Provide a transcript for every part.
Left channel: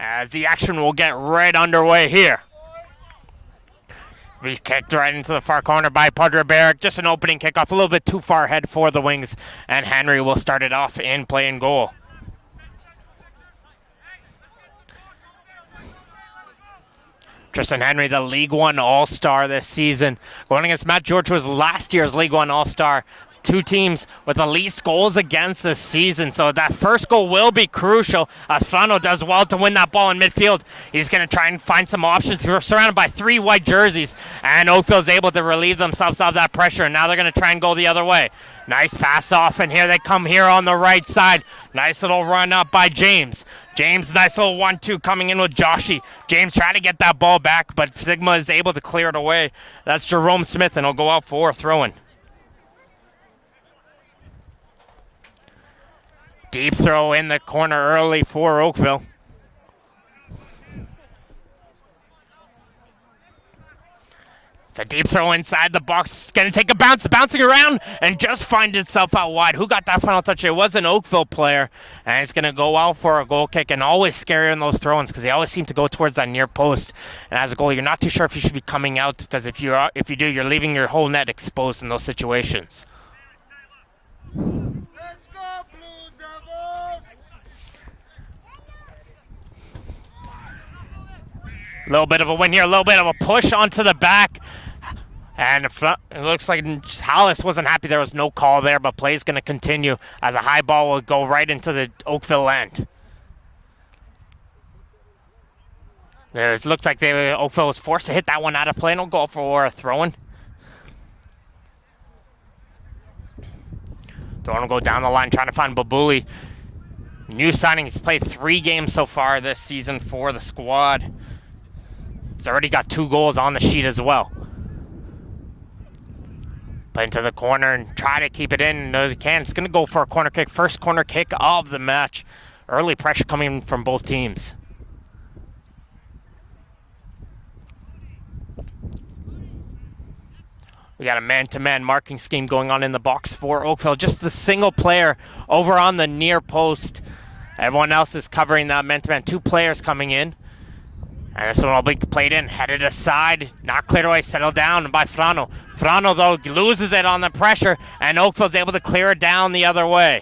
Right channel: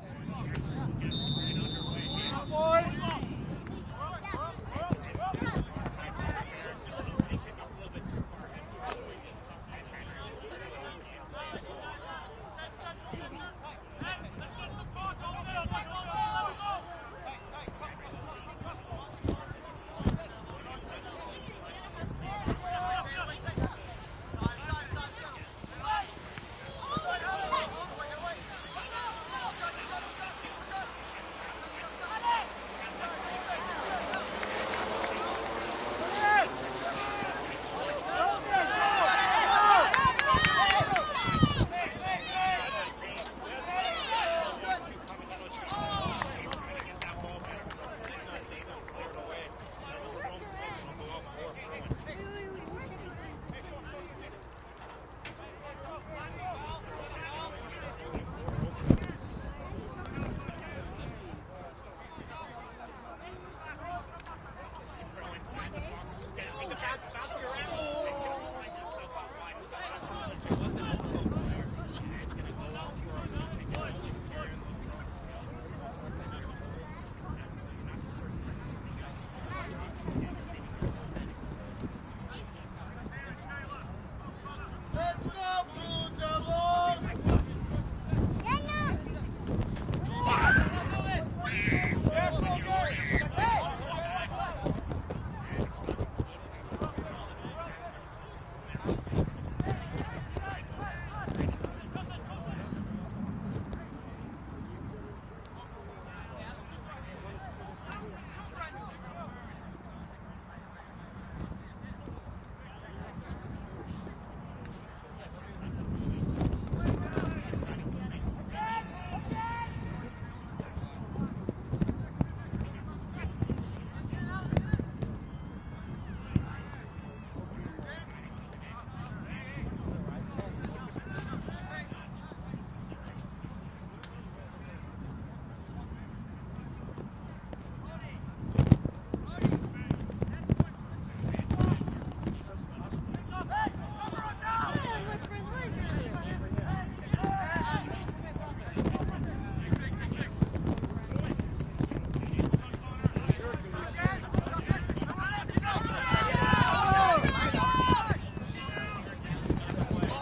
as the action will get right underway here. He's kicked right into the far corner by Padre Barrett. Just an opening kickoff, a little bit too far ahead for the Wings, and Henry will start it off in play and goal. Tristan Henry, the League One All-Star this season, going against Matt George, who was last year's League One All-Star. Two teams with the least goals against this season, so that first goal will be crucial. Frano does well to win that ball in midfield. He's going to try and find some options. We're surrounded by 3 white jerseys, and Oakville's able to relieve themselves of that pressure, and now they're going to try and go the other way. Nice pass off, and here they come here on the right side. Nice little run up by James. James, nice little 1-2 coming in with Joshy. James trying to get that ball back, but Sigma is able to clear it away. That's Jerome Smith, and he'll go out for a throw-in. Deep throw in the corner early for Oakville. It's a deep throw inside the box. It's going to take a bounce, bouncing around, and just find itself out wide. Who got that final touch? It was an Oakville player, and it's going to go out for a goal kick, and always scarier in those throw-ins because they always seem to go towards that near post. And as a goalie, you're not too sure if you should be coming out because if you do, you're leaving your whole net exposed in those situations. A little bit of a win here, a little bit of a push onto the back. And it looks like Hollis wasn't happy there was no call there, but play is going to continue as a high ball will go right into the Oakville end. It looks like Oakville was forced to hit that one out of play, and will go for a throw-in. Don't go down the line trying to find Babuli. New signing, he's played 3 games so far this season for the squad. He's already got 2 goals on the sheet as well. Play into the corner and try to keep it in. No, they can. It's going to go for a corner kick. First corner kick of the match. Early pressure coming from both teams. We got a man-to-man marking scheme going on in the box for Oakville. Just the single player over on the near post. Everyone else is covering that man-to-man. 2 players coming in. And this one will be played in, headed aside, not cleared away, settled down by Frano. Frano, though, loses it on the pressure, and Oakville's able to clear it down the other way.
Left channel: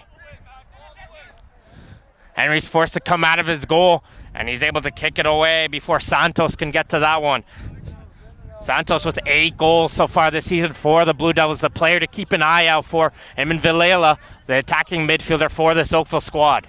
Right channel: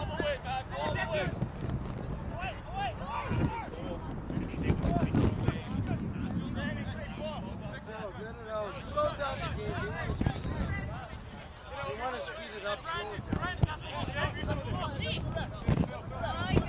Henry's forced to come out of his goal, and he's able to kick it away before Santos can get to that one. Santos with 8 goals so far this season for the Blue Devils, the player to keep an eye out for. Eamon Villela, the attacking midfielder for this Oakville squad.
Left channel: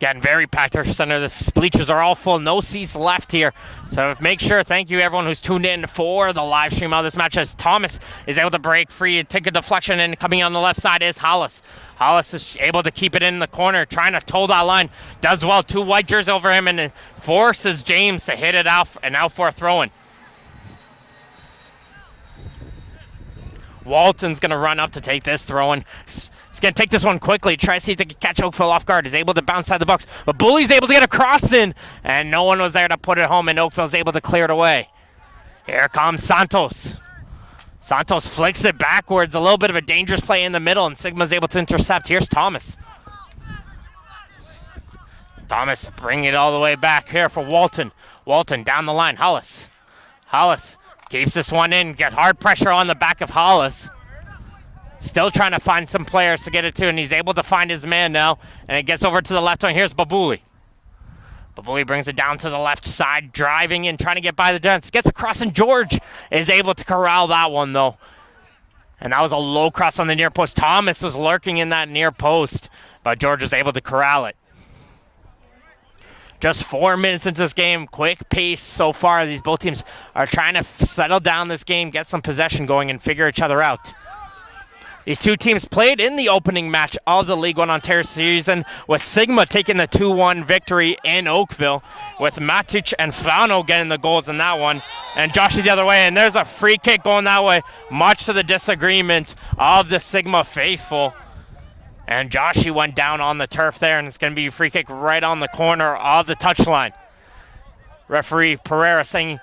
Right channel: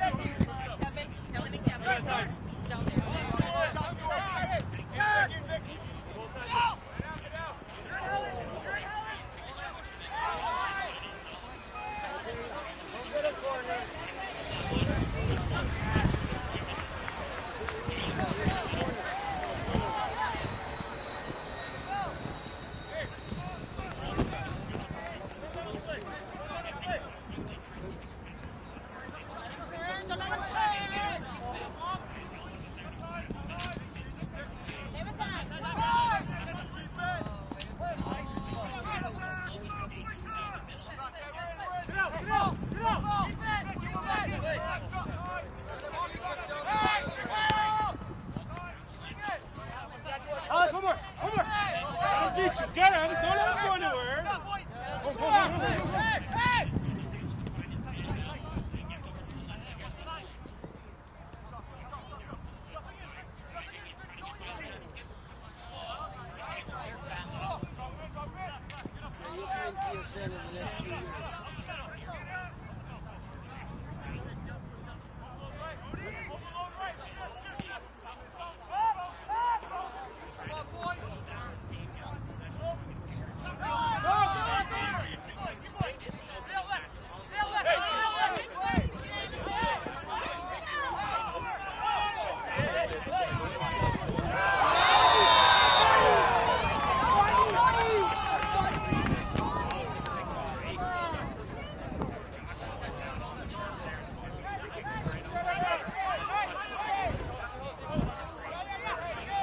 Getting very packed here center. The bleachers are all full. No seats left here. So make sure, thank you everyone who's tuned in for the live stream of this match as Thomas is able to break free and take a deflection, and coming on the left side is Hollis. Hollis is able to keep it in the corner, trying to toe that line. Does well, 2 white jerseys over him, and it forces James to hit it out and out for a throw-in. Walton's gonna run up to take this throw-in. He's going to take this one quickly, try to see if they can catch Oakville off guard. He's able to bounce side the box, but Bully's able to get a cross in, and no one was there to put it home, and Oakville's able to clear it away. Here comes Santos. Santos flicks it backwards, a little bit of a dangerous play in the middle, and Sigma's able to intercept. Here's Thomas. Thomas bringing it all the way back here for Walton. Walton down the line, Hollis. Hollis keeps this one in, get hard pressure on the back of Hollis. Still trying to find some players to get it to, and he's able to find his man now, and it gets over to the left wing. Here's Babuli. Babuli brings it down to the left side, driving in, trying to get by the defense. Gets across, and George is able to corral that one, though. And that was a low cross on the near post. Thomas was lurking in that near post, but George was able to corral it. Just 4 minutes into this game, quick pace so far. These both teams are trying to settle down this game, get some possession going, and figure each other out. These 2 teams played in the opening match of the League One Ontario season, with Sigma taking the 2-1 victory in Oakville, with Matic and Frano getting the goals in that one, and Joshy the other way, and there's a free kick going that way, much to the disagreement of the Sigma faithful. And Joshy went down on the turf there, and it's going to be a free kick right on the corner of the touchline. Referee Pereira saying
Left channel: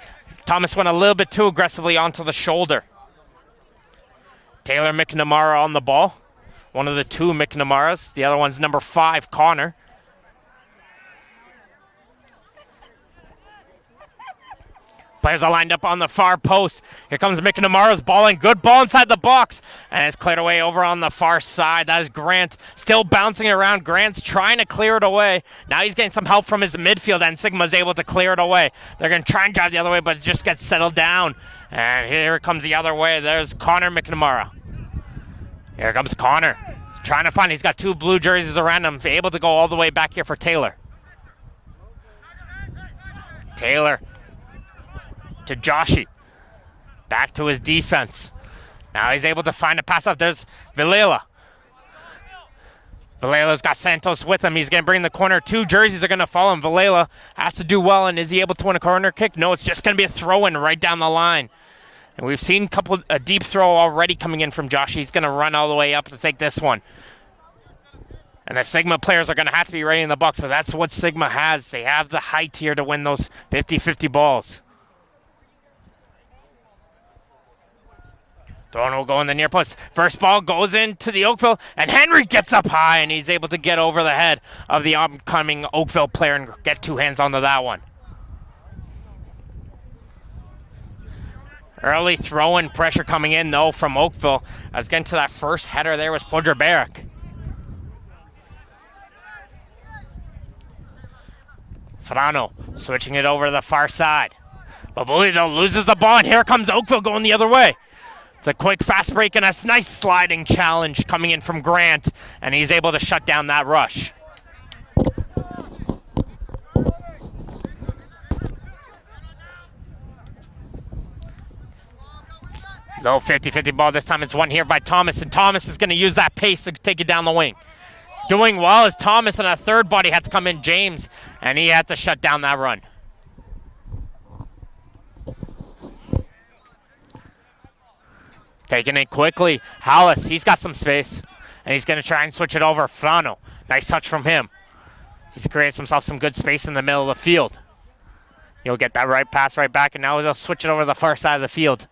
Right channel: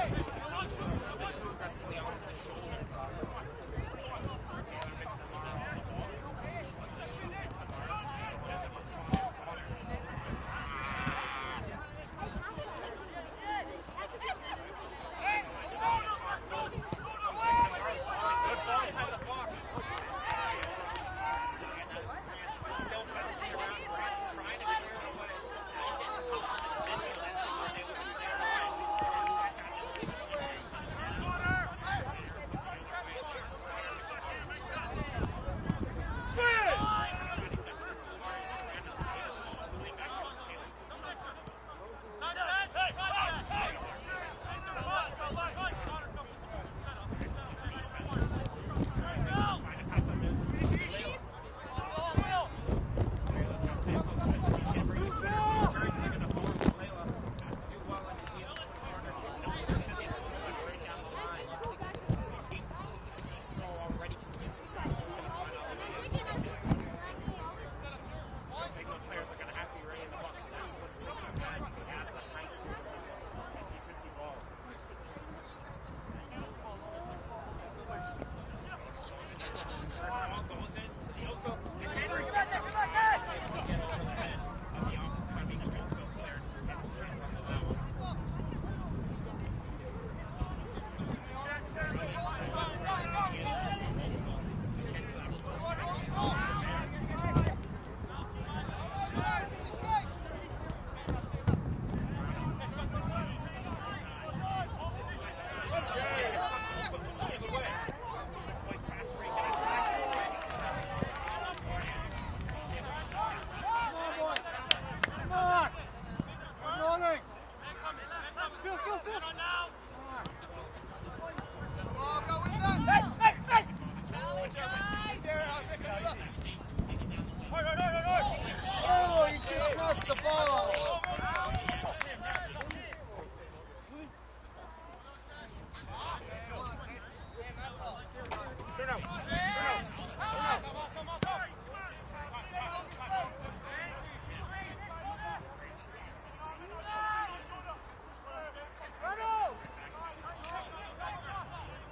Thomas went a little bit too aggressively onto the shoulder. Taylor McNamara on the ball. one of the two McNamaras. The other one's number 5, Connor. Players are lined up on the far post. Here comes McNamara's ball in. Good ball inside the box. And it's cleared away over on the far side. That is Grant still bouncing around. Grant's trying to clear it away. Now he's getting some help from his midfield, and Sigma's able to clear it away. They're going to try and drive the other way, but it just gets settled down. And here it comes the other way. There's Connor McNamara. Here comes Connor. Trying to find, he's got 2 blue jerseys around him. Able to go all the way back here for Taylor. Taylor to Joshi. Back to his defense. Now he's able to find a pass up. There's Vilela. Vilela's got Santos with him. He's going to bring the corner. 2 jerseys are going to follow him. Vilela has to do well, and is he able to win a corner kick? No, it's just going to be a throw-in right down the line. And we've seen a deep throw already coming in from Joshi. He's going to run all the way up to take this one. And the Sigma players are going to have to be ready in the box, but that's what Sigma has. They have the height here to win those 50-50 balls. Thorne will go in the near post. First ball goes into the Oakville, and Henry gets up high, and he's able to get over the head of the upcoming Oakville player and get 2 hands onto that one. Early throw-in pressure coming in, though, from Oakville. I was getting to that first header there was Podreberek. Frano switching it over to the far side. Babuli, though, loses the ball, and here comes Oakville going the other way. It's a quick fast break and a nice sliding challenge coming in from Grant, and he's able to shut down that rush. No 50-50 ball. This time it's won here by Thomas, and Thomas is going to use that pace to take it down the wing. Doing well is Thomas, and a third body had to come in, James, and he had to shut down that run. Taking it quickly. Hollis, he's got some space, and he's going to try and switch it over. Frano, nice touch from him. He's created himself some good space in the middle of the field. He'll get that right pass right back, and now he'll switch it over to the far side of the field.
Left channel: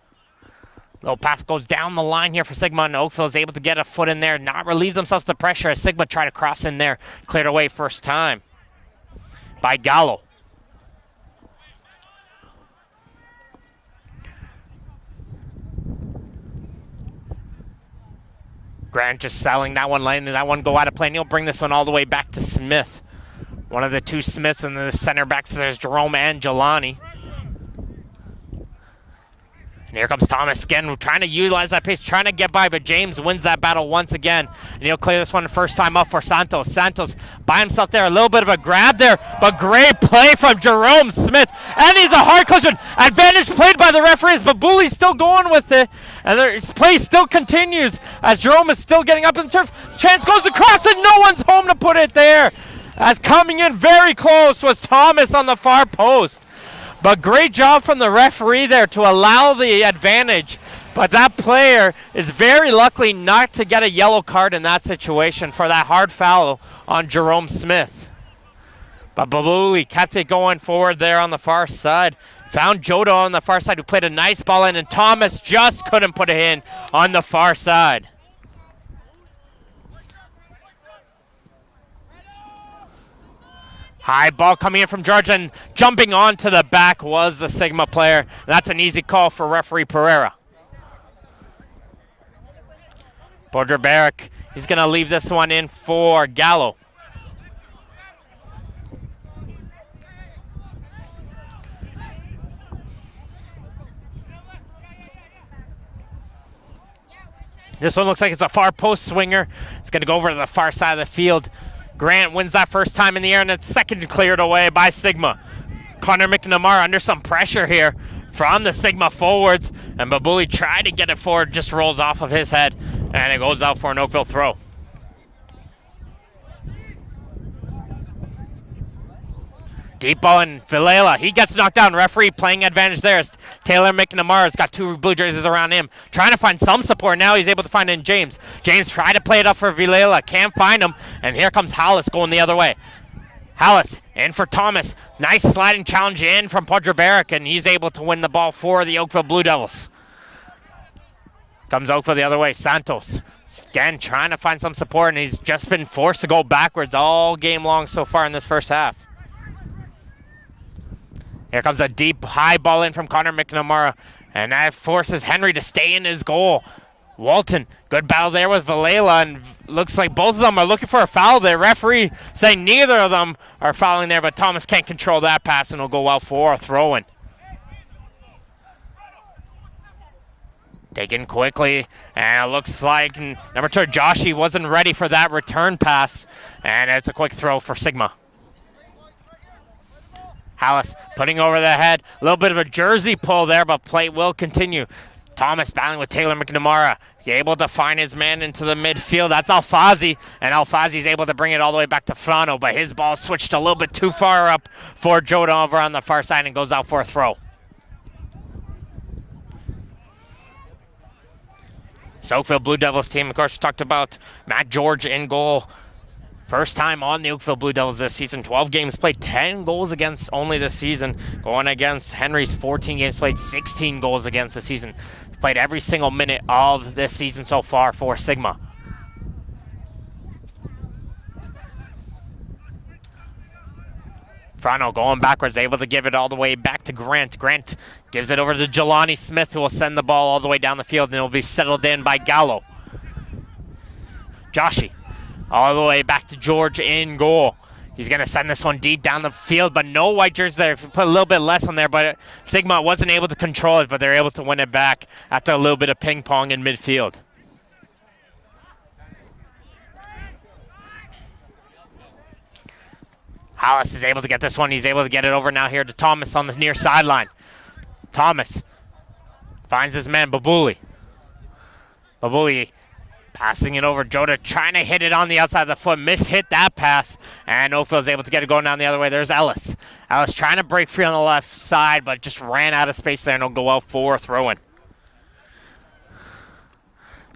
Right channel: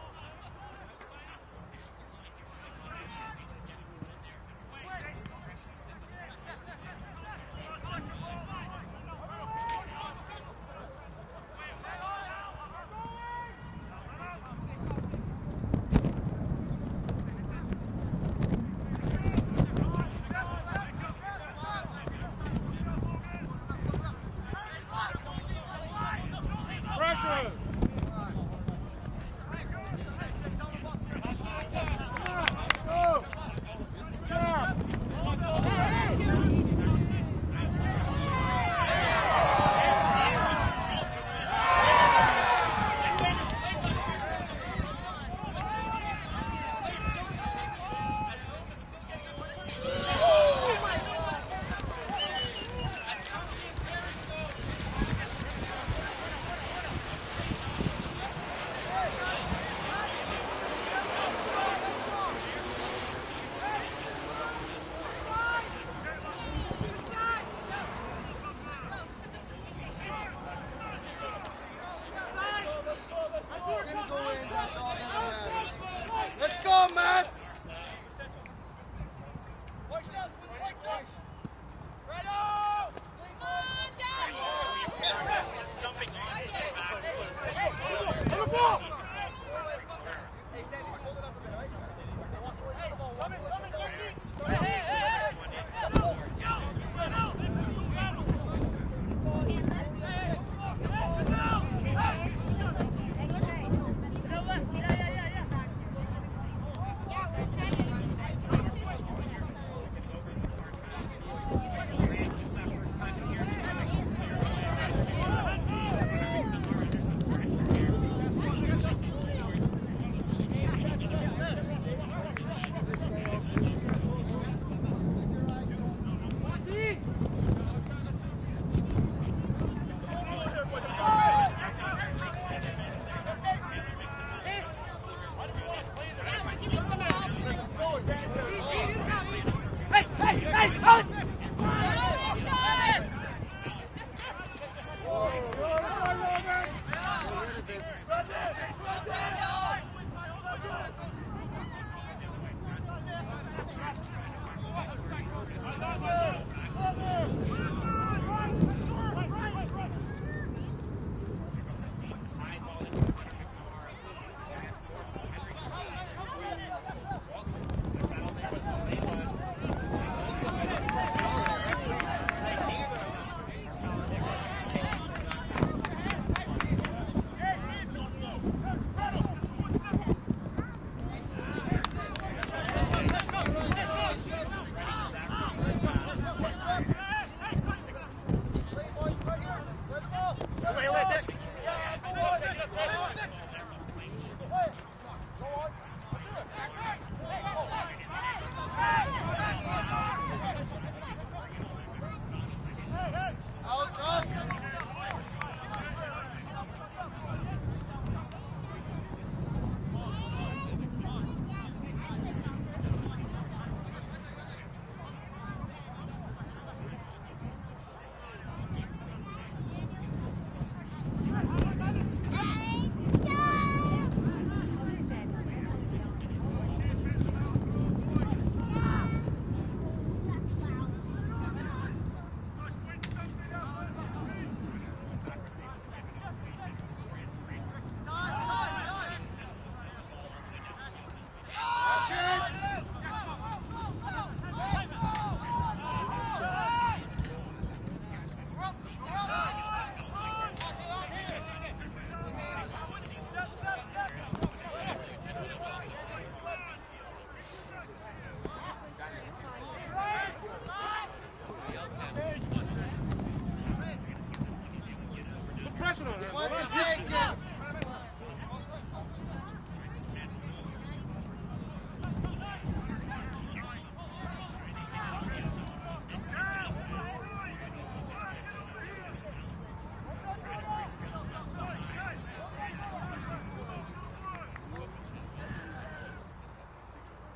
Little pass goes down the line here for Sigma, and Oakville is able to get a foot in there, not relieve themselves the pressure as Sigma try to cross in there. Cleared away first time by Gallo. Grant just selling that one, letting that one go out of play, and he'll bring this one all the way back to Smith. One of the 2 Smiths, and the center backs, there's Jerome and Jelani. And here comes Thomas again, trying to utilize that pace, trying to get by, but James wins that battle once again. And he'll clear this one first time up for Santos. Santos by himself there, a little bit of a grab there, but great play from Jerome Smith. And he's a hard collision. Advantage played by the referees, but Bully's still going with it. And his play still continues as Jerome is still getting up in the turf. Chance goes across, and no one's home to put it there. As coming in very close was Thomas on the far post. But great job from the referee there to allow the advantage. But that player is very lucky not to get a yellow card in that situation for that hard foul on Jerome Smith. But Babuli kept it going forward there on the far side. Found Jodo on the far side who played a nice ball in, and Thomas just couldn't put it in on the far side. High ball coming in from Georgia, and jumping onto the back was the Sigma player. That's an easy call for referee Pereira. Podreberek, he's going to leave this one in for Gallo. This one looks like it's a far post swinger. It's going to go over to the far side of the field. Grant wins that first time in the air, and it's second cleared away by Sigma. Connor McNamara under some pressure here from the Sigma forwards, and Babuli tried to get it forward, just rolls off of his head, and it goes out for an Oakville throw. Deep ball in Vilela. He gets knocked down. Referee playing advantage there. Taylor McNamara's got 2 blue jerseys around him. Trying to find some support. Now he's able to find in James. James tried to play it up for Vilela. Can't find him. And here comes Hollis going the other way. Hollis in for Thomas. Nice sliding challenge in from Podreberek, and he's able to win the ball for the Oakville Blue Devils. Comes Oakville the other way. Santos Again, trying to find some support, and he's just been forced to go backwards all game long so far in this first half. Here comes a deep, high ball in from Connor McNamara, and that forces Henry to stay in his goal. Walton, good battle there with Valela, and looks like both of them are looking for a foul there. Referee saying neither of them are fouling there, but Thomas can't control that pass, and will go out for a throw-in. Taken quickly, and it looks like number 2, Joshi, wasn't ready for that return pass, and it's a quick throw for Sigma. Hallis putting over the head, a little bit of a jersey pull there, but play will continue. Thomas battling with Taylor McNamara. He's able to find his man into the midfield. That's Alfazi, and Alfazi's able to bring it all the way back to Frano, but his ball switched a little bit too far up for Joda over on the far side and goes out for a throw. So Oakville Blue Devils team, of course, we talked about Matt George in goal. First time on the Oakville Blue Devils this season. 12 games played, 10 goals against only this season. Going against Henry's 14 games played, 16 goals against this season. Played every single minute of this season so far for Sigma. Frano going backwards, able to give it all the way back to Grant. Grant gives it over to Jelani Smith, who will send the ball all the way down the field, and it will be settled in by Gallo. Joshi, all the way back to George in goal. He's going to send this one deep down the field, but no white jerseys there. Put a little bit less on there, but Sigma wasn't able to control it, but they're able to win it back after a little bit of ping pong in midfield. Hollis is able to get this one. He's able to get it over now here to Thomas on the near sideline. Thomas finds his man, Babuli. Babuli passing it over. Joda trying to hit it on the outside of the foot. Hit that pass, and Oakville's able to get it going down the other way. There's Ellis. Ellis trying to break free on the left side, but just ran out of space there, and he'll go out for a throw-in.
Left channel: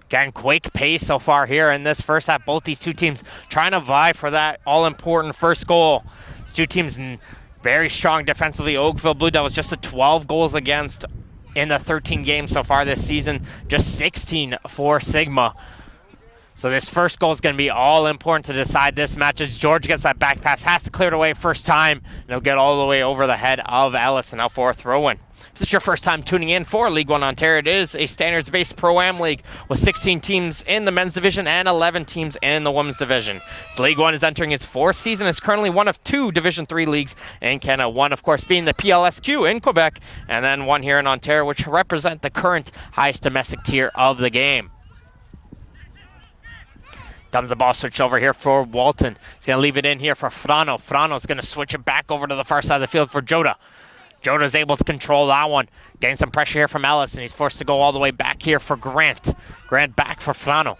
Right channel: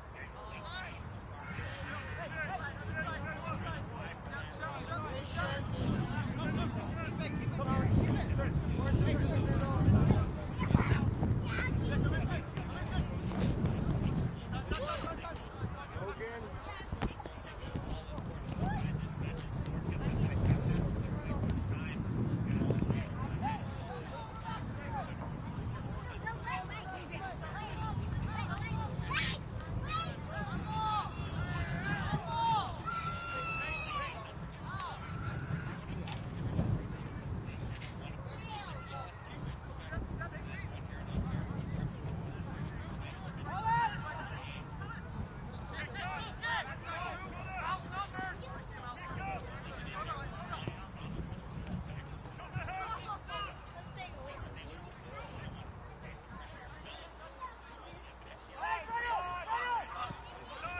Again, quick pace so far here in this first half. Both these two teams trying to vie for that all-important first goal. These two teams very strong defensively. Oakville Blue Devils just 12 goals against in the 13 games so far this season. Just 16 for Sigma. So this first goal is going to be all important to decide this match. As George gets that back pass, has to clear it away first time, and he'll get all the way over the head of Ellis, and out for a throw-in. If it's your first time tuning in for League One Ontario, it is a standards-based Pro-Am league with 16 teams in the men's division and 11 teams in the women's division. So League One is entering its 4th season. It's currently one of 2 Division 3 leagues in Canada. One, of course, being the PLSQ in Quebec, and then one here in Ontario, which represent the current highest domestic tier of the game. Comes the ball switched over here for Walton. He's going to leave it in here for Frano. Frano's going to switch it back over to the far side of the field for Joda. Joda's able to control that one. Getting some pressure here from Ellis, and he's forced to go all the way back here for Grant. Grant back for Frano.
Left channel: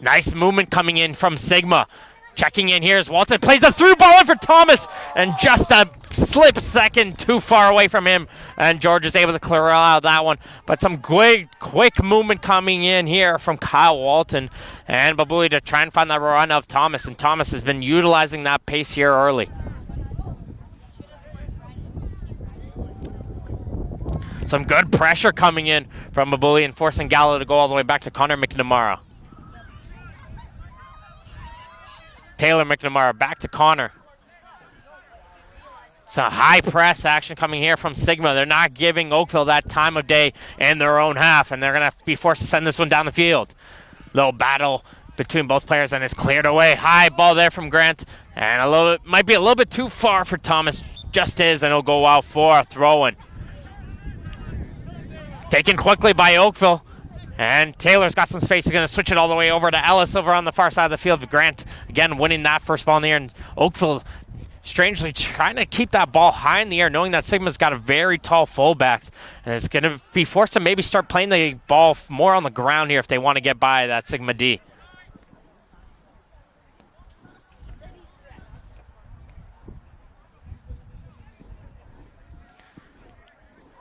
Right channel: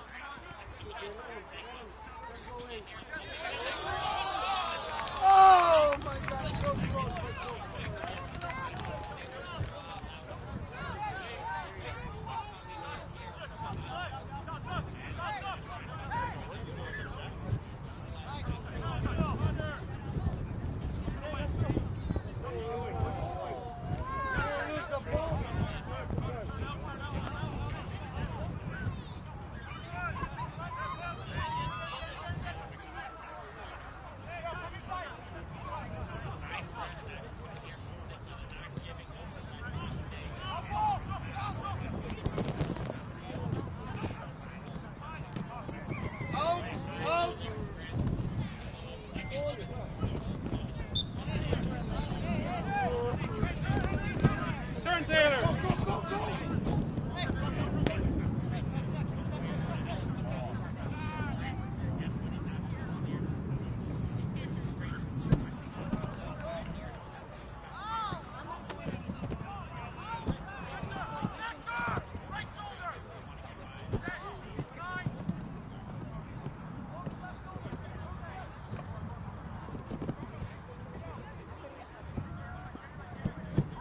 Nice movement coming in from Sigma. Checking in here as Walton plays a through ball in for Thomas, and just a slip second too far away from him, and George is able to clear out that one. But some quick movement coming in here from Kyle Walton and Babuli to try and find that run of Thomas, and Thomas has been utilizing that pace here early. Some good pressure coming in from Babuli and forcing Gallo to go all the way back to Connor McNamara. Taylor McNamara back to Connor. Some high press action coming here from Sigma. They're not giving Oakville that time of day in their own half, and they're going to be forced to send this one down the field. Little battle between both players, and it's cleared away. High ball there from Grant, and might be a little bit too far for Thomas. Just is, and it'll go out for a throw-in. Taken quickly by Oakville. And Taylor's got some space. He's going to switch it all the way over to Ellis over on the far side of the field. Grant, again, winning that first ball in the air. And Oakville, strangely, trying to keep that ball high in the air, knowing that Sigma's got a very tall fullbacks. And it's going to be forced to maybe start playing the ball more on the ground here if they want to get by that Sigma D.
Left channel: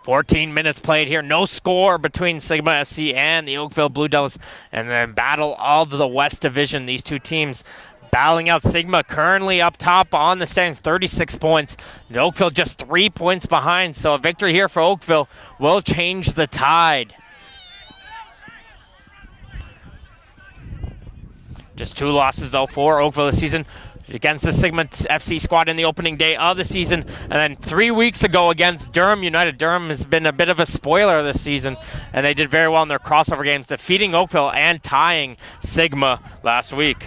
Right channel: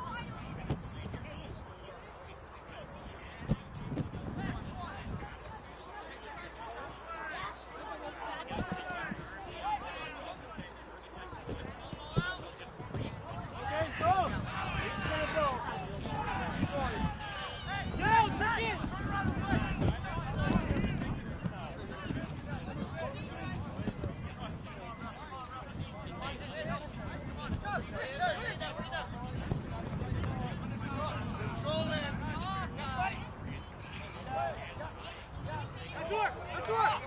"14 minutes played here. No score between Sigma FC and the Oakville Blue Devils. And then battle of the West Division. These two teams battling out. Sigma currently up top on the standings, 36 points. And Oakville just 3 points behind. So a victory here for Oakville will change the tide. Just 2 losses, though, for Oakville this season against the Sigma FC squad in the opening day of the season. And then 3 weeks ago against Durham United. Durham has been a bit of a spoiler this season, and they did very well in their crossover games, defeating Oakville and tying Sigma last week.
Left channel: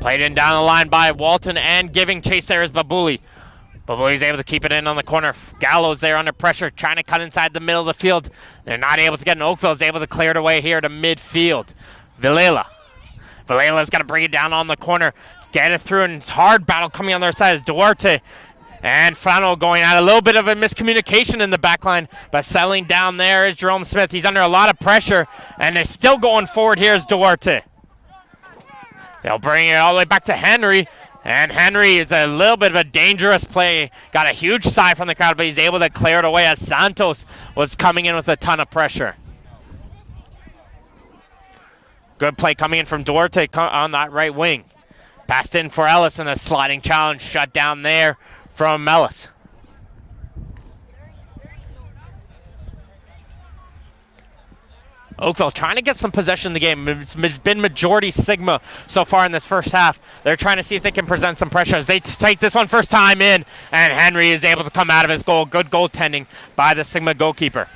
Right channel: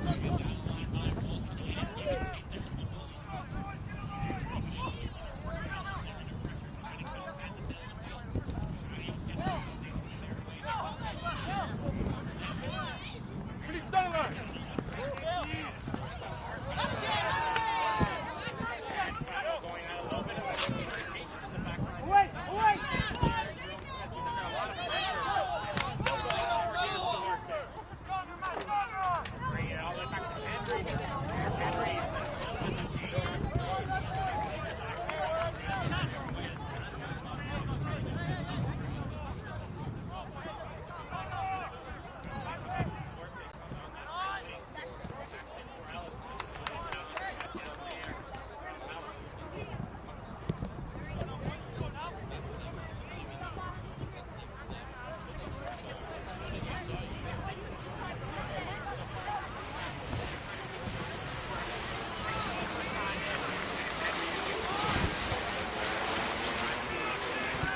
Played in down the line by Walton, and giving chase there is Babuli. Babuli's able to keep it in on the corner. Gallows there under pressure, trying to cut inside the middle of the field. They're not able to get in. Oakville's able to clear it away here to midfield. Vilela's got to bring it down on the corner, get it through, and it's hard battle coming on their side is Duarte. And Frano going at a little bit of a miscommunication in the back line, but settling down there is Jerome Smith. He's under a lot of pressure, and they're still going forward. Here's Duarte. They'll bring it all the way back to Henry, and Henry is a little bit of a dangerous play. Got a huge sigh from the crowd, but he's able to clear it away as Santos was coming in with a ton of pressure. Good play coming in from Duarte on that right wing. Passed in for Ellis, and a sliding challenge shut down there from Ellis. Oakville trying to get some possession in the game. It's been majority Sigma so far in this first half. They're trying to see if they can present some pressure as they take this one first time in, and Henry is able to come out of his goal. Good goaltending by the Sigma goalkeeper.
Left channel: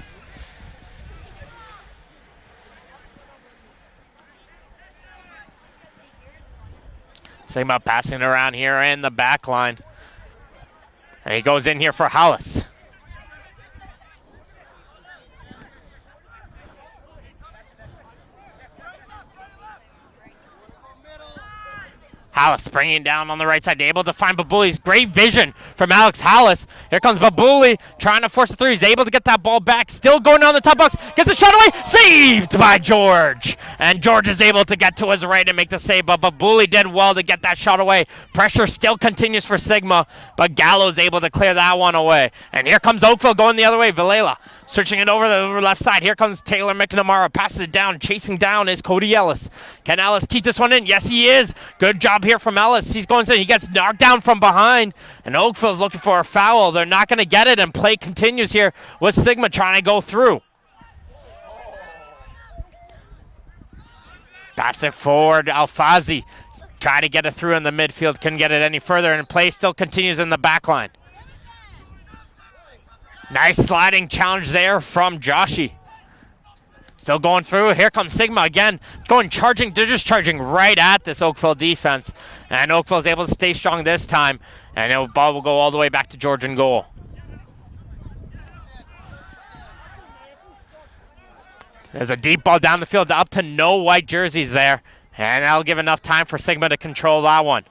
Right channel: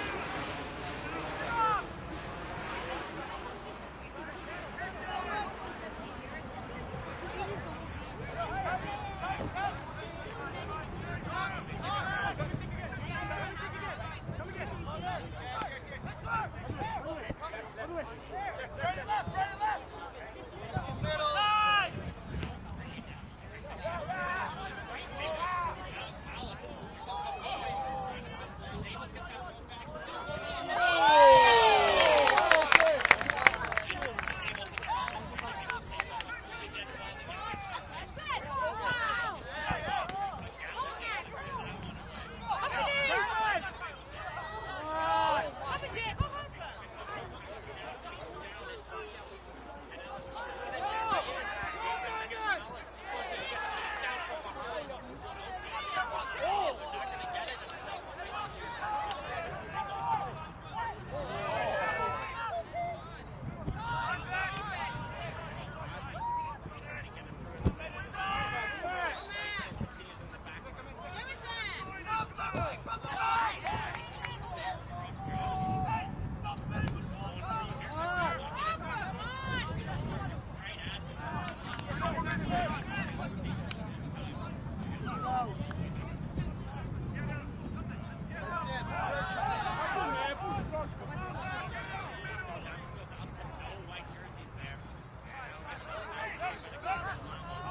Sigma passing it around here in the back line. And he goes in here for Hollis. Hollis bringing it down on the right side, able to find Babuli's great vision from Alex Hollis. Here comes Babuli trying to force it through. He's able to get that ball back, still going down the top box, gets a shot away, saved by George. And George is able to get to his right and make the save, but Babuli did well to get that shot away. Pressure still continues for Sigma, but Gallo's able to clear that one away. And here comes Oakville going the other way. Vilela searching it over the left side. Here comes Taylor McNamara, passes it down. Chasing down is Cody Ellis. Can Ellis keep this one in? Yes, he is. Good job here from Ellis. He's going to, he gets knocked down from behind, and Oakville's looking for a foul. They're not going to get it, and play continues here with Sigma trying to go through. Pass it forward, Alfazi. Try to get it through in the midfield, couldn't get it any further, and play still continues in the back line. Nice sliding challenge there from Joshi. Still going through. Here comes Sigma again. Charging. They're just charging right at this Oakville defense. And Oakville's able to stay strong this time. And the ball will go all the way back to George in goal. There's a deep ball down the field up to no white jerseys there. And that'll give enough time for Sigma to control that one.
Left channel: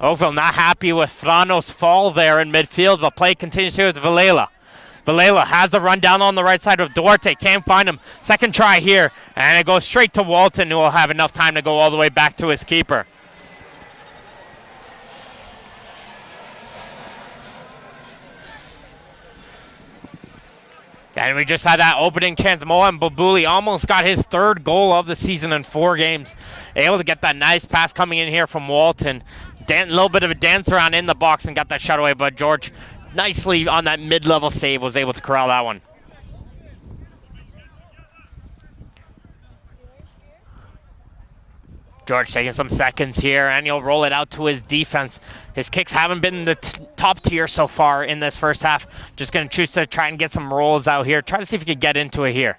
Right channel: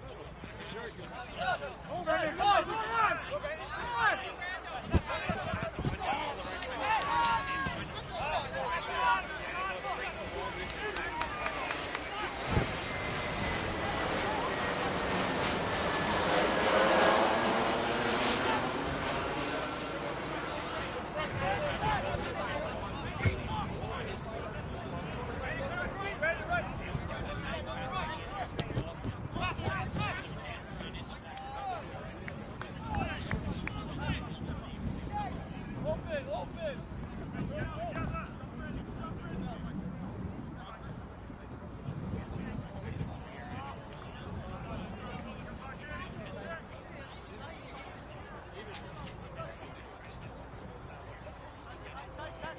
Oakville not happy with Frano's fall there in midfield, but play continues here with Vilela. Vilela has the run down on the right side of Duarte, can't find him. Second try here, and it goes straight to Walton, who will have enough time to go all the way back to his keeper. And we just had that opening chance. Mohan Babuli almost got his 3rd goal of the season in 4 games. Able to get that nice pass coming in here from Walton. A little bit of a dance around in the box and got that shot away, but George nicely on that mid-level save was able to corral that one. George taking some seconds here, and he'll roll it out to his defense. His kicks haven't been the top tier so far in this first half. Just going to choose to try and get some rolls out here. Try to see if he can get into it here.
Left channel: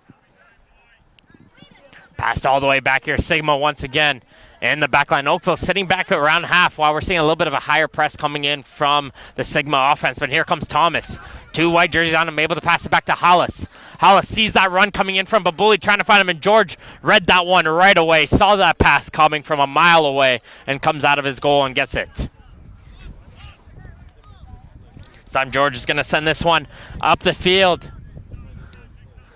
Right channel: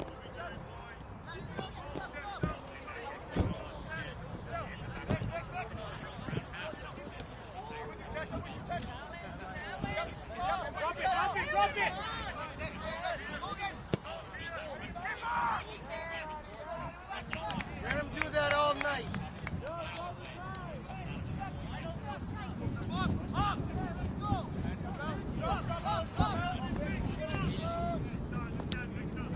Passed all the way back here. Sigma once again in the back line. Oakville sitting back at around half while we're seeing a little bit of a higher press coming in from the Sigma offense. But here comes Thomas. 2 white jerseys on him, able to pass it back to Hollis. Hollis sees that run coming in from Babuli, trying to find him, and George read that one right away. Saw that pass coming from a mile away and comes out of his goal and gets it. This time George is going to send this one up the field.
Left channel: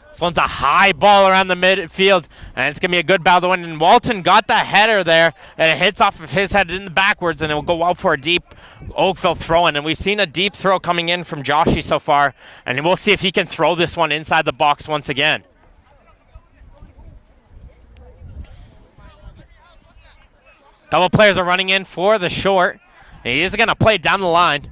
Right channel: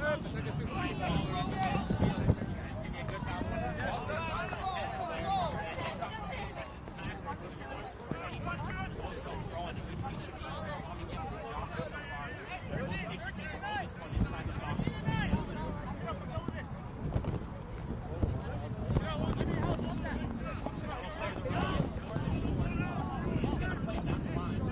This one's a high ball around the midfield, and it's going to be a good battle to win. And Walton got the header there, and it hits off of his head in the backwards, and it will go out for a deep Oakville throw-in. And we've seen a deep throw coming in from Joshi so far, and we'll see if he can throw this one inside the box once again. Couple players are running in for the short. He is going to play it down the line.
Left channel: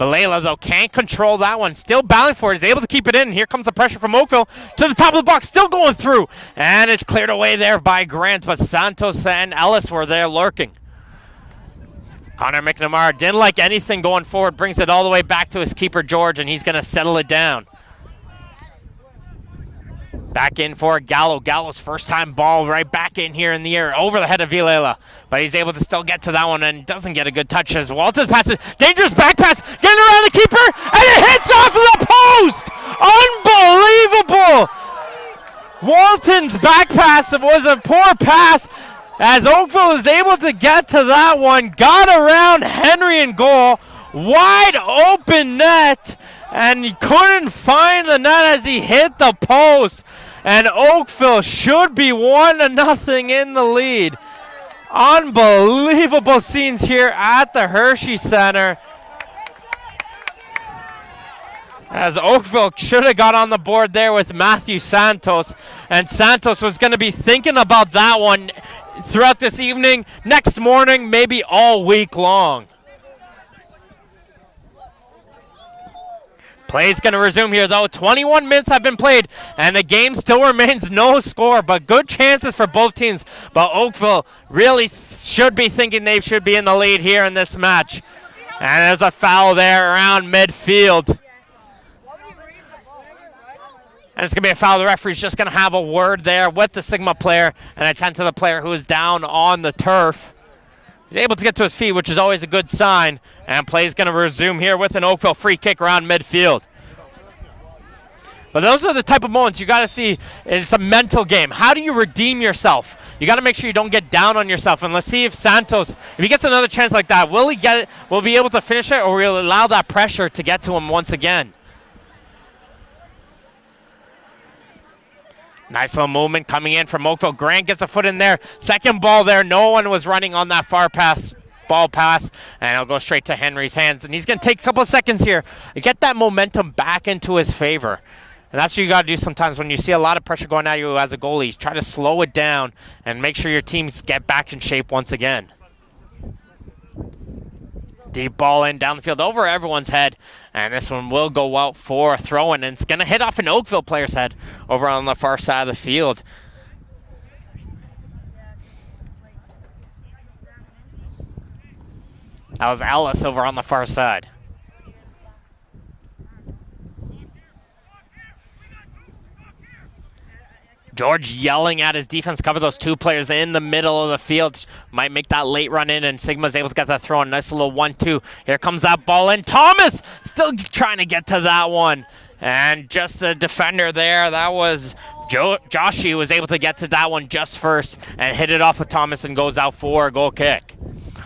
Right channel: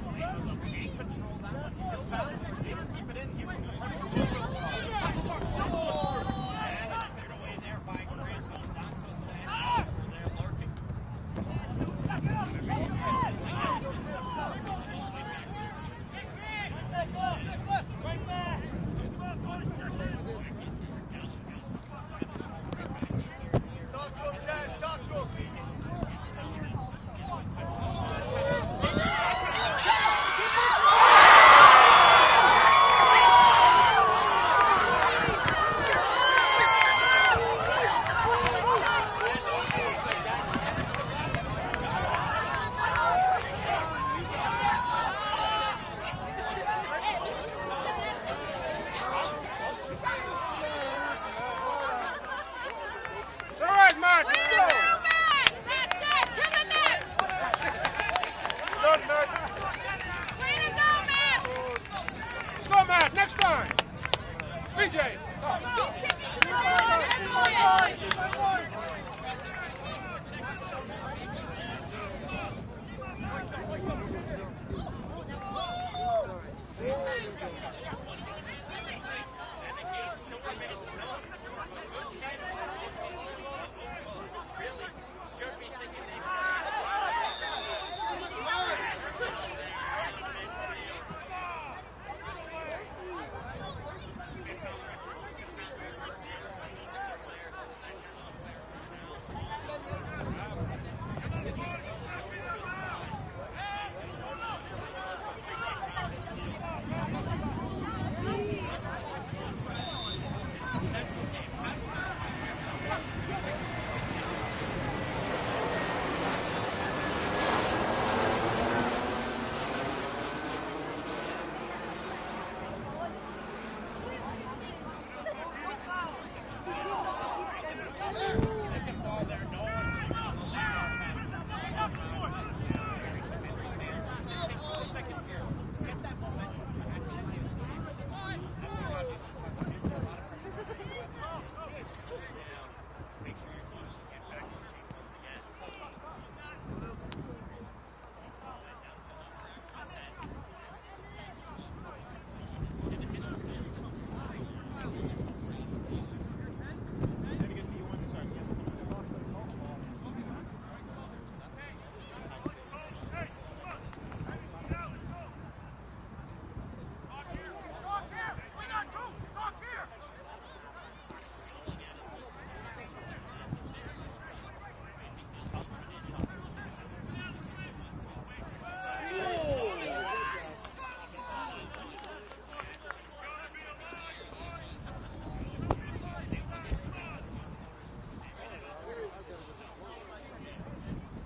Valela, though, can't control that one. Still battling for it. Is able to keep it in. Here comes the pressure from Oakville to the top of the box. Still going through. And it's cleared away there by Grant, but Santos and Ellis were there lurking. Connor McNamara didn't like anything going forward. Brings it all the way back to his keeper, George, and he's going to settle it down. Back in for Gallo. Gallo's first time ball right back in here in the air over the head of Vilela. But he's able to still get to that one and doesn't get a good touch as Walton's passes. Dangerous back pass, getting around the keeper, and it hits off of the post! Unbelievable! Walton's back pass was a poor pass as Oakville is able to get to that one, got around Henry in goal, wide open net, and he couldn't find the net as he hit the post. And Oakville should be 1-0 in the lead. Unbelievable scenes here at the Hershey Center. As Oakville should have got on the board there with Matthew Santos. And Santos was going to be thinking about that one throughout this evening, next morning, maybe all week long. Play's going to resume here, though. 21 minutes have been played, and the game still remains no score, but good chances for both teams. But Oakville really should be thinking they should be in the lead here in this match. And there's a foul there around midfield. And it's going to be a foul. The referee's just going to have a word there with the Sigma player and attend to the player who is down on the turf. He's able to get to his feet, which is always a good sign. And play is going to resume here with an Oakville free kick around midfield. But those are the type of moments you got to see. It's a mental game. How do you redeem yourself? You got to make sure you don't get down on yourself. And let's see if Santos, if he gets another chance like that, will he get it? Will he be able to finish it, or will he allow that pressure to get to him once again? Nice little movement coming in from Oakville. Grant gets a foot in there. Second ball there. No one was running on that far ball pass, and it'll go straight to Henry's hands. And he's going to take a couple of seconds here to get that momentum back into his favor. And that's what you got to do sometimes when you see a lot of pressure going at you as a goalie. Try to slow it down and make sure your teams get back in shape once again. Deep ball in down the field over everyone's head. And this one will go out for a throw-in, and it's going to hit off an Oakville player's head over on the far side of the field. That was Ellis over on the far side. George yelling at his defense, cover those two players in the middle of the field. Might make that late run in, and Sigma's able to get that throw in. Nice little 1-2. Here comes that ball in. Thomas still trying to get to that one. And just the defender there, that was Joshi, was able to get to that one just first and hit it off of Thomas and goes out for a goal kick.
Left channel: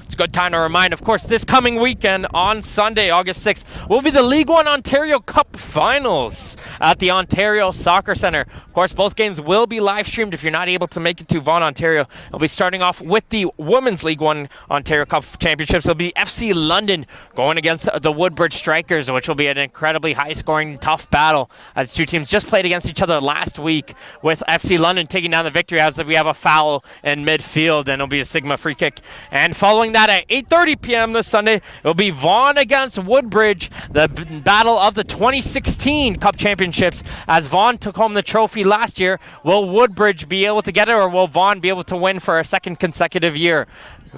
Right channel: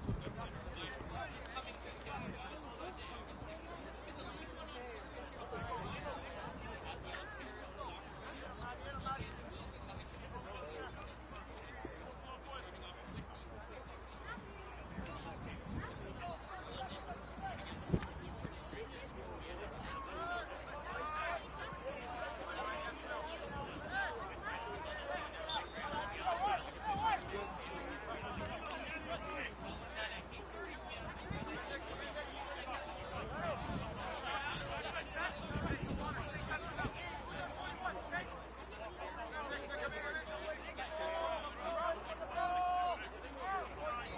It's a good time to remind, of course, this coming weekend on Sunday, August 6th, will be the League One Ontario Cup Finals at the Ontario Soccer Centre. Of course, both games will be live streamed if you're not able to make it to Vaughan, Ontario. It'll be starting off with the Women's League One Ontario Cup Championships. It'll be FC London going against the Woodbridge Strikers, which will be an incredibly high-scoring, tough battle as two teams just played against each other last week, with FC London taking down the victory as we have a foul in midfield, and it'll be a Sigma free kick. And following that at 8:30 p.m. this Sunday, it'll be Vaughan against Woodbridge, the battle of the 2016 Cup Championships, as Vaughan took home the trophy last year. Will Woodbridge be able to get it, or will Vaughan be able to win for a second consecutive year?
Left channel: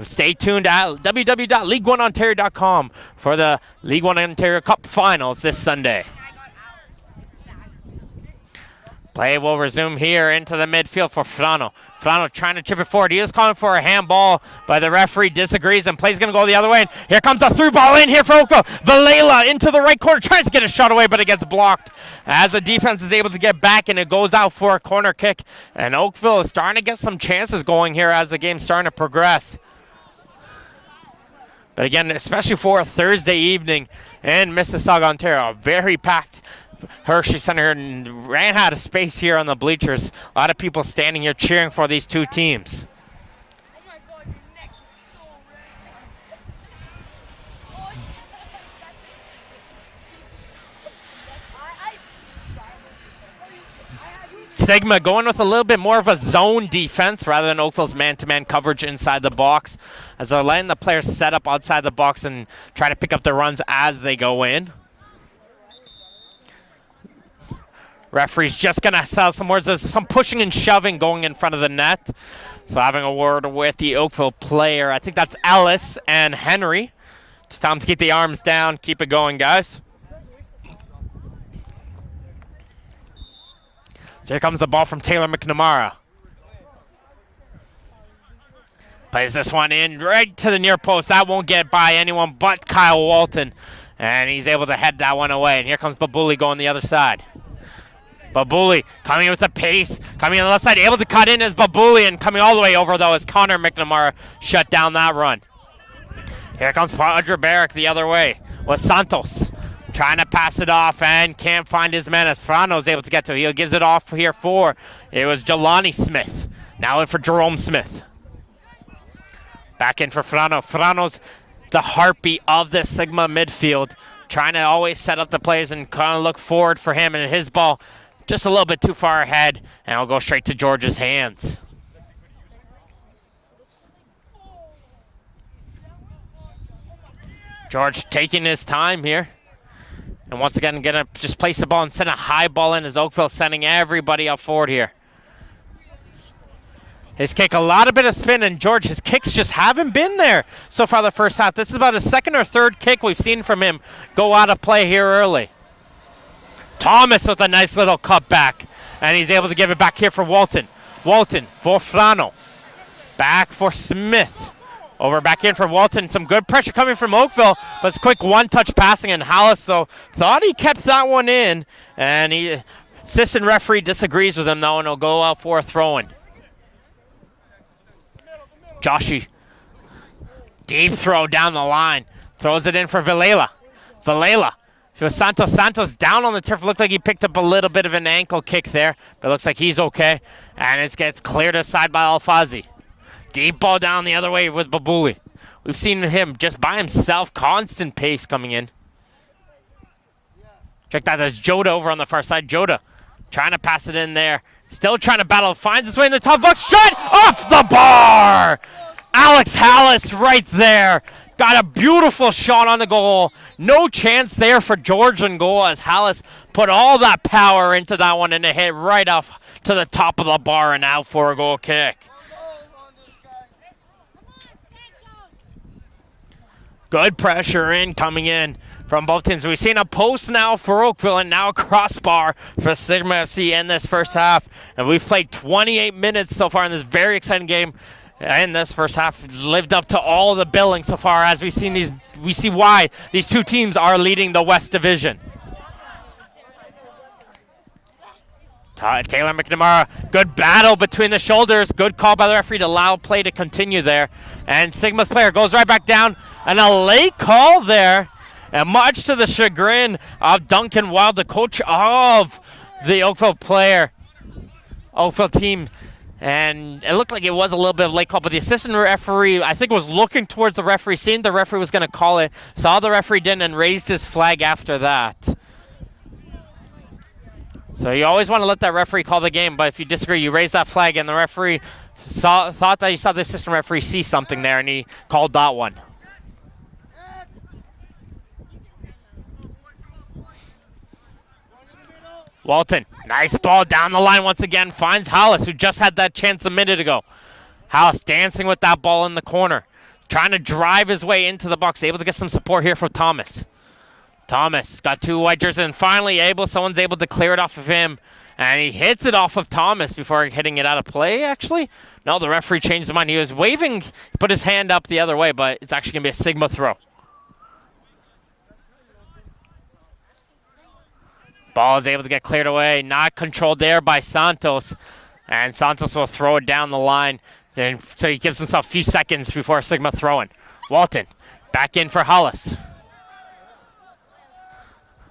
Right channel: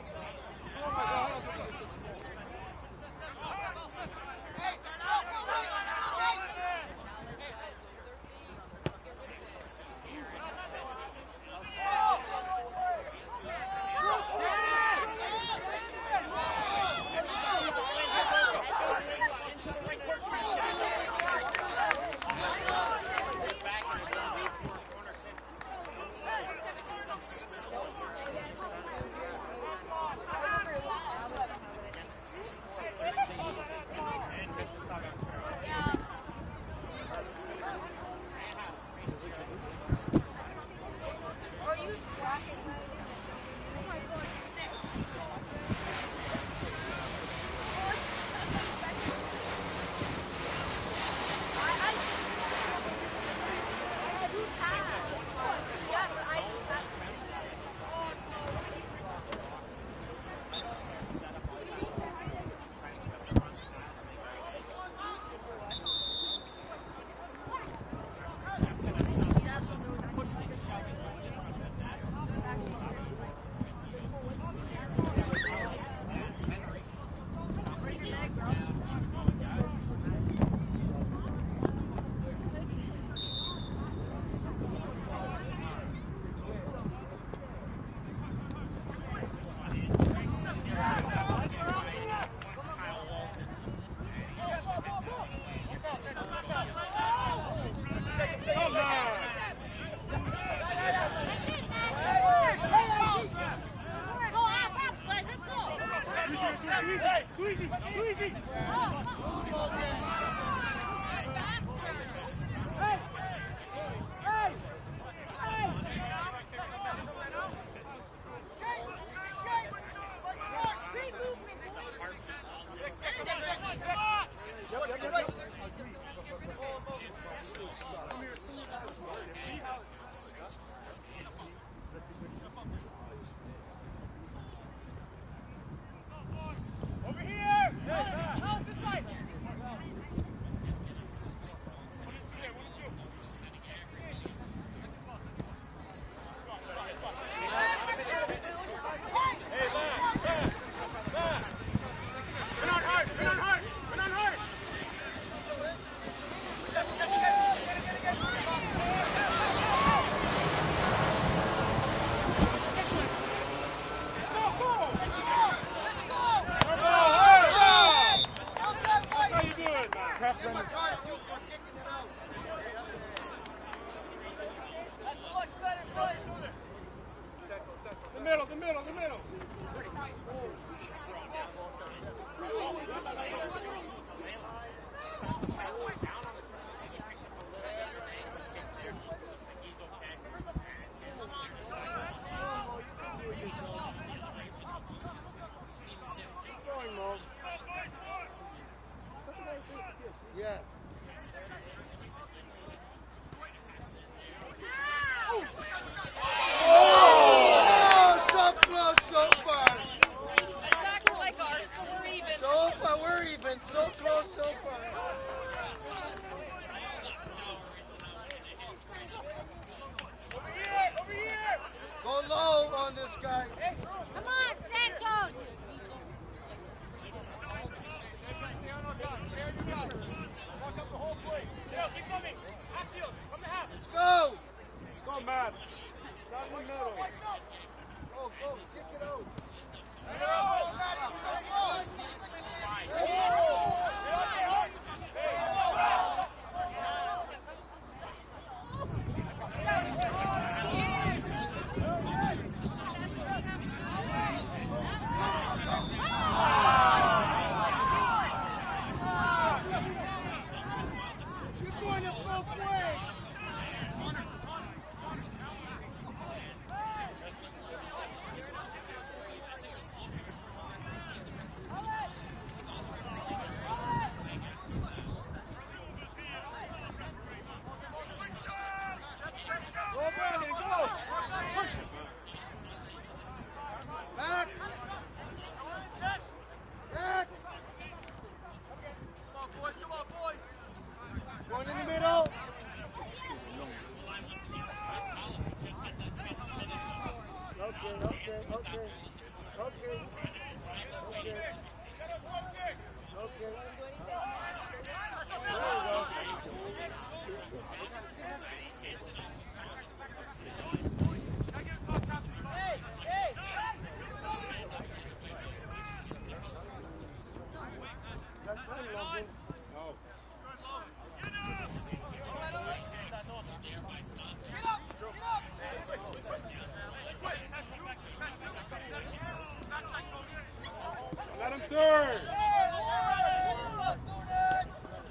Stay tuned at www.league1ontario.com for the League One Ontario Cup Finals this Sunday. Play will resume here into the midfield for Frano. Frano trying to chip it forward. He is calling for a handball, but the referee disagrees, and play's going to go the other way. And here comes a through ball in here for Oakville. Valela into the right corner, tries to get a shot away, but it gets blocked as the defense is able to get back, and it goes out for a corner kick. And Oakville is starting to get some chances going here as the game's starting to progress. But again, especially for a Thursday evening in Mississauga, Ontario, very packed Hershey Center, and ran out of space here on the bleachers. A lot of people standing here cheering for these two teams. Sigma going with a little bit more of a zone defense rather than Oakville's man-to-man coverage inside the box, as they're letting the players set up outside the box and try to pick up their runs as they go in. Referee's just going to sell some words. There's some pushing and shoving going in front of the net. So having a word with the Oakville player. I think that's Ellis and Henry. It's time to keep the arms down. Keep it going, guys. So here comes the ball from Taylor McNamara. Plays this one in right to the near post. That won't get by anyone but Kyle Walton. And he's able to head that one away. And here comes Babuli going the other side. Babuli coming with the pace, coming on the left side, able to cut in as Babuli, and coming all the way over, though, as Connor McNamara shut down that run. Here comes Padre Barrick the other way with Santos. Trying to pass it off and can't find his man as Frano is able to get to it. He gives it off here for, it was Jelani Smith. Now in for Jerome Smith. Back in for Frano. Frano's the heartbeat of the Sigma midfield. Trying to always set up the plays and kind of look forward for him, and his ball just a little bit too far ahead, and it'll go straight to George's hands. George taking his time here. And once again, gonna just place the ball and send a high ball in as Oakville sending everybody up forward here. His kick, a lot of bit of spin, and George, his kicks just haven't been there so far the first half. This is about a second or third kick we've seen from him go out of play here early. Thomas with a nice little cutback, and he's able to give it back here for Walton. Walton for Frano. Back for Smith. Over back in for Walton. Some good pressure coming from Oakville. But it's quick one-touch passing, and Hollis, though, thought he kept that one in. And the assistant referee disagrees with him, though, and he'll go out for a throw-in. Joshi. Deep throw down the line. Throws it in for Villela. Villela. To Santos. Santos down on the turf. Looked like he picked up a little bit of an ankle kick there. But it looks like he's okay. And it gets cleared aside by Alfazi. Deep ball down the other way with Babuli. We've seen him just by himself. Constant pace coming in. Check that. There's Joda over on the far side. Joda trying to pass it in there. Still trying to battle. Finds his way in the top box. Shot off the bar. Alex Hallis right there. Got a beautiful shot on the goal. No chance there for George in goal as Hallis put all that power into that one, and it hit right off to the top of the bar and out for a goal kick. Good pressure in coming in from both teams. We've seen a post now for Oakville and now a crossbar for Sigma FC in this first half. And we've played 28 minutes so far in this very exciting game. And this first half lived up to all the billing so far, as we've seen these. We see why these two teams are leading the West Division. Taylor McNamara, good battle between the shoulders. Good call by the referee to allow play to continue there. And Sigma's player goes right back down. And a late call there. And much to the chagrin of Duncan Wild, the coach of the Oakville team. And it looked like it was a little bit of a late call, but the assistant referee, I think, was looking towards the referee, seeing the referee was going to call it, saw the referee didn't, and raised his flag after that. So you always want to let that referee call the game, but if you disagree, you raise that flag, and the referee thought that he saw the assistant referee see something there, and he called that one. Walton, nice ball down the line once again, finds Hollis, who just had that chance a minute ago. Hollis dancing with that ball in the corner, trying to drive his way into the box, able to get some support here from Thomas. Thomas got two white jerseys, and finally someone's able to clear it off of him, and he hits it off of Thomas before hitting it out of play, actually. No, the referee changed his mind. He was waving, put his hand up the other way, but it's actually going to be a Sigma throw. Ball is able to get cleared away, not controlled there by Santos. And Santos will throw it down the line. So he gives himself a few seconds before Sigma throwing. Walton back in for Hollis.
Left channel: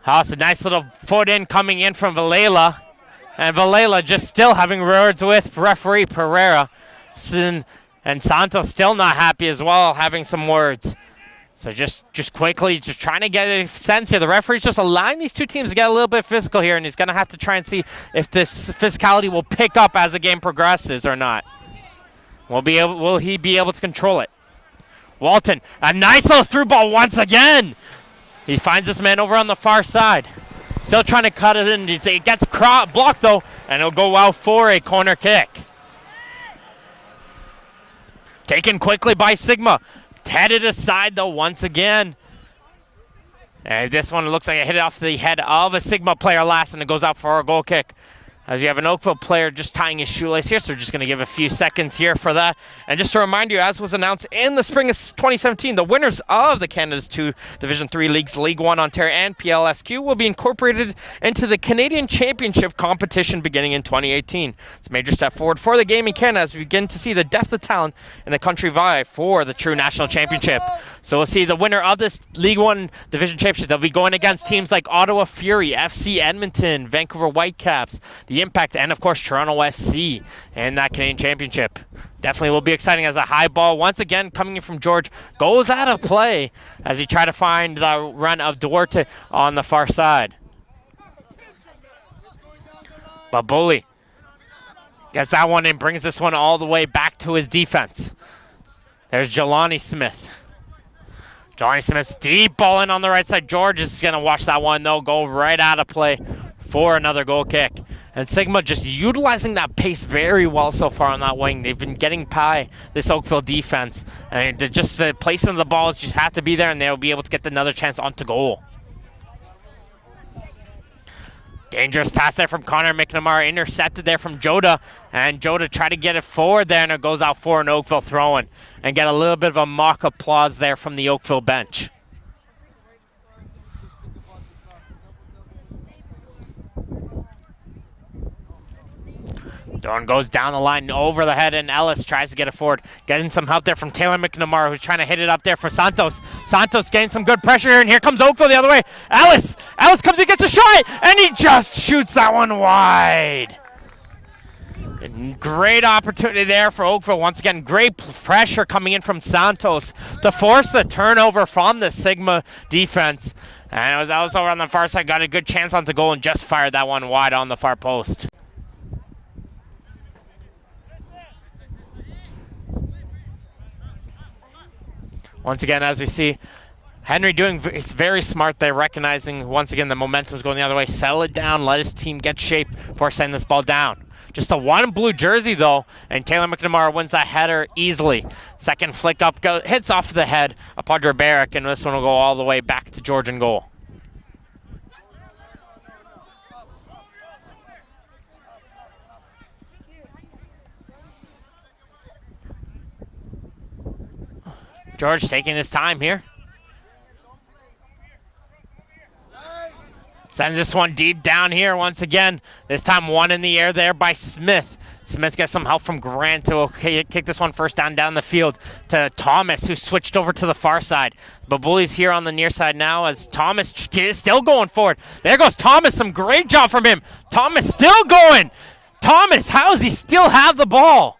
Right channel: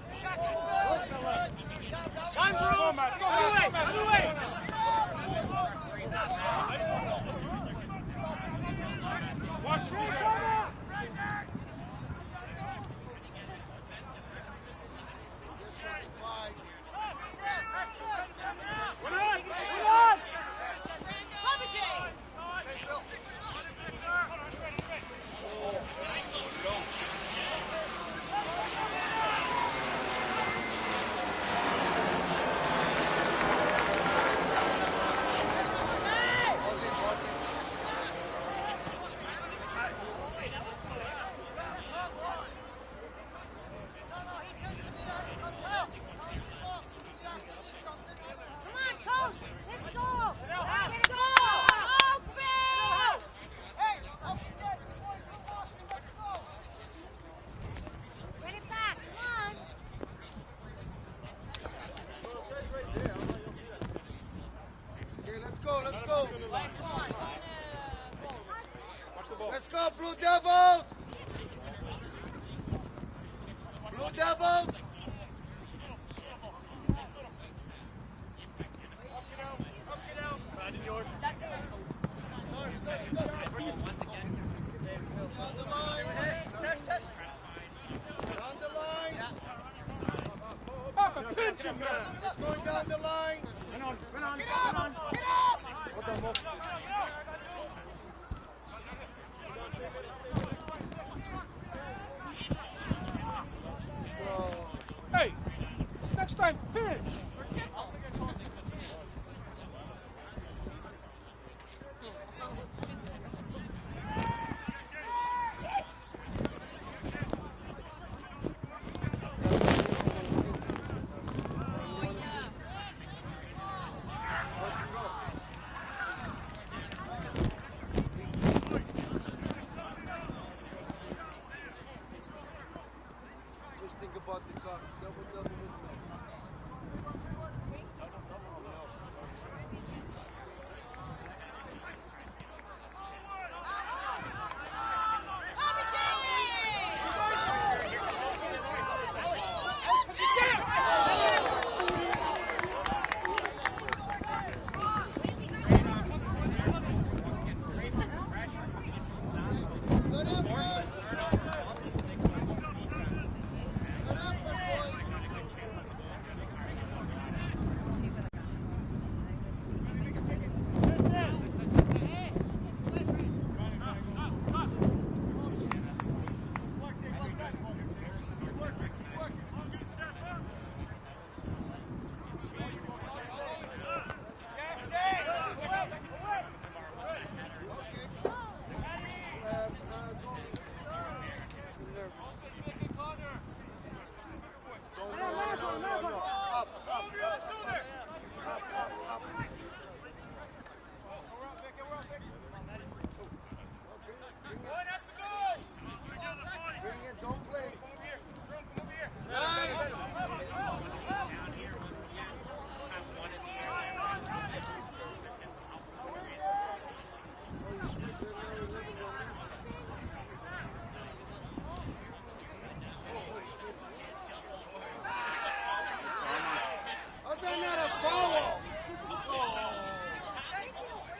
Hollis, a nice little foot in coming in from Villela. And Villela just still having words with referee Pereira. And Santos still not happy as well, having some words. So just quickly, just trying to get a sense here. The referee's just allowing these two teams to get a little bit physical here, and he's going to have to try and see if this physicality will pick up as the game progresses or not. Will he be able to control it? Walton, a nice little through ball once again. He finds this man over on the far side. Still trying to cut it in. It gets blocked, though, and it'll go out for a corner kick. Taken quickly by Sigma. Headed aside, though, once again. And this one looks like it hit it off the head of a Sigma player last, and it goes out for a goal kick. As you have an Oakville player just tying his shoelace here, so we're just going to give a few seconds here for that. And just to remind you, as was announced in the spring of 2017, the winners of the Canada's two Division III leagues, League 1 Ontario and PLSQ, will be incorporated into the Canadian Championship competition beginning in 2018. It's a major step forward for the game in Canada as we begin to see the depth of talent in the country vie for the true national championship. So we'll see the winner of this League 1 Division Championship. They'll be going against teams like Ottawa Fury, FC Edmonton, Vancouver Whitecaps, the Impact, and of course Toronto FC in that Canadian Championship. Definitely will be exciting as a high ball, once again coming in from George, goes out of play as he tried to find the run of Duarte on the far side. But Bully gets that one and brings this one all the way back to his defense. There's Jelani Smith. Johnny Smith's deep ball in on the right side. George is going to watch that one, though, go right out of play for another goal kick. And Sigma just utilizing that pace very well so far on that wing. They've been getting by this Oakville defense. And just the placement of the balls just have to be there, and they'll be able to get another chance onto goal. Dangerous pass there from Connor McNamara, intercepted there from Joda. And Joda tried to get it forward there, and it goes out for an Oakville throw-in. And get a little bit of a mock applause there from the Oakville bench. Dorn goes down the line over the head, and Ellis tries to get it forward. Getting some help there from Taylor McNamara, who's trying to hit it up there for Santos. Santos getting some good pressure here, and here comes Oakville the other way. Ellis comes and gets a shot, and he just shoots that one wide. Great opportunity there for Oakville. Once again, great pressure coming in from Santos to force the turnover from the Sigma defense. And it was Ellis over on the far side, got a good chance on to goal and just fired that one wide on the far post. Once again, as we see, Henry doing very smart there, recognizing once again the momentum's going the other way. Settle it down, let his team get shape before sending this ball down. Just a one blue jersey, though, and Taylor McNamara wins that header easily. Second flick up, hits off the head of Padre Barrick, and this one will go all the way back to George in goal. George taking his time here. Sends this one deep down here once again. This time one in the air there by Smith. Smith gets some help from Grant to kick this one first down the field to Thomas, who switched over to the far side. But Bully's here on the near side now as Thomas is still going forward. There goes Thomas, some great job from him. Thomas still going. Thomas, how does he still have the ball?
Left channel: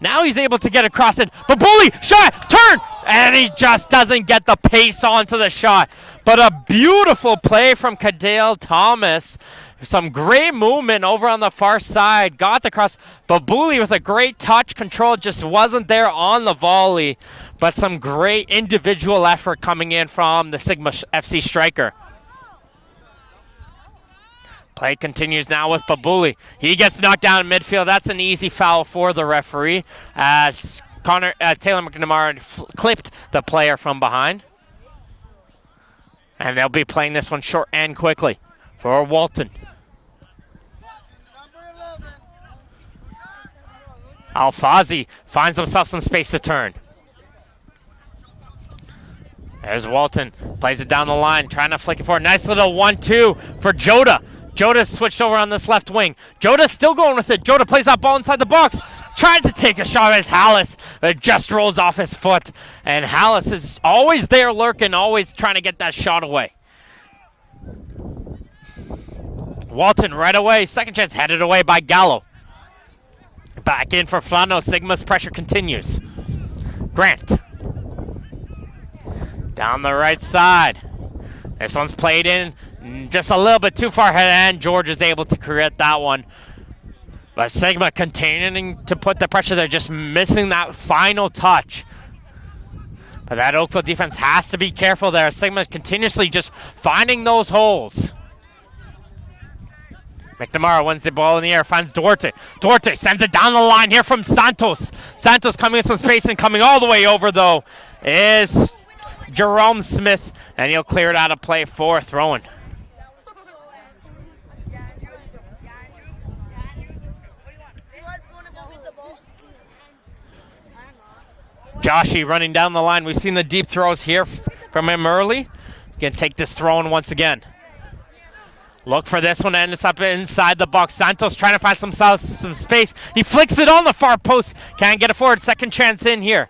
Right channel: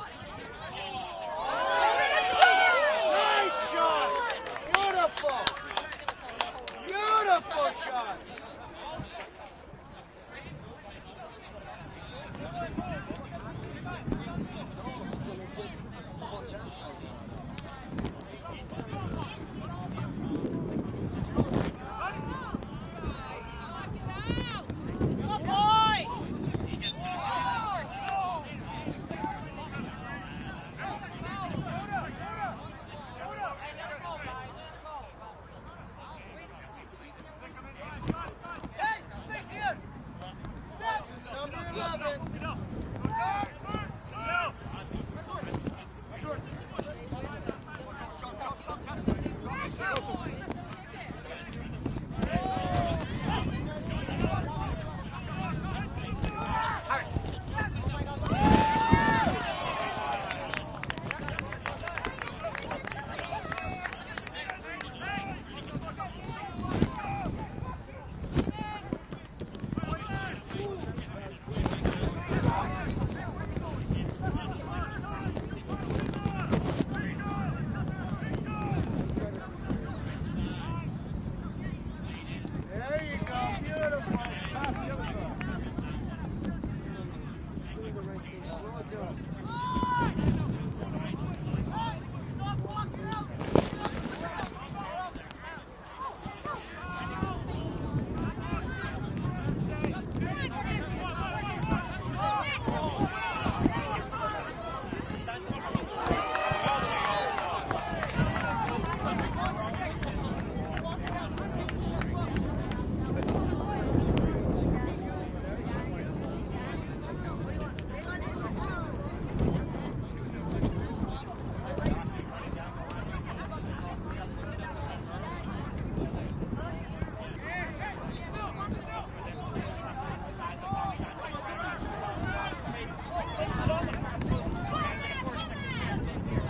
Now he's able to get across it. But Bully, shot, turn, and he just doesn't get the pace onto the shot. But a beautiful play from Kadale Thomas. Some great movement over on the far side. Got the cross. But Bully with a great touch control just wasn't there on the volley. But some great individual effort coming in from the Sigma FC striker. Play continues now with Babuli. He gets knocked down in midfield. That's an easy foul for the referee as Taylor McNamara clipped the player from behind. And they'll be playing this one short and quickly for Walton. Alfazi finds himself some space to turn. There's Walton, plays it down the line, trying to flick it forward. Nice little 1-2 for Joda. Joda switched over on this left wing. Joda's still going with it. Joda plays that ball inside the box. Tries to take a shot as Hallis, but it just rolls off his foot. And Hallis is always there lurking, always trying to get that shot away. Walton right away, second chance headed away by Gallo. Back in for Flano, Sigma's pressure continues. Grant. down the right side. This one's played in just a little bit too far ahead, and George is able to create that one. But Sigma continuing to put the pressure there, just missing that final touch. But that Oakville defense has to be careful there. Sigma continuously just finding those holes. McNamara wins the ball in the air, finds Duarte. Duarte sends it down the line here from Santos. Santos coming in some space and coming all the way over, though, is Jerome Smith, and he'll clear it out of play for throwing. Joshy running down the line. We've seen the deep throws here from him early. Gonna take this throw in once again. Look for this one, and it's up inside the box. Santos trying to find some space. He flicks it on the far post. Can't get it forward. Second chance in here.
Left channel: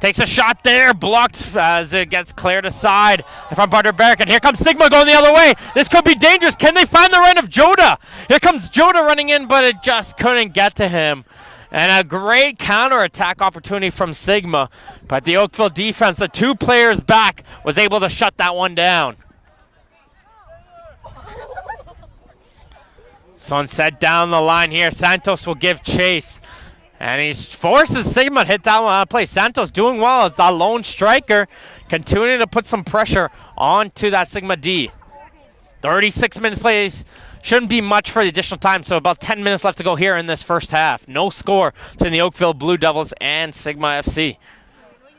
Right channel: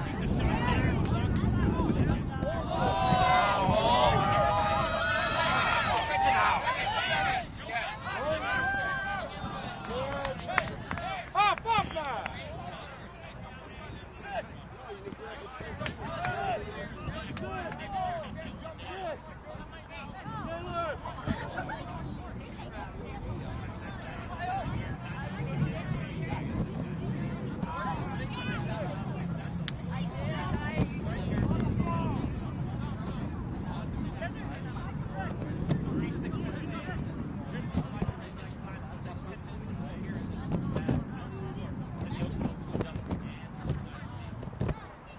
Takes a shot there, blocked as it gets cleared aside from Barter Barricade. Here comes Sigma going the other way. This could be dangerous. Can they find the run of Joda? Here comes Joda running in, but it just couldn't get to him. And a great counter-attack opportunity from Sigma. But the Oakville defense, the two players back, was able to shut that one down. Sunset down the line here. Santos will give chase. And he forces Sigma to hit that one out of play. Santos doing well as the lone striker, continuing to put some pressure onto that Sigma D. 36 minutes plays. Shouldn't be much for the additional time, so about 10 minutes left to go here in this first half. No score between the Oakville Blue Devils and Sigma FC.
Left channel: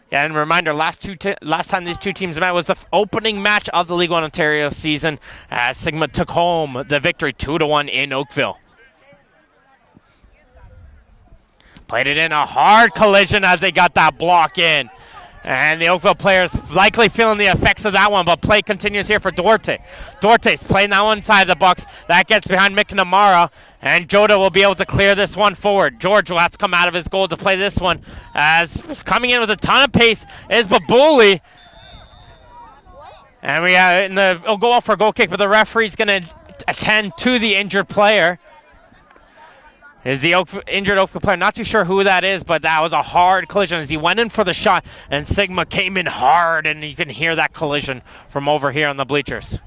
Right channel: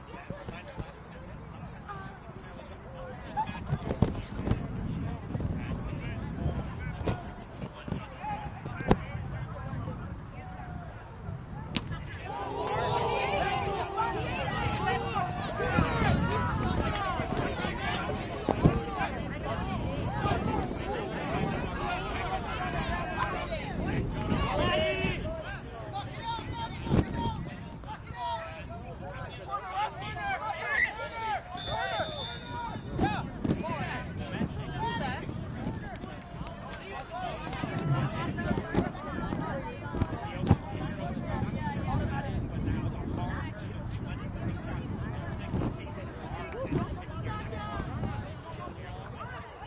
Yeah, and a reminder, last time these two teams met was the opening match of the League One Ontario season as Sigma took home the victory 2-1 in Oakville. Played it in a hard collision as they got that block in. And the Oakville players likely feeling the effects of that one, but play continues here for Duarte. Duarte's playing that one inside the box. That gets behind McNamara, and Joda will be able to clear this one forward. George will have to come out of his goal to play this one, as coming in with a ton of pace is Babuli. And it'll go off for a goal kick, but the referee's going to attend to the injured player. Is the injured Oakville player. Not too sure who that is, but that was a hard collision as he went in for the shot, and Sigma came in hard, and you can hear that collision from over here on the bleachers.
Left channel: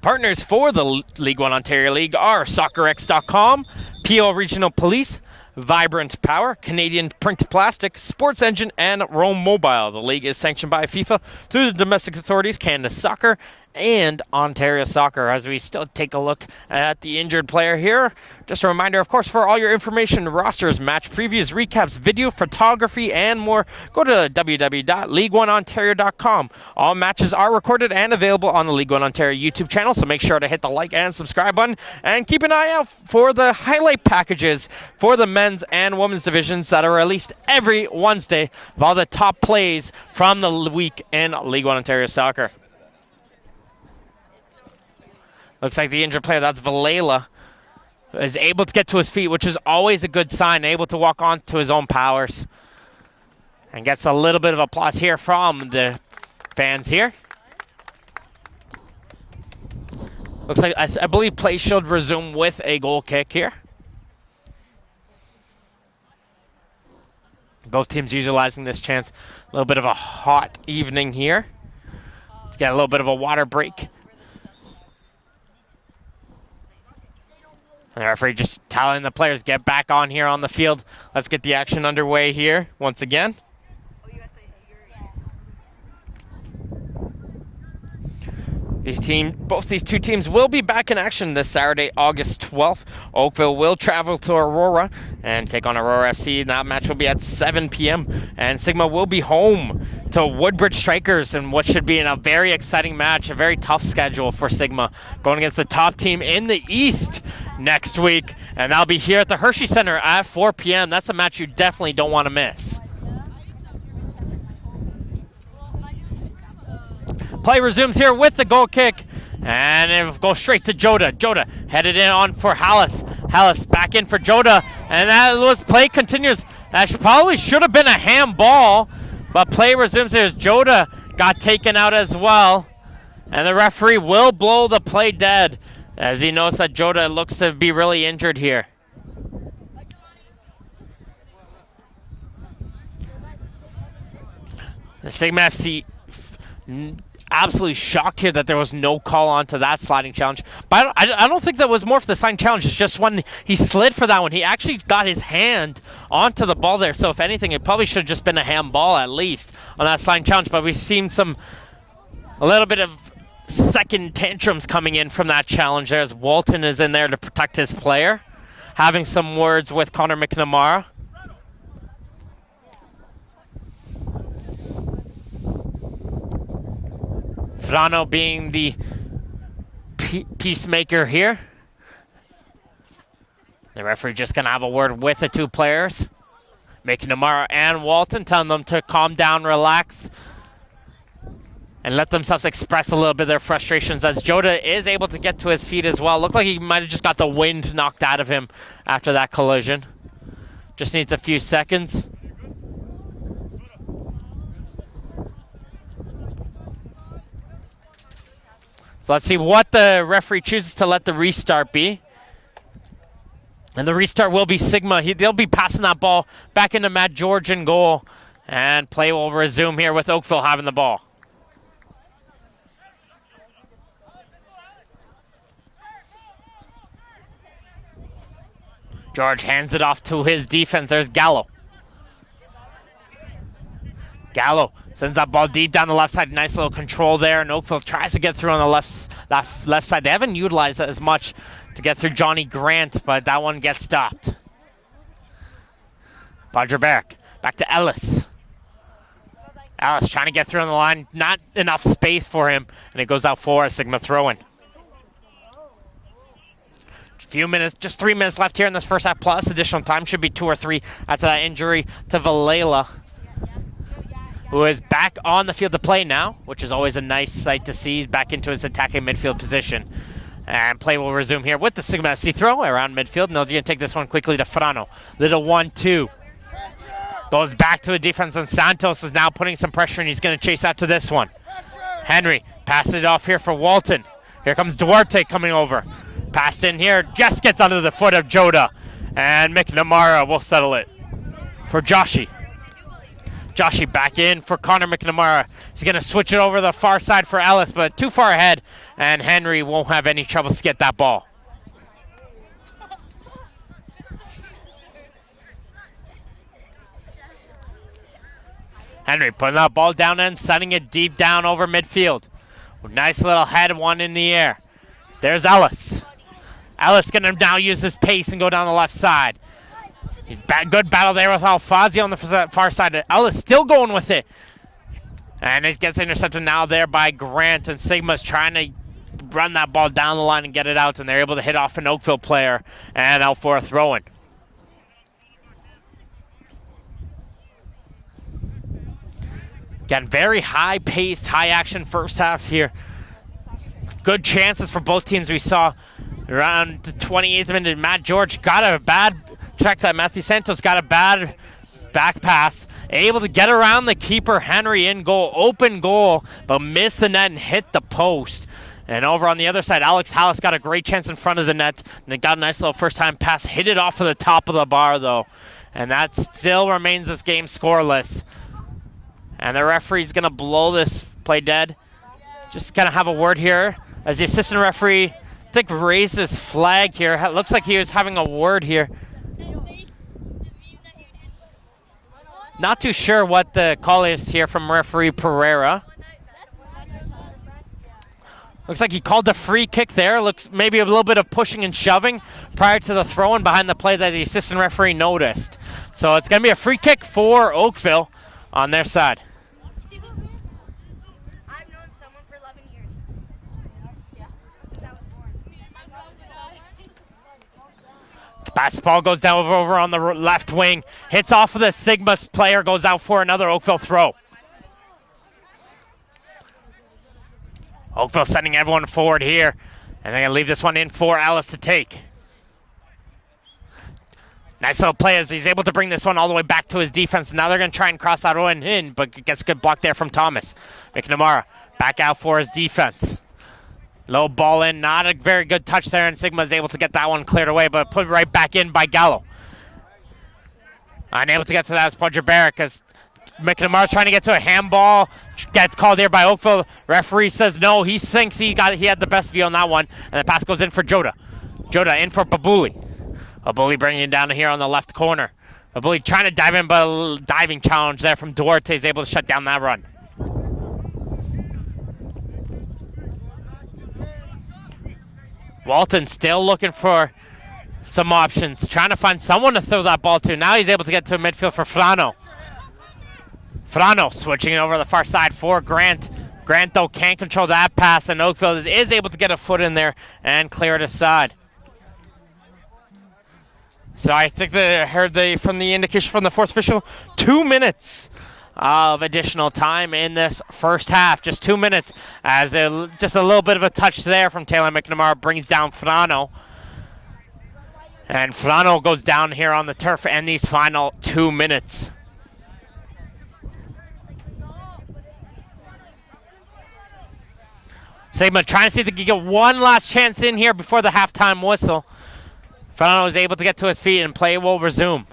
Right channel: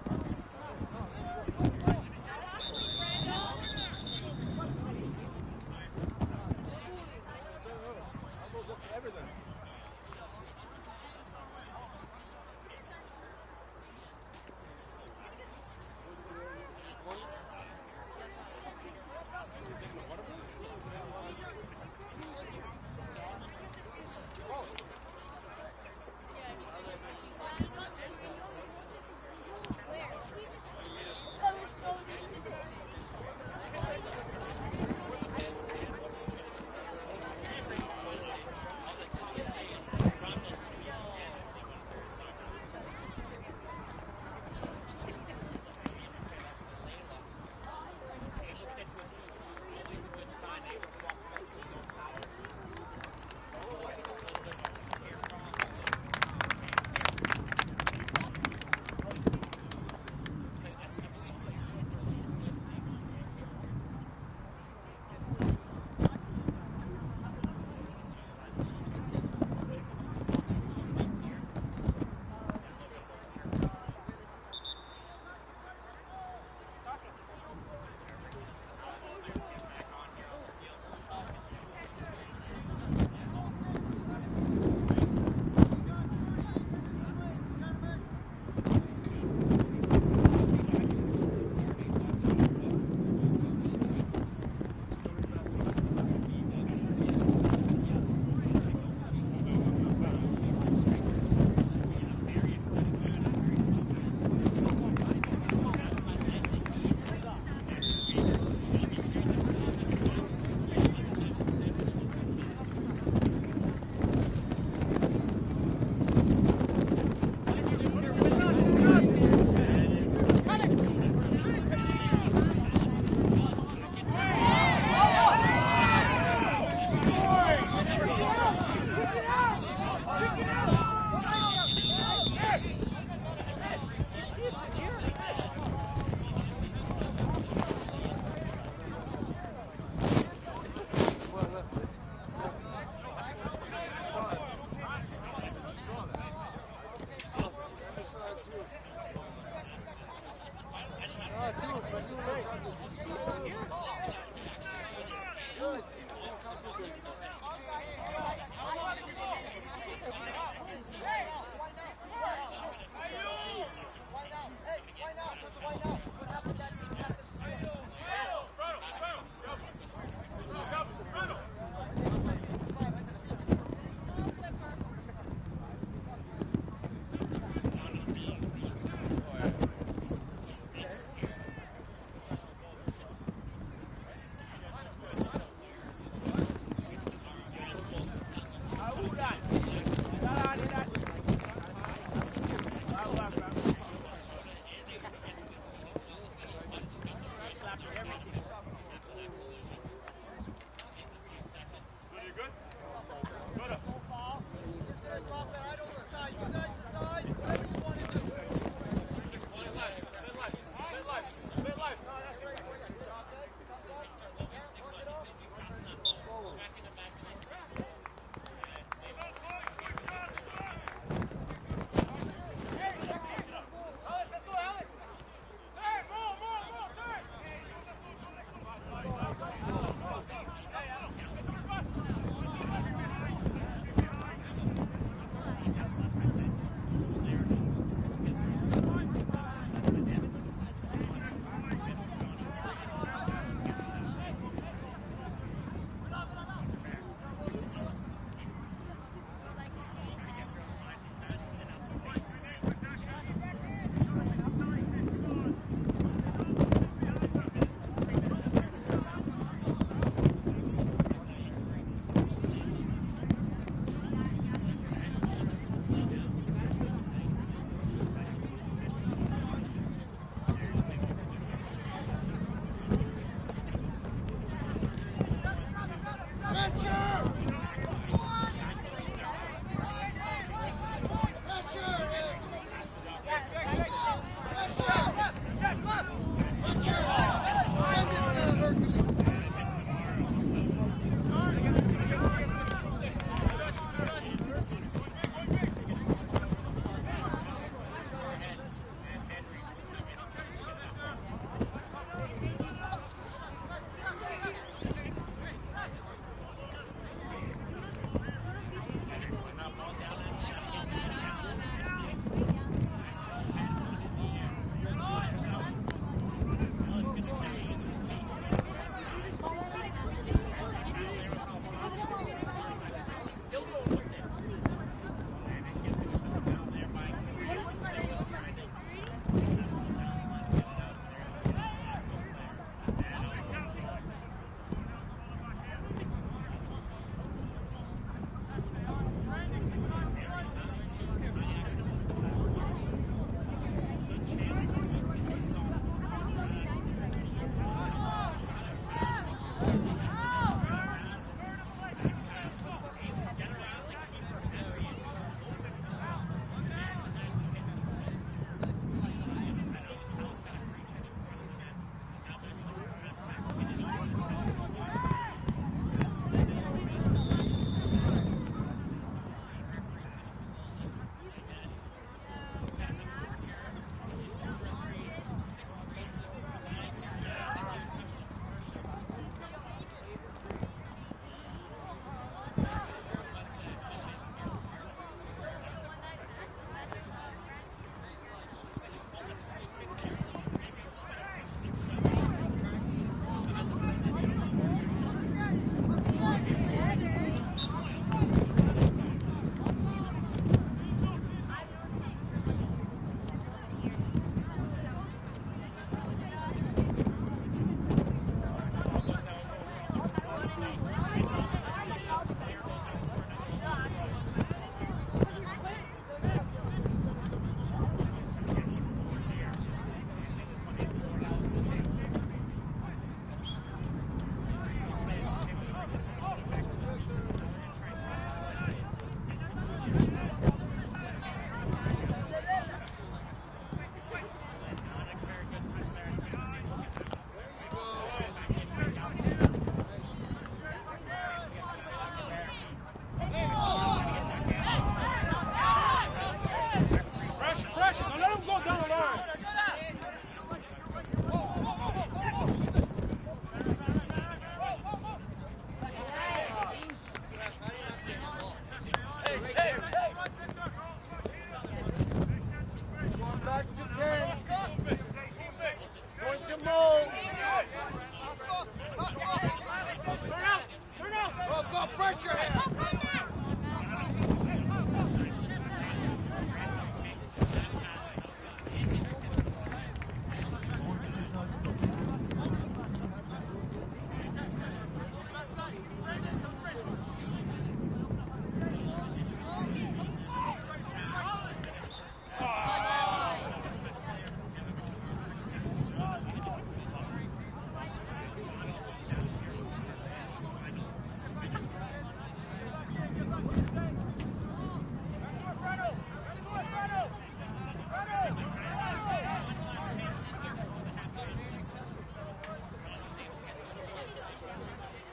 Partners for the League One Ontario League are SoccerX.com, PO Regional Police, Vibrant Power, Canadian Print Plastic, Sports Engine, and Roam Mobile. The league is sanctioned by FIFA through the domestic authorities, Canada Soccer, and Ontario Soccer. As we still take a look at the injured player here, just a reminder, of course, for all your information, rosters, match previews, recaps, video, photography, and more, go to www.league1ontario.com. All matches are recorded and available on the League One Ontario YouTube channel, so make sure to hit the like and subscribe button, and keep an eye out for the highlight packages for the men's and women's divisions that are released every Wednesday of all the top plays from the week in League One Ontario Soccer. Looks like the injured player, that's Valela, is able to get to his feet, which is always a good sign, able to walk on to his own powers. And gets a little bit of applause here from the fans here. Looks like, I believe play should resume with a goal kick here. Both teams utilizing this chance. A little bit of a hot evening here. Let's get a little bit of a water break. And the referee just telling the players, get back on here on the field. Let's get the action underway here once again. Both these two teams will be back in action this Saturday, August 12th. Oakville will travel to Aurora and take on Aurora FC. That match will be at 7 p.m. And Sigma will be home to Woodbridge Strikers in what should be in a very exciting match, a very tough schedule for Sigma, going against the top team in the East next week. And that'll be here at the Hershey Center at 4 p.m. That's a match you definitely don't want to miss. Play resumes here with the goal kick, and it goes straight to Joda. Joda headed in on for Hallis. Hallis back in for Joda, and that was play continues. That probably should have been a handball, but play resumes here. Joda got taken out as well, and the referee will blow the play dead. as he knows that Joda looks to be really injured here. The Sigma FC absolutely shocked here that there was no call onto that sliding challenge. But I don't think that was more for the sliding challenge. It's just when he slid for that one, he actually got his hand onto the ball there. So if anything, it probably should have just been a handball at least on that sliding challenge. But we've seen a little bit of second tantrums coming in from that challenge there as Walton is in there to protect his player, having some words with Connor McNamara. Frano being the peacemaker here. The referee just gonna have a word with the two players, McNamara and Walton, telling them to calm down, relax, and let themselves express a little bit of their frustrations as Joda is able to get to his feet as well. Looked like he might have just got the wind knocked out of him after that collision. Just needs a few seconds. So let's see what the referee chooses to let the restart be. And the restart will be Sigma. They'll be passing that ball back into Matt George in goal. And play will resume here with Oakville having the ball. George hands it off to his defense. There's Gallo. Gallo sends that ball deep down the left side. Nice little control there. And Oakville tries to get through on the left side. They haven't utilized it as much to get through Johnny Grant, but that one gets stopped. Bodgerberg back to Ellis. Ellis trying to get through on the line. Not enough space for him. And it goes out for a Sigma throw-in. Few minutes, just 3 minutes left here in this first half, plus additional time. Should be 2 or 3 after that injury to Valela, who is back on the field to play now, which is always a nice sight to see. He's back into his attacking midfield position. And play will resume here with the Sigma FC throw around midfield. And they're going to take this one quickly to Frano. Little 1-2. Goes back to the defense, and Santos is now putting some pressure, and he's going to chase out to this one. Henry passes it off here for Walton. Here comes Duarte coming over. Passed in here, just gets under the foot of Joda. And McNamara will settle it for Joshi. Joshi back in for Connor McNamara. He's going to switch it over the far side for Ellis, but too far ahead, and Henry won't have any trouble to get that ball. Henry putting that ball down and sending it deep down over midfield. Nice little head one in the air. There's Ellis. Ellis going to now use his pace and go down the left side. Good battle there with Alfazi on the far side. Ellis still going with it. And it gets intercepted now there by Grant, and Sigma's trying to run that ball down the line and get it out, and they're able to hit off an Oakville player and out for a throw-in. Again, very high-paced, high-action first half here. Good chances for both teams. We saw around the 28th minute, Matt George got a bad track that Matthew Santos got a bad back pass, able to get around the keeper Henry in goal, open goal, but missed the net and hit the post. And over on the other side, Alex Hallis got a great chance in front of the net, and it got a nice little first-time pass, hit it off of the top of the bar though, and that still remains this game scoreless. And the referee's gonna blow this play dead. Just gonna have a word here as the assistant referee, I think, raised his flag here. It looks like he was having a word here. Not too sure what the call is here from referee Pereira. Looks like he called a free kick there. Looks maybe a little bit of pushing and shoving prior to the throw-in behind the play that the assistant referee noticed. So it's gonna be a free kick for Oakville on their side. Basketball goes down over on the left wing, hits off of the Sigma's player, goes out for another Oakville throw. Oakville sending everyone forward here, and they're gonna leave this one in for Ellis to take. Nice little play as he's able to bring this one all the way back to his defense. Now they're gonna try and cross that one in, but gets a good block there from Thomas. McNamara back out for his defense. Low ball in, not a very good touch there, and Sigma is able to get that one cleared away, but put right back in by Gallo. Unable to get to that as Podger Barrett as McNamara's trying to get to a handball. Gets called here by Oakville. Referee says no. He thinks he had the best view on that one, and the pass goes in for Joda. Joda in for Babuli. Babuli bringing it down here on the left corner. Babuli trying to dive in, but a diving challenge there from Duarte is able to shut down that run. Walton still looking for some options, trying to find someone to throw that ball to. Now he's able to get to midfield for Frano. Frano switching it over to the far side for Grant. Grant, though, can't control that pass, and Oakville is able to get a foot in there and clear it aside. So I think they heard from the indication from the fourth official, 2 minutes of additional time in this first half. Just 2 minutes, as just a little bit of a touch there from Taylor McNamara brings down Frano. And Frano goes down here on the turf in these final 2 minutes. Sigma trying to see if they can get one last chance in here before the halftime whistle. Frano is able to get to his feet and play will resume.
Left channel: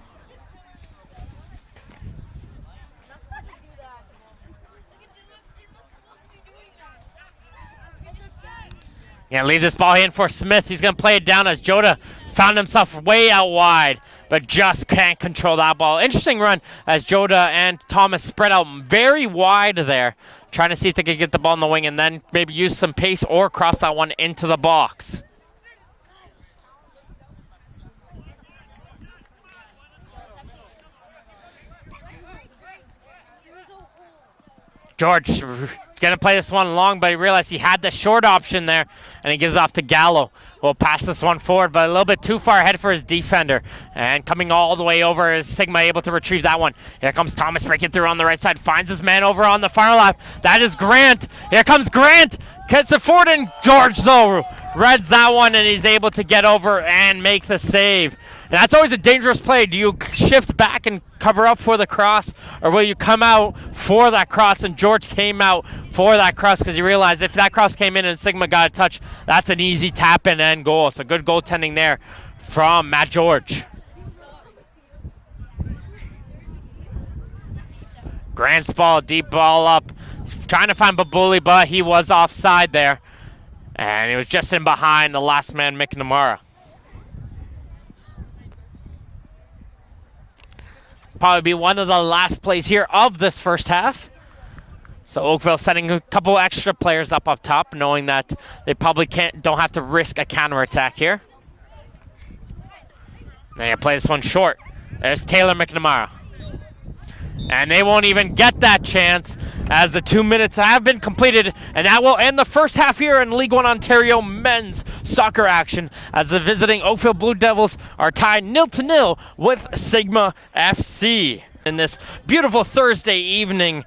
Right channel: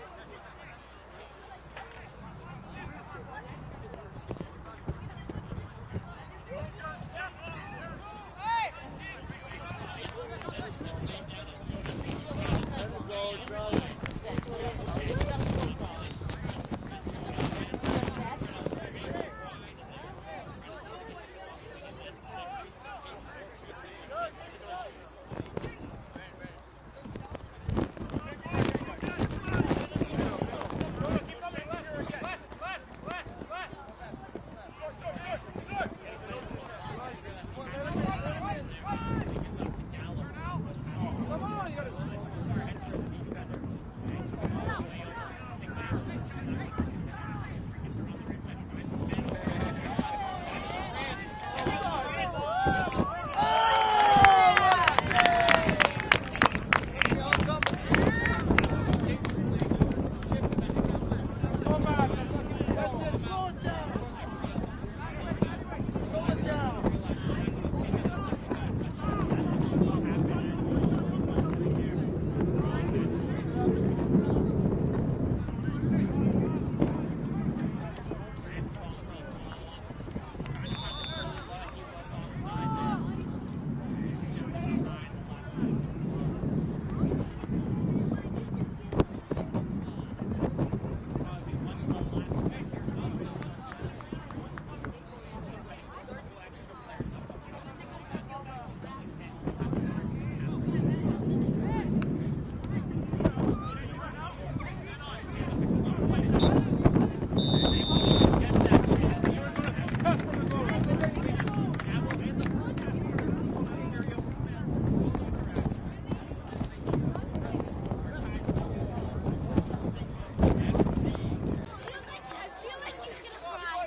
Yeah, leave this ball in for Smith. He's going to play it down as Joda found himself way out wide, but just can't control that ball. Interesting run as Joda and Thomas spread out very wide there, trying to see if they could get the ball in the wing and then maybe use some pace or cross that one into the box. George gonna play this one long, but he realized he had the short option there, and he gives off to Gallo. We'll pass this one forward, but a little bit too far ahead for his defender. And coming all the way over is Sigma able to retrieve that one. Here comes Thomas breaking through on the right side, finds his man over on the far left. That is Grant. Here comes Grant, gets it forward, and George, though, reads that one, and he's able to get over and make the save. And that's always a dangerous play. Do you shift back and cover up for the cross, or will you come out for that cross? And George came out for that cross because he realized if that cross came in and Sigma got a touch, that's an easy tap in and goal. So good goaltending there from Matt George. Grant's ball, deep ball up, trying to find Babuli, but he was offside there. And he was just in behind the last man, McNamara. Probably be one of the last plays here of this first half. So Oakville setting a couple extra players up top, knowing that they probably don't have to risk a counterattack here. They play this one short. There's Taylor McNamara. And they won't even get that chance as the 2 minutes have been completed, and that will end the first half here in League One Ontario men's soccer action as the visiting Oakville Blue Devils are tied 0-0 with Sigma FC in this beautiful Thursday evening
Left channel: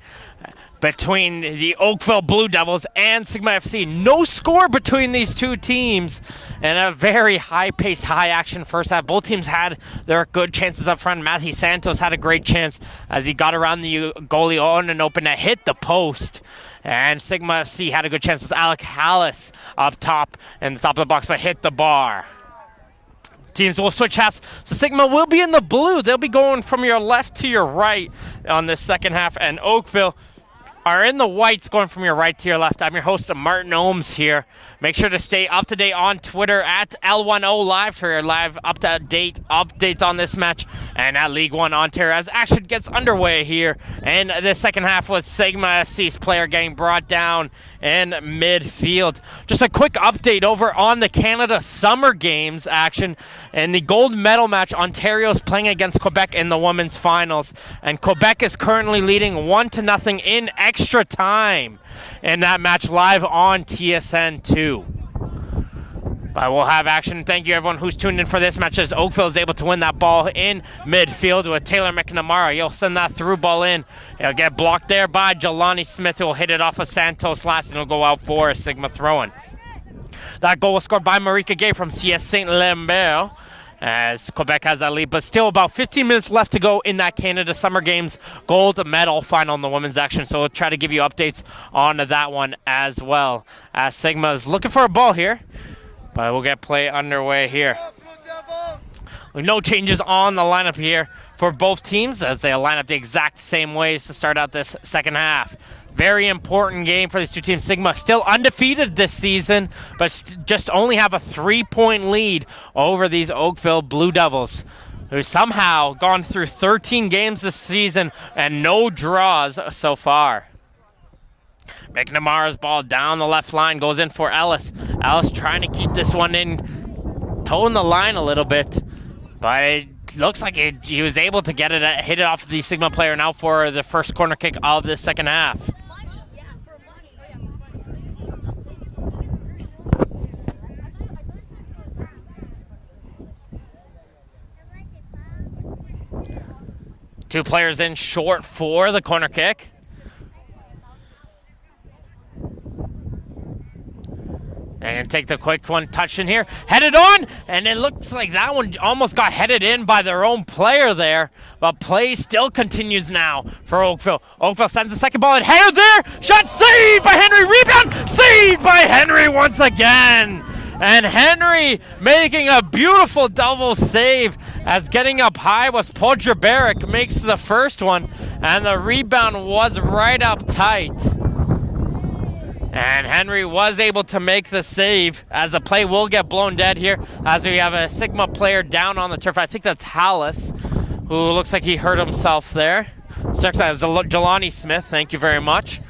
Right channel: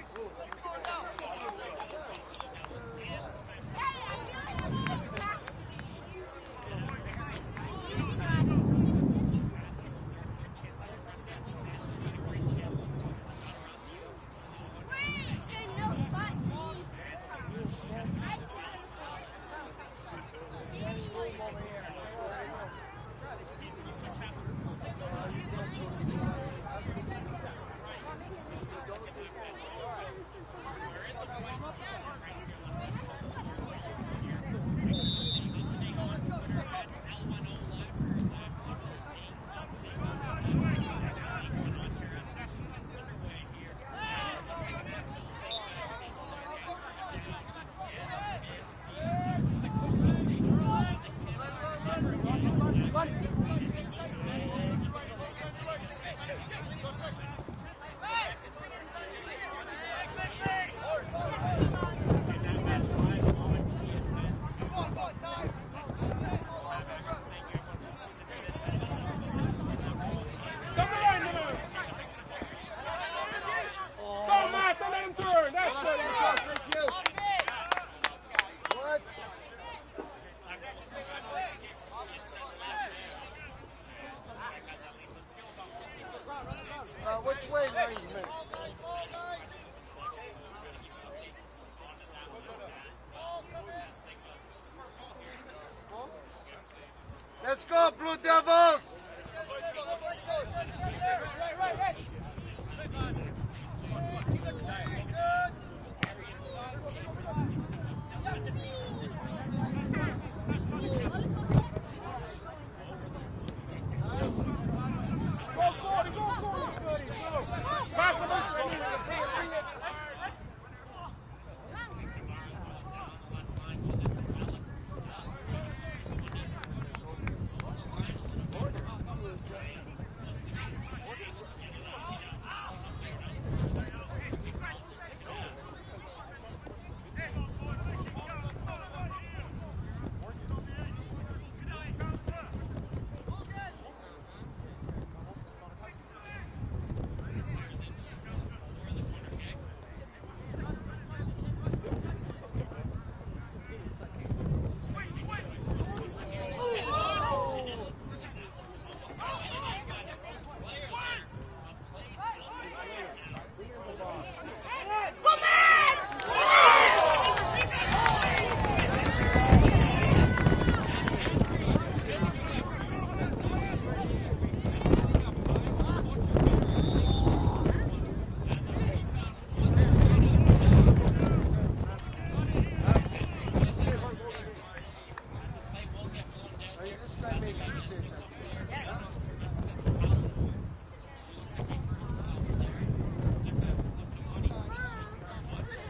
between the Oakville Blue Devils and Sigma FC. No score between these two teams, and a very high-paced, high-action first half. Both teams had their good chances up front. Matthew Santos had a great chance as he got around the goalie on an open net, hit the post. And Sigma FC had a good chance with Alec Hallis up top in the top of the box, but hit the bar. Teams will switch halves. So Sigma will be in the blue. They'll be going from your left to your right on this second half, and Oakville are in the whites going from your right to your left. I'm your host, Martin Ohms here. Make sure to stay up to date on Twitter at L1O Live for your live up-to-date updates on this match and at League One Ontario as action gets underway here in the second half with Sigma FC's player getting brought down in midfield. Just a quick update over on the Canada Summer Games action. In the gold medal match, Ontario's playing against Quebec in the women's finals, and Quebec is currently leading 1-0 in extra time in that match live on TSN2. But we'll have action. Thank you everyone who's tuned in for this match as Oakville is able to win that ball in midfield with Taylor McNamara. He'll send that through ball in. He'll get blocked there by Jelani Smith, who will hit it off of Santos last, and he'll go out for a Sigma throw-in. That goal was scored by Marika Gay from CS St. Lambert. as Quebec has that lead, but still about 15 minutes left to go in that Canada Summer Games gold medal final in the women's action. So we'll try to give you updates on that one as well. As Sigma is looking for a ball here, but we'll get play underway here. With no changes on the lineup here for both teams as they line up the exact same ways to start out this second half. Very important game for these two teams. Sigma still undefeated this season, but just only have a 3-point lead over these Oakville Blue Devils, who somehow gone through 13 games this season and no draws so far. McNamara's ball down the left line, goes in for Ellis. Ellis trying to keep this one in, toeing the line a little bit, but it looks like he was able to get it, hit it off the Sigma player now for the first corner kick of the second half. Two players in short for the corner kick. And take the quick one, touch in here, headed on, and it looks like that one almost got headed in by their own player there, but play still continues now for Oakville. Oakville sends the second ball, and header there, shot saved by Henry, rebound, saved by Henry once again. And Henry making a beautiful double save as getting up high was Podjaberic makes the first one, and the rebound was right up tight. And Henry was able to make the save as the play will get blown dead here as we have a Sigma player down on the turf. I think that's Hallis, who looks like he hurt himself there. That was Jelani Smith, thank you very much.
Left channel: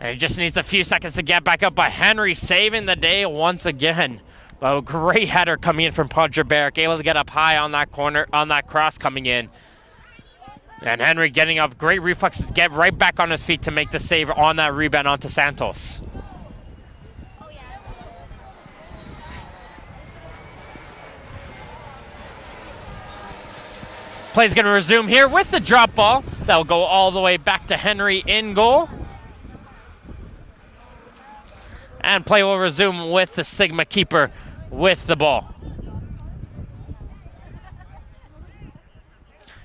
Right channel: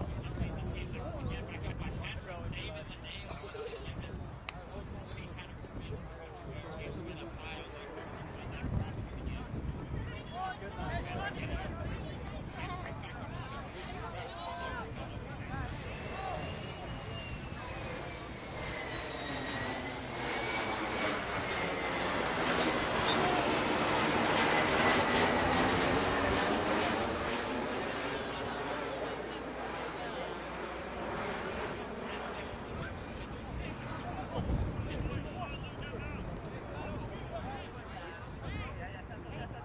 And he just needs a few seconds to get back up, but Henry saving the day once again. A great header coming in from Podjaberic, able to get up high on that corner, on that cross coming in. And Henry getting up, great reflexes, get right back on his feet to make the save on that rebound onto Santos. Play's gonna resume here with the drop ball. That'll go all the way back to Henry in goal. And play will resume with the Sigma keeper with the ball.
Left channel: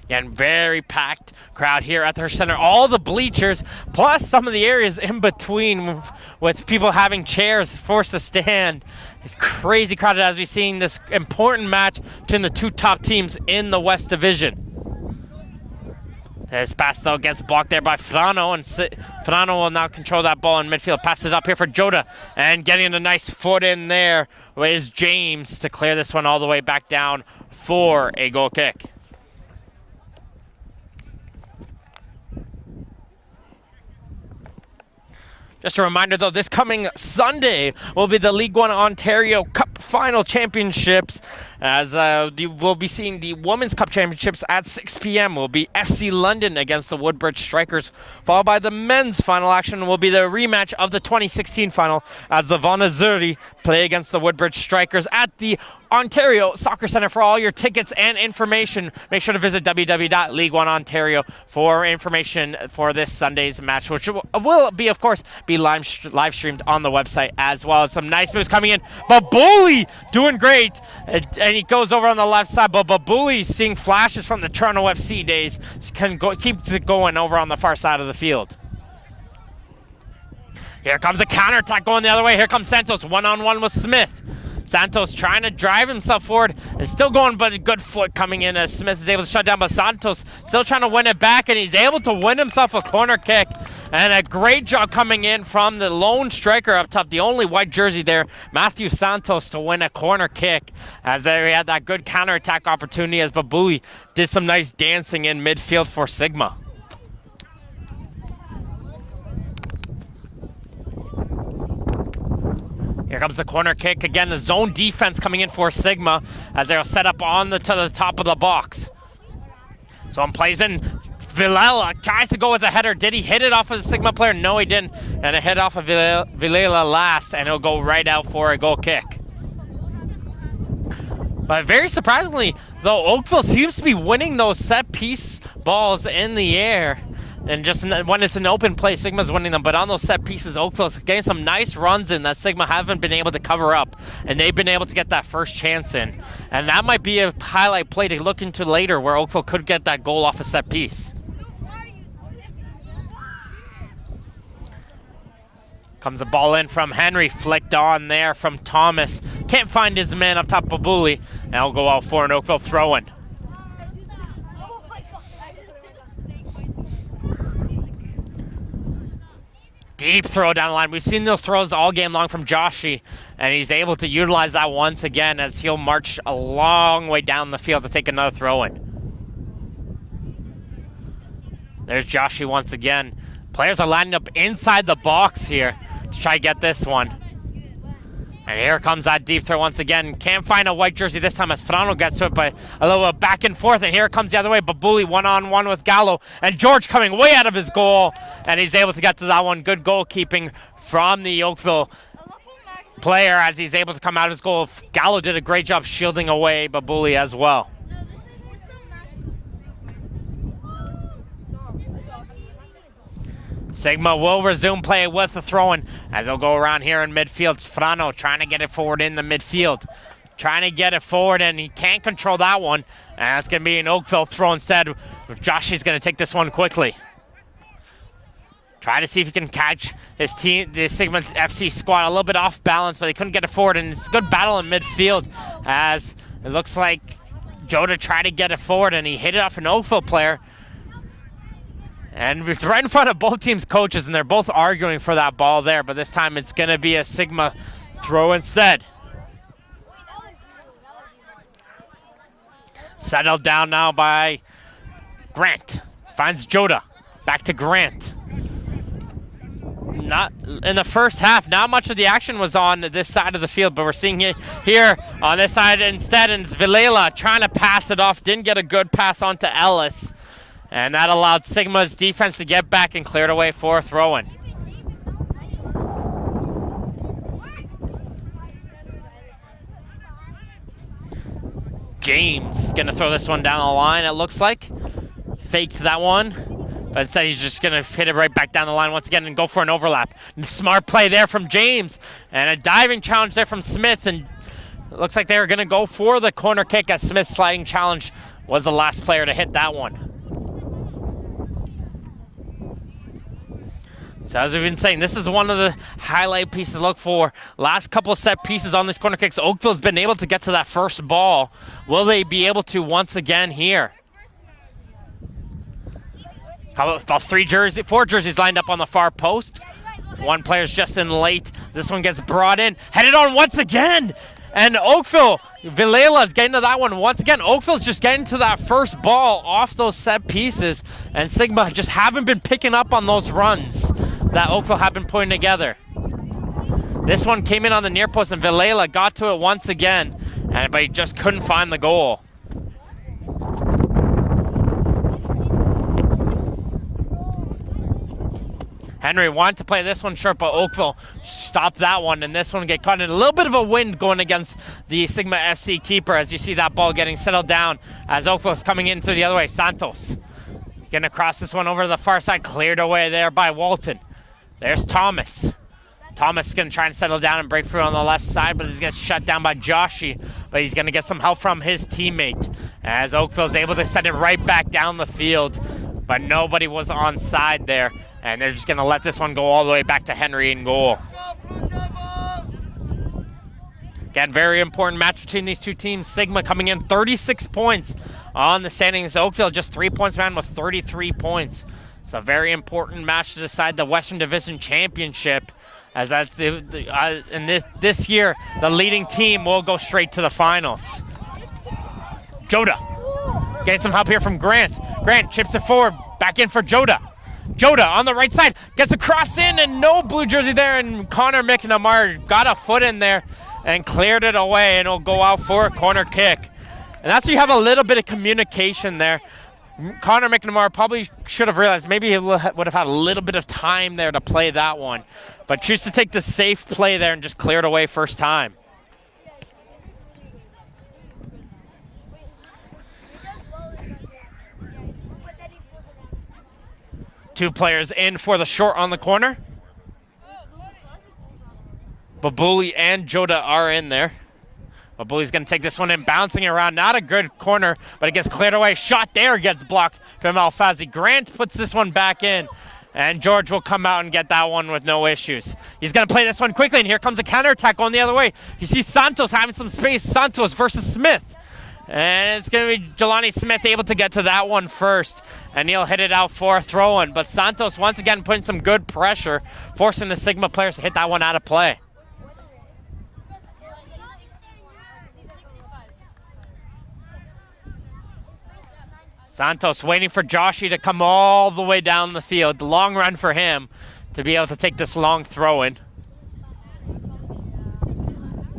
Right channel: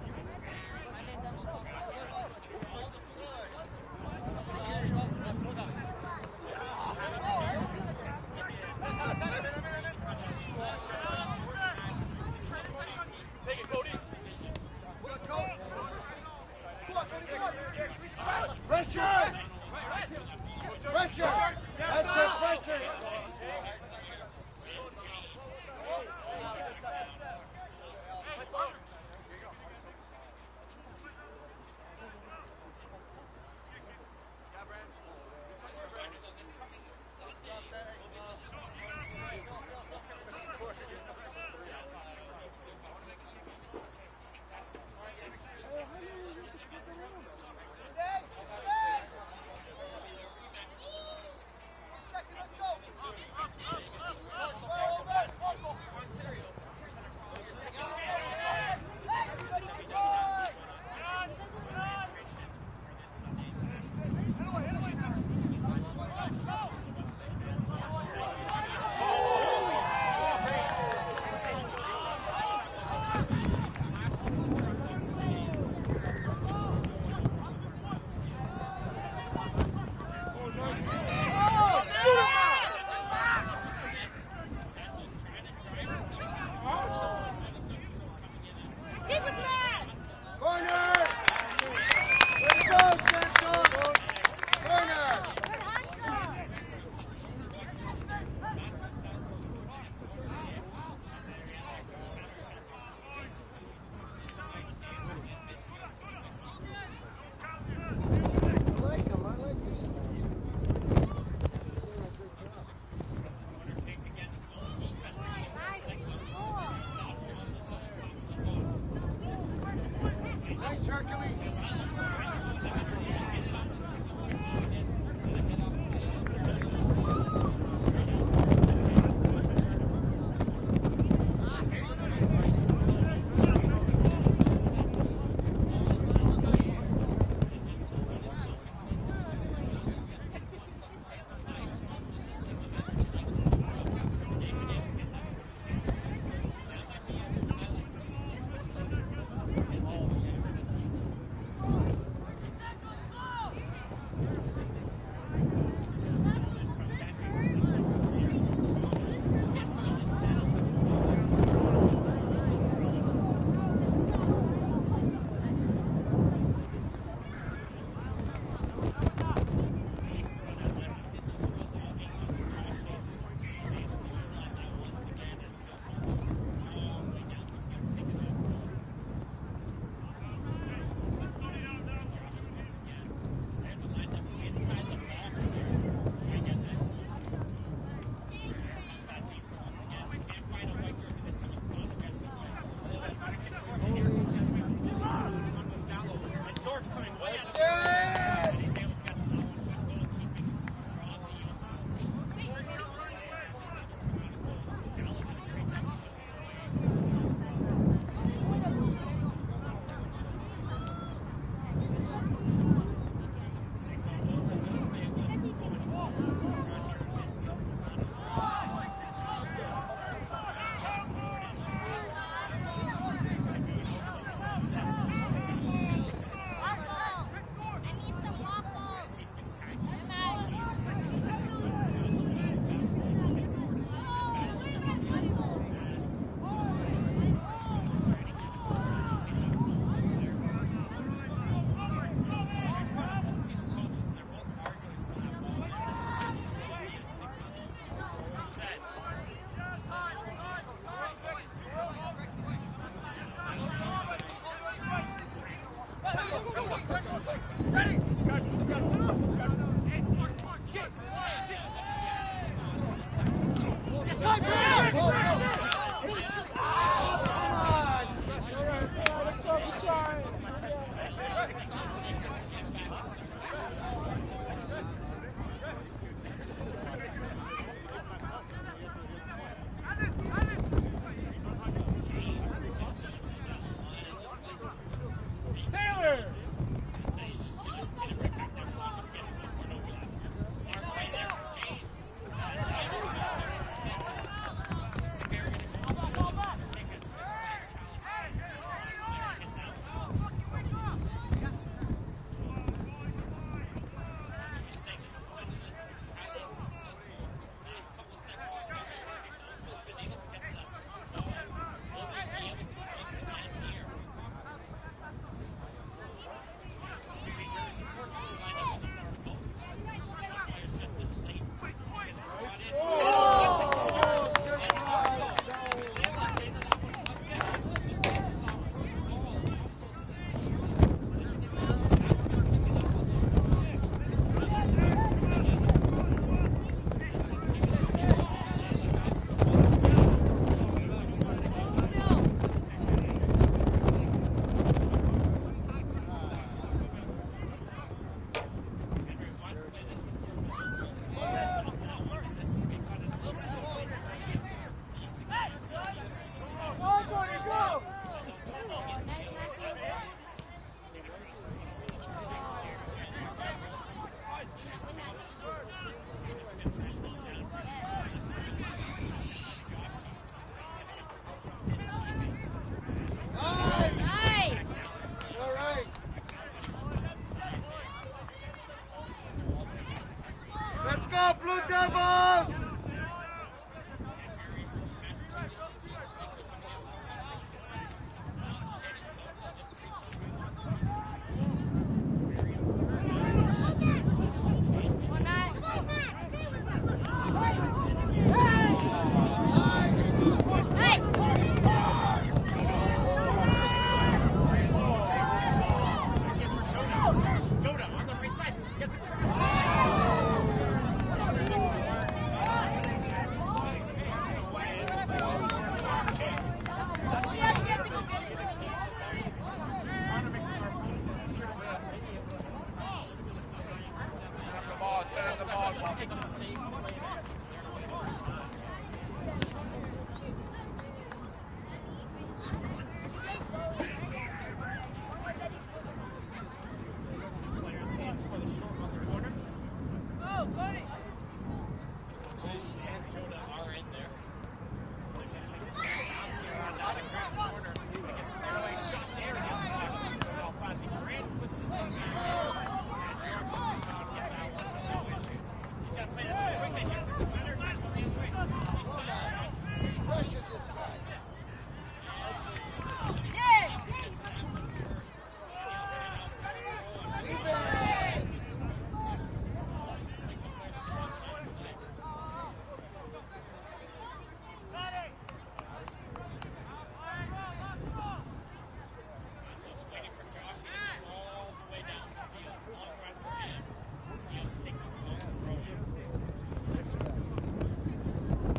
Again, very packed crowd here at their center. All the bleachers, plus some of the areas in between with people having chairs forced to stand. It's crazy crowded as we've seen this important match between the two top teams in the West Division. This pass though gets blocked there by Frano, and Frano will now control that ball in midfield. Passes it up here for Joda, and getting a nice foot in there is James to clear this one all the way back down for a goal kick. Just a reminder though, this coming Sunday will be the League One Ontario Cup Final Championships, as we'll be seeing the Women's Cup Championships at 6 p.m. will be FC London against the Woodbridge Strikers, followed by the men's final action will be the rematch of the 2016 final as the Von Azuri play against the Woodbridge Strikers at the Ontario Soccer Centre. For all your tickets and information, make sure to visit www.league1ontario for information for this Sunday's match, which will be, of course, be live streamed on the website as well. Some nice moves coming in. Babuli doing great, and he goes over on the left side, but Babuli seeing flashes from the Toronto FC days, keeps it going over on the far side of the field. Here comes a counterattack going the other way. Here comes Santos, one-on-one with Smith. Santos trying to drive himself forward. It's still going, but a good foot coming in as Smith is able to shut down, but Santos still trying to win it back, and he's able to win himself a corner kick. And a great job coming in from the lone striker up top, the only white jersey there, Matthew Santos, to win a corner kick, as there he had that good counterattack opportunity as Babuli did some nice dancing in midfield for Sigma. Here comes the corner kick. Again, the zone defense coming in for Sigma as they'll set up on to the top of the box. So plays in. Vilela tries to go with a header. Did he hit it off of the Sigma player? No, he didn't. And it hit off of Vilela last, and it'll go right out for a goal kick. But very surprisingly, though, Oakville seems to be winning those set piece balls in the air. And just when it's an open play, Sigma's winning them. But on those set pieces, Oakville's getting some nice runs in that Sigma haven't been able to cover up. And they've been able to get that first chance in. And that might be a highlight play to look into later where Oakville could get that goal off a set piece. Comes the ball in from Henry, flicked on there from Thomas. Can't find his man up top of Bully. Now will go out for an Oakville throw-in. Deep throw down the line. We've seen those throws all game long from Joshy, and he's able to utilize that once again as he'll march a long way down the field to take another throw-in. There's Joshy once again. Players are lining up inside the box here to try to get this one. And here comes that deep throw once again. Can't find a white jersey this time as Frano gets to it, but a little back and forth, and here it comes the other way. Babuli one-on-one with Gallo, and George coming way out of his goal, and he's able to get to that one. Good goalkeeping from the Oakville player as he's able to come out of his goal. Gallo did a great job shielding away Babuli as well. Sigma will resume play with the throw-in as they'll go around here in midfield. Frano trying to get it forward in the midfield. Trying to get it forward, and he can't control that one. And that's going to be an Oakville throw instead. Josh is going to take this one quickly. Try to see if he can catch this team, the Sigma FC squad a little bit off balance, but they couldn't get it forward. And it's a good battle in midfield as it looks like Joda tried to get it forward, and he hit it off an Oakville player. And it's right in front of both teams' coaches, and they're both arguing for that ball there, but this time it's gonna be a Sigma throw instead. Settled down now by Grant. Finds Joda. Back to Grant. Not in the first half, not much of the action was on this side of the field, but we're seeing it here on this side instead, and it's Vilela trying to pass it off. Didn't get a good pass onto Ellis. And that allowed Sigma's defense to get back and cleared away for a throw-in. James gonna throw this one down the line, it looks like. Faked that one, but instead he's just gonna hit it right back down the line once again and go for an overlap. And smart play there from James, and a diving challenge there from Smith, and it looks like they were gonna go for the corner kick as Smith's sliding challenge was the last player to hit that one. So as we've been saying, this is one of the highlight pieces to look for. Last couple of set pieces on these corner kicks, Oakville's been able to get to that first ball. Will they be able to once again here? About four jerseys lined up on the far post. One player's just in late. This one gets brought in, headed on once again. And Oakville, Vilela's getting to that one once again. Oakville's just getting to that first ball off those set pieces, and Sigma just haven't been picking up on those runs that Oakville have been putting together. This one came in on the near post, and Vilela got to it once again, but he just couldn't find the goal. Henry wanted to play this one short, but Oakville stopped that one, and this one get caught in a little bit of a wind going against the Sigma FC keeper as you see that ball getting settled down as Oakville's coming in through the other way. Santos gonna cross this one over to the far side, cleared away there by Walton. There's Thomas. Thomas is gonna try and settle down and break through on the left side, but he's gonna shut down by Joshy, but he's gonna get some help from his teammate as Oakville's able to send it right back down the field, but nobody was on side there. And they're just going to let this one go all the way back to Henry in goal. Again, very important match between these two teams. Sigma coming in 36 points on the standings. Oakville just 3 points behind with 33 points. It's a very important match to decide the Western Division Championship, as that's this year the leading team will go straight to the finals. Joda getting some help here from Grant. Grant chips it forward, back in for Joda. Joda on the right side, gets a cross in, and no blue jersey there, and Connor McNamara got a foot in there and cleared it away, and it'll go out for a corner kick. And that's where you have a little bit of communication there. Connor McNamara probably should have realized maybe he would have had a little bit of time there to play that one, but choose to take the safe play there and just clear it away first time. Two players in for the short on the corner. Babuli and Joda are in there. Babuli's going to take this one in, bouncing it around. Not a good corner, but it gets cleared away. Shot there gets blocked from Alfazi. Grant puts this one back in, and George will come out and get that one with no issues. He's going to play this one quickly, and here comes a counterattack going the other way. You see Santos having some space. Santos versus Smith. And it's going to be Jelani Smith able to get to that one first, and he'll hit it out for a throw-in. But Santos once again putting some good pressure, forcing the Sigma players to hit that one out of play. Santos waiting for Joshi to come all the way down the field. The long run for him to be able to take this long throw-in.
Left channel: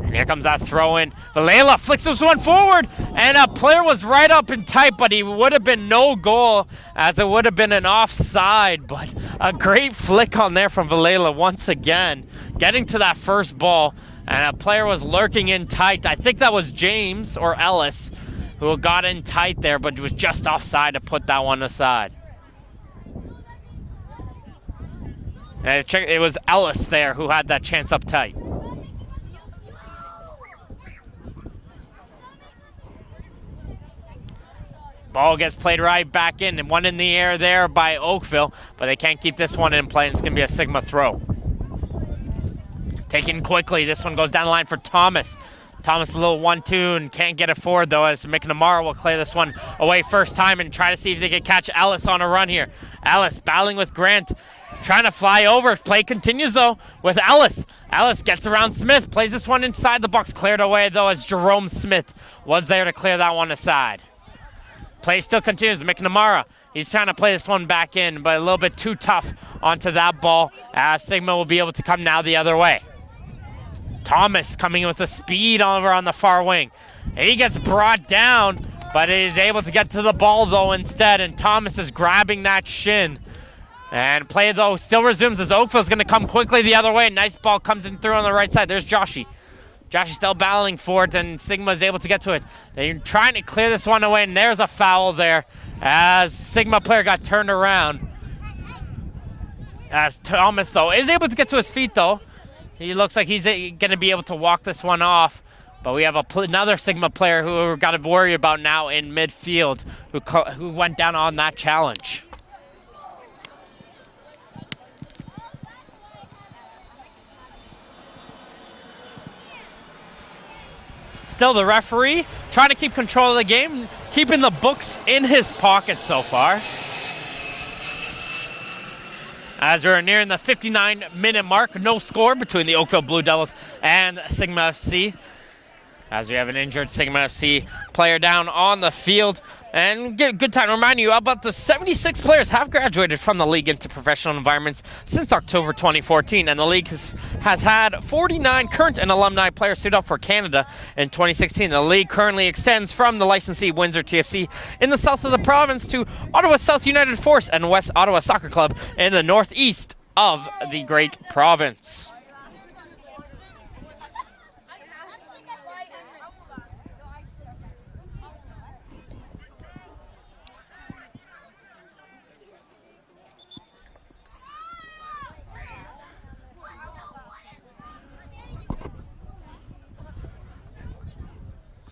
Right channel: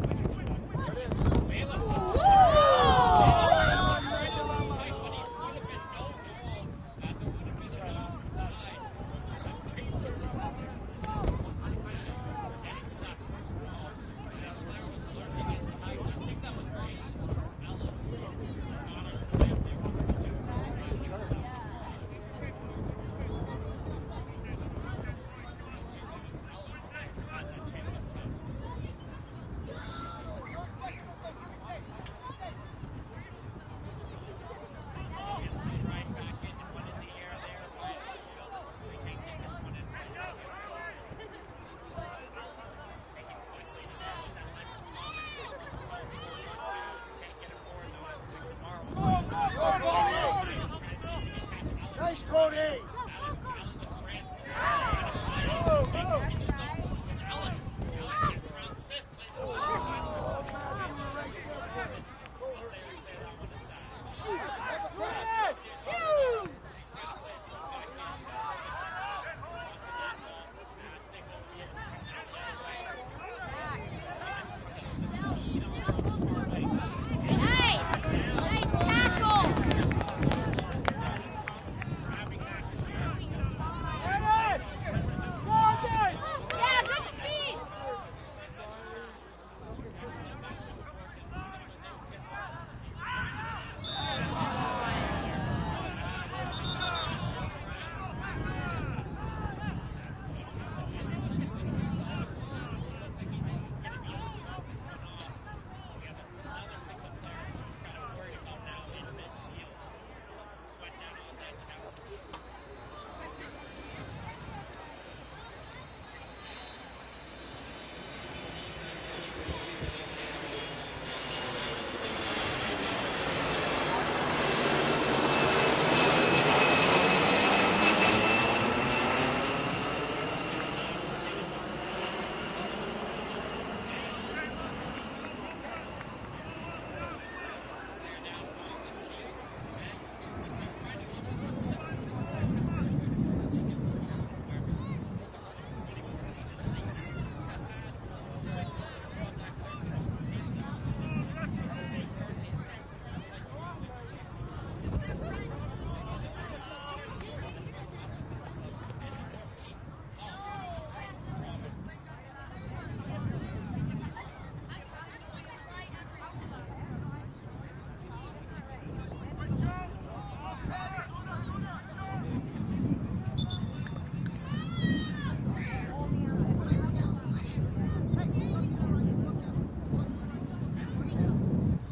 And here comes that throw-in. Valela flicks this one forward, and a player was right up and tight, but he would have been no goal, as it would have been an offside. But a great flick on there from Valela once again, getting to that first ball, and a player was lurking in tight. I think that was James or Ellis, who got in tight there, but was just offside to put that one aside. And it was Ellis there who had that chance up tight. Ball gets played right back in, and one in the air there by Oakville, but they can't keep this one in play, and it's gonna be a Sigma throw. Taken quickly, this one goes down the line for Thomas. Thomas a little 1-2 and can't get it forward though, as McNamara will clear this one away first time and try to see if they can catch Ellis on a run here. Ellis battling with Grant, trying to fly over. Play continues though with Ellis. Ellis gets around Smith, plays this one inside the box, cleared away though as Jerome Smith was there to clear that one aside. Play still continues, McNamara. He's trying to play this one back in, but a little bit too tough onto that ball, as Sigma will be able to come now the other way. Thomas coming with the speed over on the far wing. He gets brought down, but he's able to get to the ball though instead, and Thomas is grabbing that shin. And play though still resumes as Oakville's gonna come quickly the other way. Nice ball comes in through on the right side. There's Joshi. Joshi still battling for it, and Sigma is able to get to it. They're trying to clear this one away, and there's a foul there as Sigma player got turned around. As Thomas though is able to get to his feet though. He looks like he's going to be able to walk this one off, but we have another Sigma player who we've got to worry about now in midfield, who went down on that challenge. Still the referee trying to keep control of the game, keeping the books in his pocket so far. As we're nearing the 59-minute mark, no score between the Oakville Blue Devils and Sigma FC. As we have an injured Sigma FC player down on the field. And good time to remind you about the 76 players have graduated from the league into professional environments since October 2014. And the league has had 49 current and alumni players suit up for Canada in 2016. The league currently extends from the licensee Windsor TFC in the south of the province to Ottawa South United Force and West Ottawa Soccer Club in the northeast of the great province.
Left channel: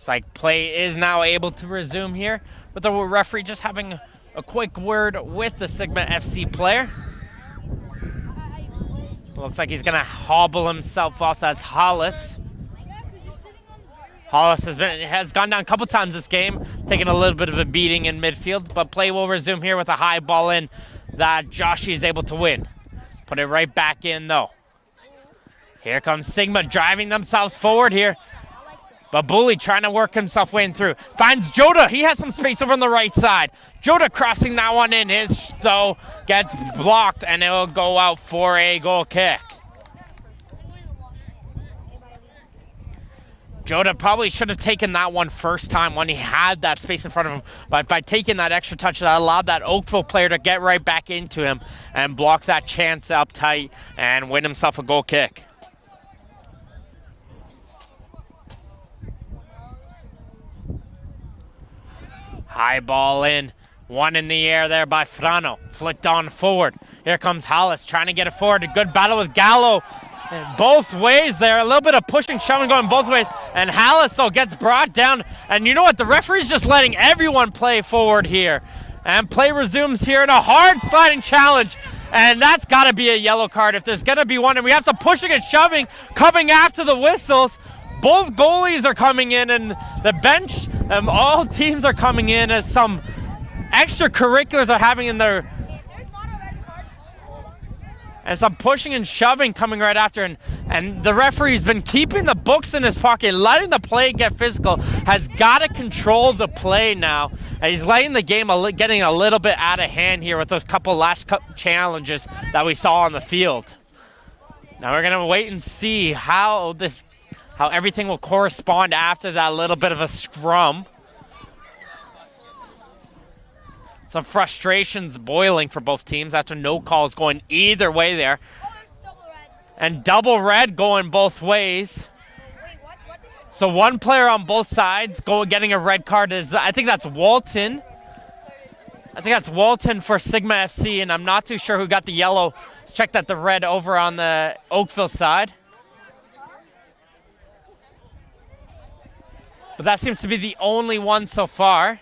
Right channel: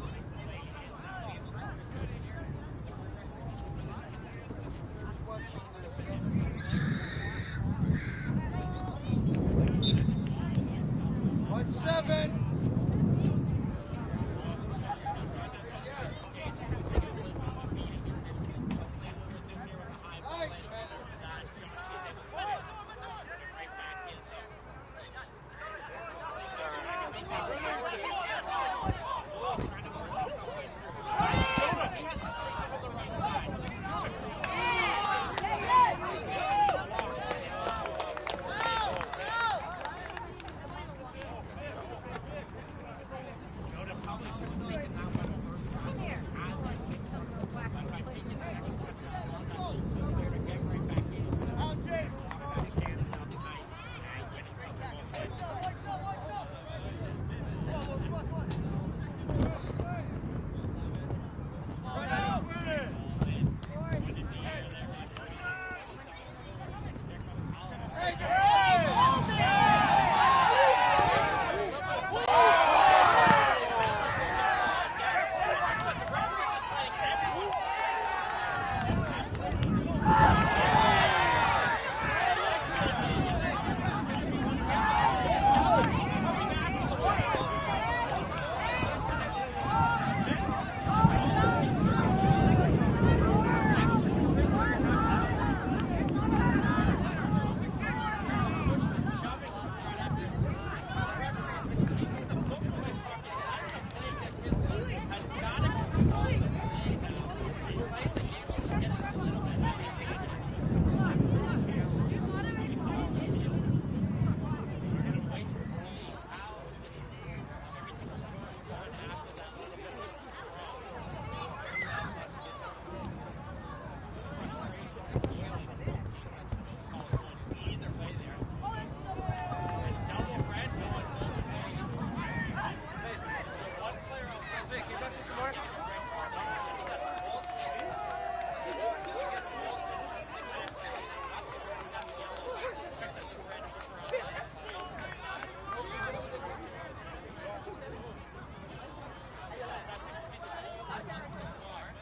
Like play is now able to resume here, with the referee just having a quick word with the Sigma FC player. Looks like he's gonna hobble himself off. That's Hollis. Hollis has gone down a couple times this game, taking a little bit of a beating in midfield, but play will resume here with a high ball in that Joshi is able to win. Put it right back in though. Here comes Sigma driving themselves forward here. Babuli trying to work himself way in through. Finds Joda. He has some space over on the right side. Joda crossing that one in. His though gets blocked, and it will go out for a goal kick. Joda probably should have taken that one first time when he had that space in front of him, but by taking that extra touch, that allowed that Oakville player to get right back into him and block that chance up tight and win himself a goal kick. High ball in One in the air there by Frano. Flicked on forward. Here comes Hollis trying to get it forward. A good battle with Gallo. Both ways there. A little bit of pushing, shoving going both ways. And Hollis, though, gets brought down. And you know what? The referee's just letting everyone play forward here. And play resumes here in a hard sliding challenge. And that's got to be a yellow card if there's going to be one. And we have some pushing and shoving coming after the whistles. Both goalies are coming in, and the bench, all teams are coming in as some extracurriculars are having in their, and some pushing and shoving coming right after. And the referee's been keeping the books in his pocket, letting the play get physical, has got to control the play now. And he's letting the game getting a little bit out of hand here with those couple last challenges that we saw on the field. Now we're gonna wait and see how everything will correspond after that little bit of a scrum. Some frustrations boiling for both teams after no calls going either way there. And double red going both ways. So one player on both sides getting a red card is, I think that's Walton. I think that's Walton for Sigma FC, and I'm not too sure who got the yellow. Let's check that the red over on the Oakville side. But that seems to be the only one so far.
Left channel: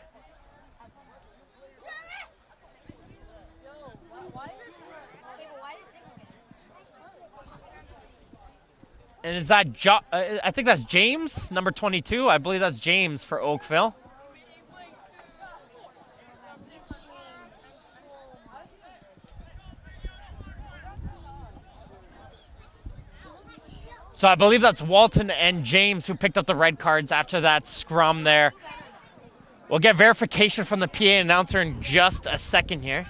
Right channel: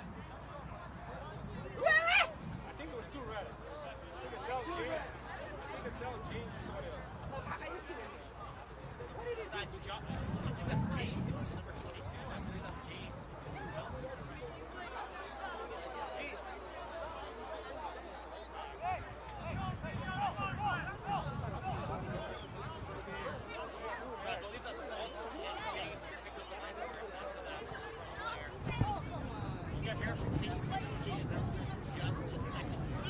And is that, I think that's James, number 22. I believe that's James for Oakville. So I believe that's Walton and James who picked up the red cards after that scrum there. We'll get verification from the PA announcer in just a second here.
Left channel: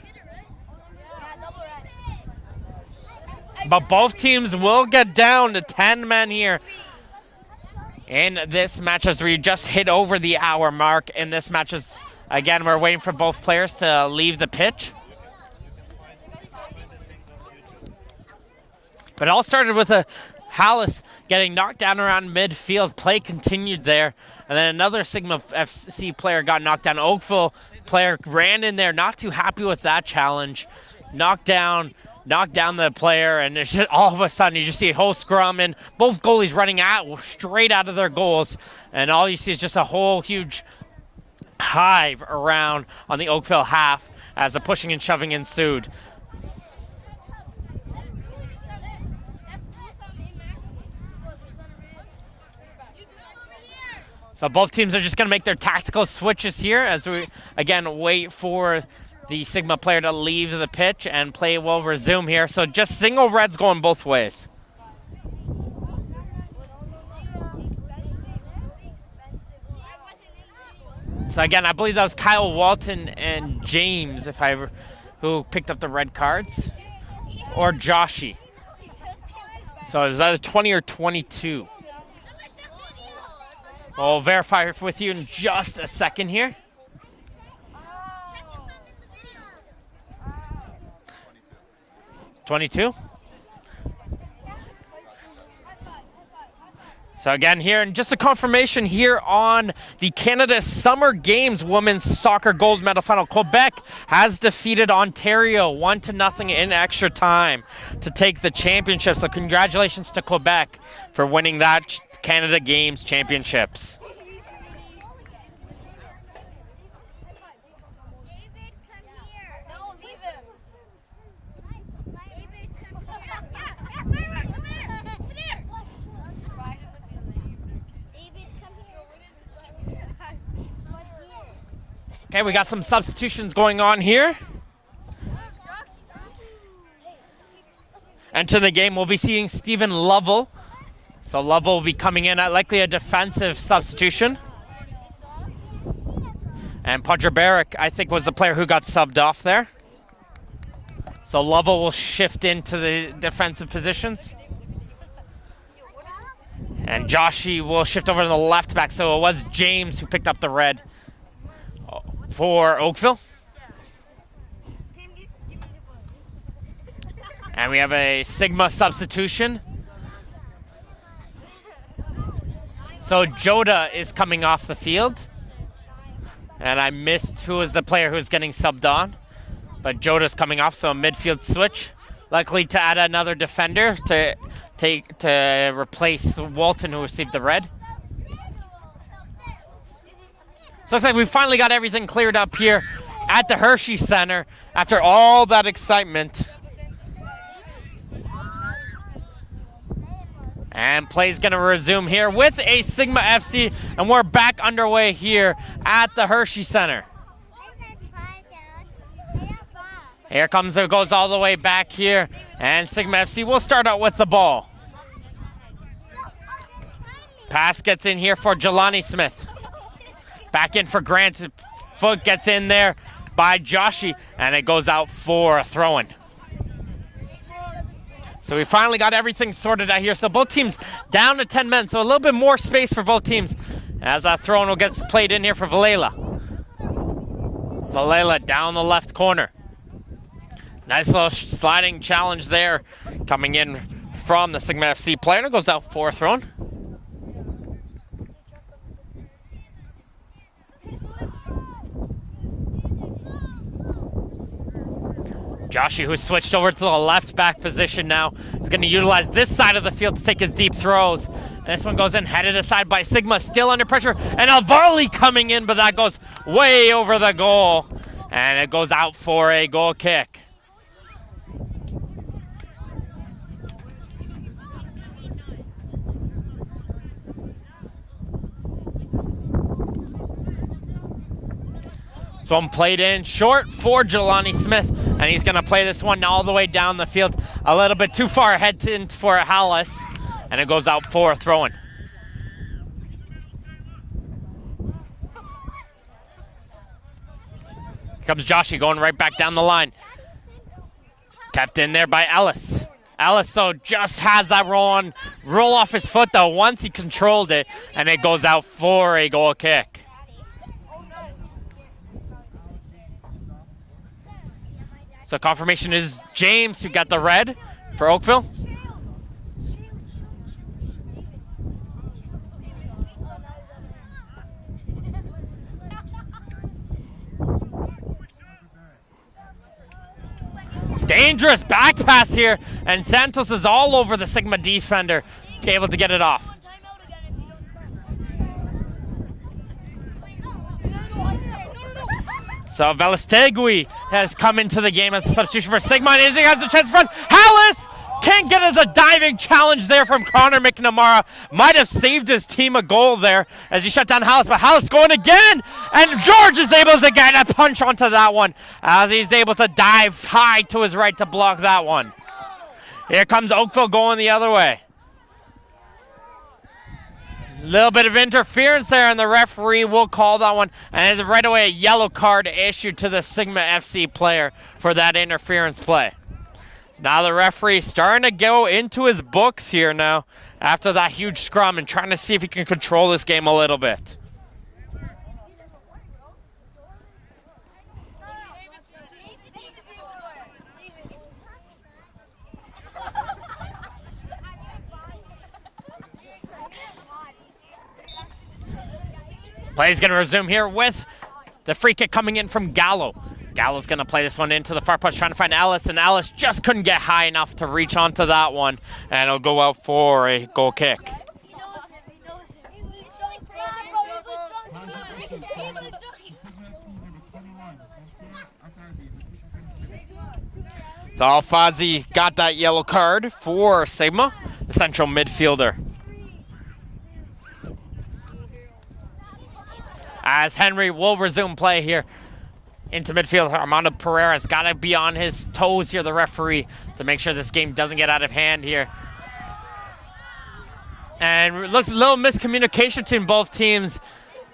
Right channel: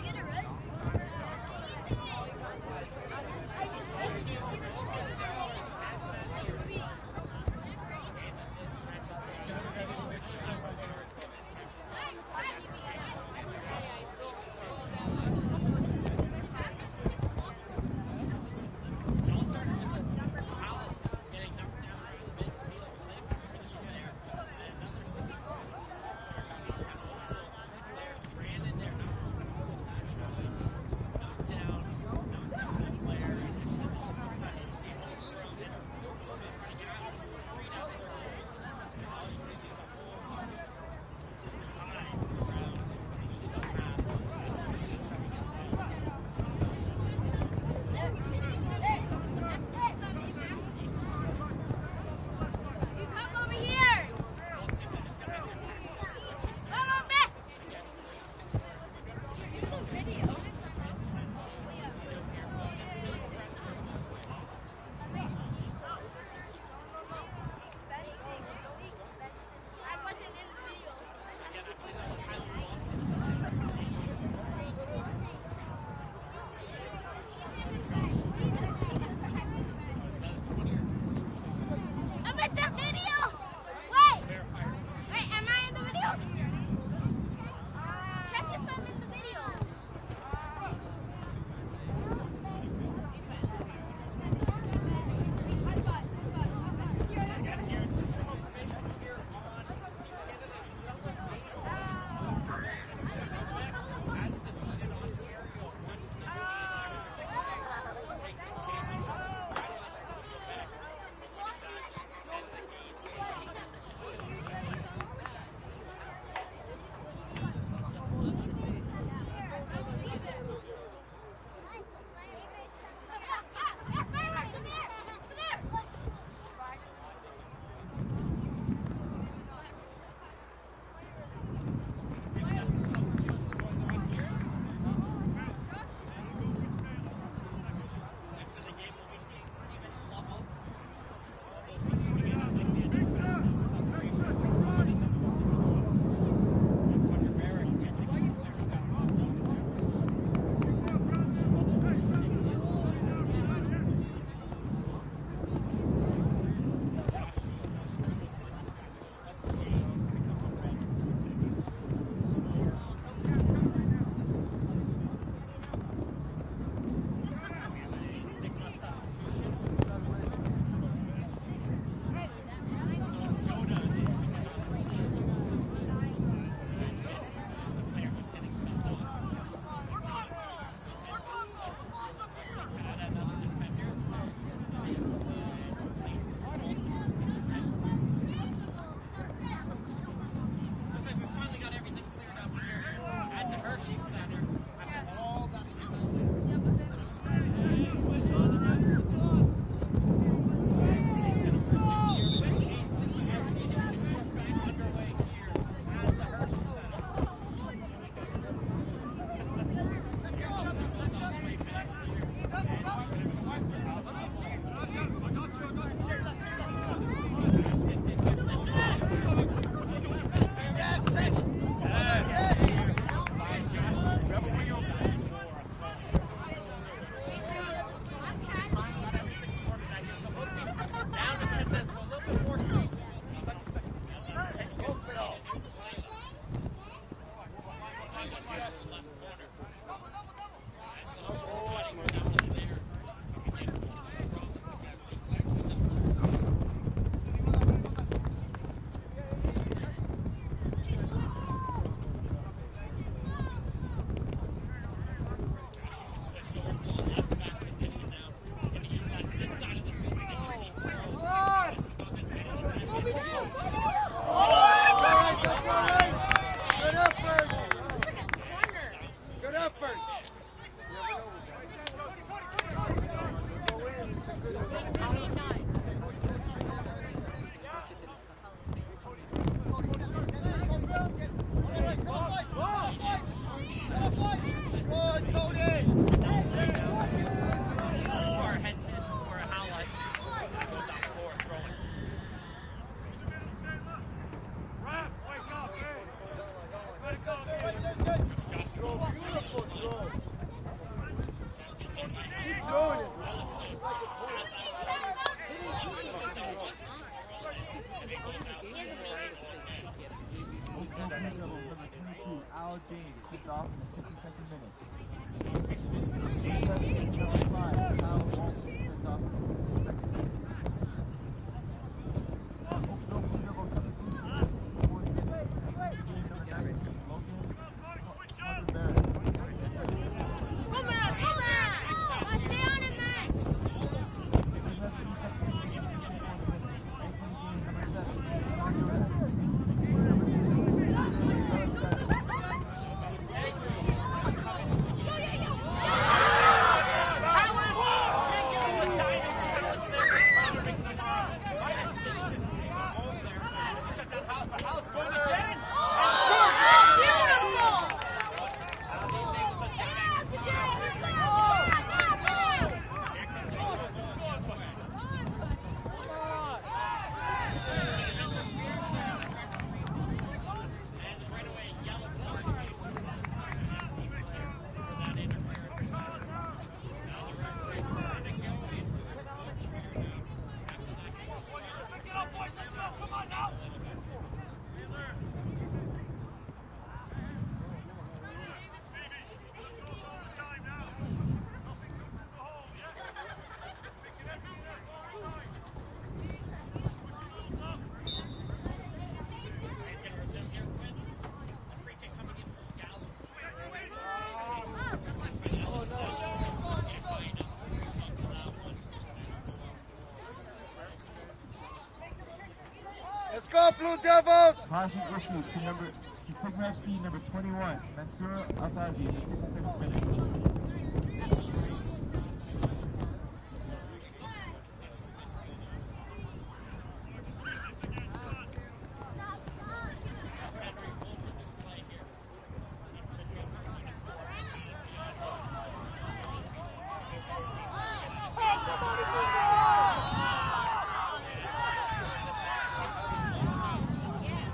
But both teams will get down to 10 men here in this match as we just hit over the hour mark in this match. Again, we're waiting for both players to leave the pitch. But it all started with a Hollis getting knocked down around midfield. Play continued there. And then another Sigma FC player got knocked down. Oakville player ran in there, not too happy with that challenge. Knocked down the player, and it's just, all of a sudden you just see a whole scrum and both goalies running straight out of their goals, and all you see is just a whole huge hive around on the Oakville half as the pushing and shoving ensued. So both teams are just going to make their tactical switches here as we again wait for the Sigma player to leave the pitch, and play will resume here. So just single reds going both ways. So again, I believe that was Kyle Walton and James, who picked up the red cards, or Joshy. So is that a 20 or 22? I'll verify with you in just a second here. 22. So again here, and just a confirmation here on the Canada Summer Games Women's Soccer Gold Medal Final. Quebec has defeated Ontario 1-0 in extra time to take the championship. So congratulations to Quebec for winning that Canada Games Championships. Okay, we got some substitutions going on here. Enter the game, we'll be seeing Stephen Lovell. So Lovell will be coming in at likely a defensive substitution. And Podreberic, I think, was the player who got subbed off there. So Lovell will shift into the defensive positions. And Joshy will shift over to the left back. So it was James who picked up the red for Oakville. And we have a Sigma substitution. So Joda is coming off the field. And I missed who was the player who's getting subbed on. But Joda's coming off, so a midfield switch. Likely to add another defender to replace Walton, who received the red. So looks like we finally got everything cleared up here at the Hershey Center after all that excitement. And play's gonna resume here with a Sigma FC, and we're back underway here at the Hershey Center. Here comes, it goes all the way back here, and Sigma FC will start out with the ball. Pass gets in here for Jelani Smith. Back in for Grant. Foot gets in there by Joshi, and it goes out for a throw-in. So we finally got everything sorted out here. So both teams down to 10 men, so a little bit more space for both teams as that throw-in will get played in here for Valela. Valela down the left corner. Nice little sliding challenge there coming in from the Sigma FC player. It goes out for a throw-in. Joshi, who's switched over to the left back position now, is going to utilize this side of the field to take his deep throws. This one goes in, headed aside by Sigma, still under pressure, and Alvarli coming in, but that goes way over the goal, and it goes out for a goal kick. So one played in short for Jelani Smith, and he's gonna play this one all the way down the field, a little bit too far ahead for Hallis, and it goes out for a throw-in. Here comes Joshi going right back down the line. Kept in there by Ellis. Ellis, though, just has that roll off his foot, though, once he controlled it, and it goes out for a goal kick. So confirmation is James, who got the red for Oakville. Dangerous back pass here, and Santos is all over the Sigma defender, able to get it off. So Velastegui has come into the game as a substitution for Sigma, and he has a chance front. Hallis can't get us a diving challenge there from Connor McNamara. Might have saved his team a goal there as he shut down Hallis, but Hallis going again, and George is able to get a punch onto that one as he's able to dive high to his right to block that one. Here comes Oakville going the other way. Little bit of interference there, and the referee will call that one. And right away, a yellow card issued to the Sigma FC player for that interference play. Now the referee starting to go into his books here now after that huge scrum and trying to see if he can control this game a little bit. Play's going to resume here with the free kick coming in from Gallo. Gallo's going to play this one into the far post, trying to find Alice, and Alice just couldn't get high enough to reach onto that one, and it'll go out for a goal kick. Let's go, Blue Devils! So Alfazi got that yellow card for Sigma, the central midfielder. As Henry will resume play here into midfield, Armando Pereira's got to be on his toes here, the referee, to make sure this game doesn't get out of hand here. And it looks a little miscommunication between both teams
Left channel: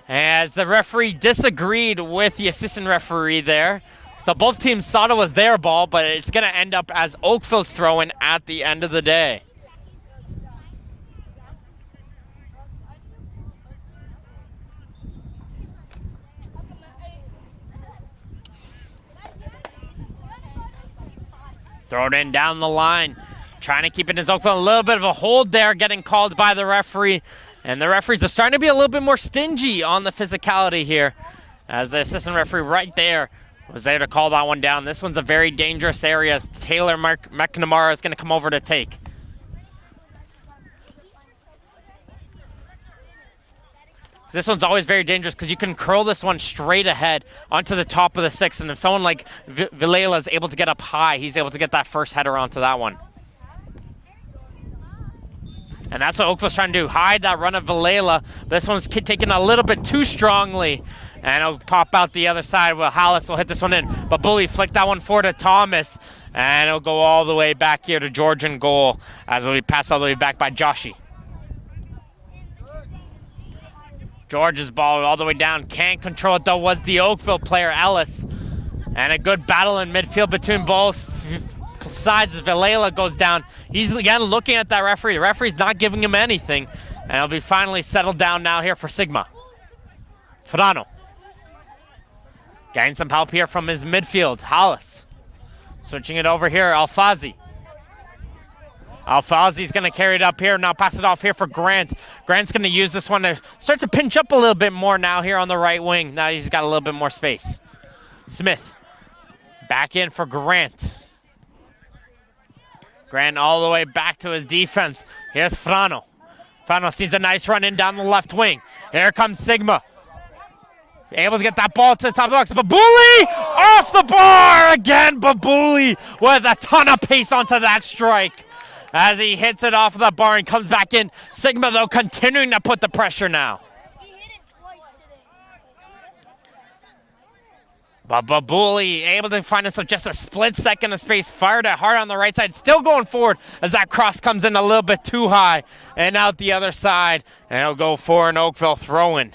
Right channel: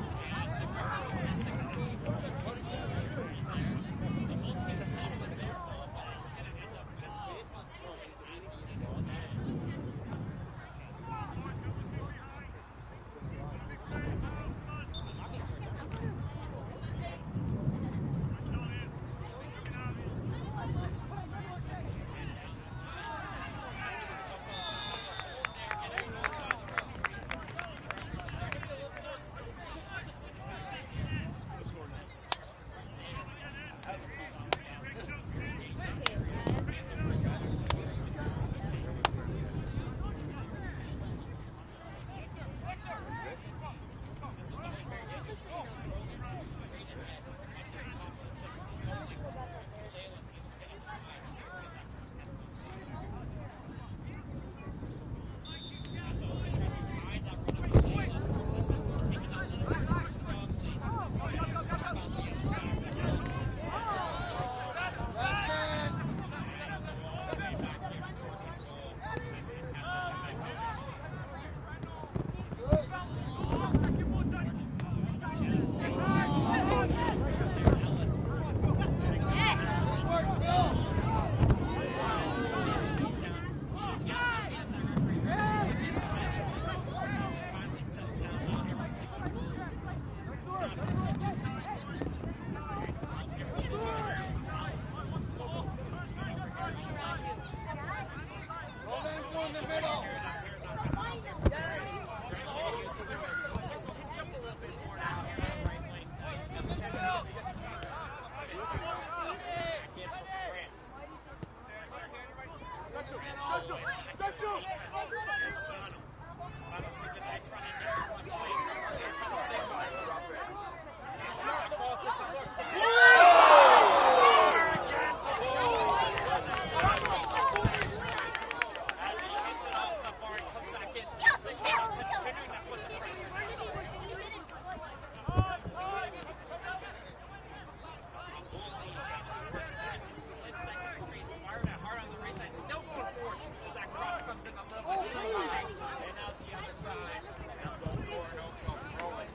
as the referee disagreed with the assistant referee there. So both teams thought it was their ball, but it's going to end up as Oakville's throw-in at the end of the day. Throw it in down the line, trying to keep it in his Oakville. A little bit of a hold there, getting called by the referee. And the referees are starting to be a little bit more stingy on the physicality here. as the assistant referee right there was there to call that one down. This one's a very dangerous area. Taylor McNamara is going to come over to take. This one's always very dangerous because you can curl this one straight ahead onto the top of the 6, and if someone like Vilela is able to get up high, he's able to get that first header onto that one. And that's what Oakville's trying to do, hide that run of Vilela. This one's taken a little bit too strongly, and it'll pop out the other side. Well, Hallis will hit this one in, but Bully flicked that one forward to Thomas, and it'll go all the way back here to Georgian goal as it'll be passed all the way back by Joshi. George's ball all the way down, can't control it though, was the Oakville player, Ellis. And a good battle in midfield between both sides as Vilela goes down. He's again looking at that referee. The referee's not giving him anything. And it'll be finally settled down now here for Sigma. Frano. Getting some help here from his midfield, Hollis. Switching it over here, Alfazi. Alfazi's gonna carry it up here, now pass it off here for Grant. Grant's gonna use this one to start to pinch up a little bit more now here on the right wing. Now he's got a little bit more space. Smith, back in for Grant. Grant all the way back to his defense. Here's Frano. Frano sees a nice run in down the left wing. Here comes Sigma. Able to get that ball to the top of the box. Babuli off the bar again. Babuli with a ton of pace onto that strike as he hits it off the bar and comes back in. Sigma, though, continuing to put the pressure now. But Babuli able to find himself just a split second of space, fired it hard on the right side, still going forward as that cross comes in a little bit too high and out the other side. And it'll go for an Oakville throw-in.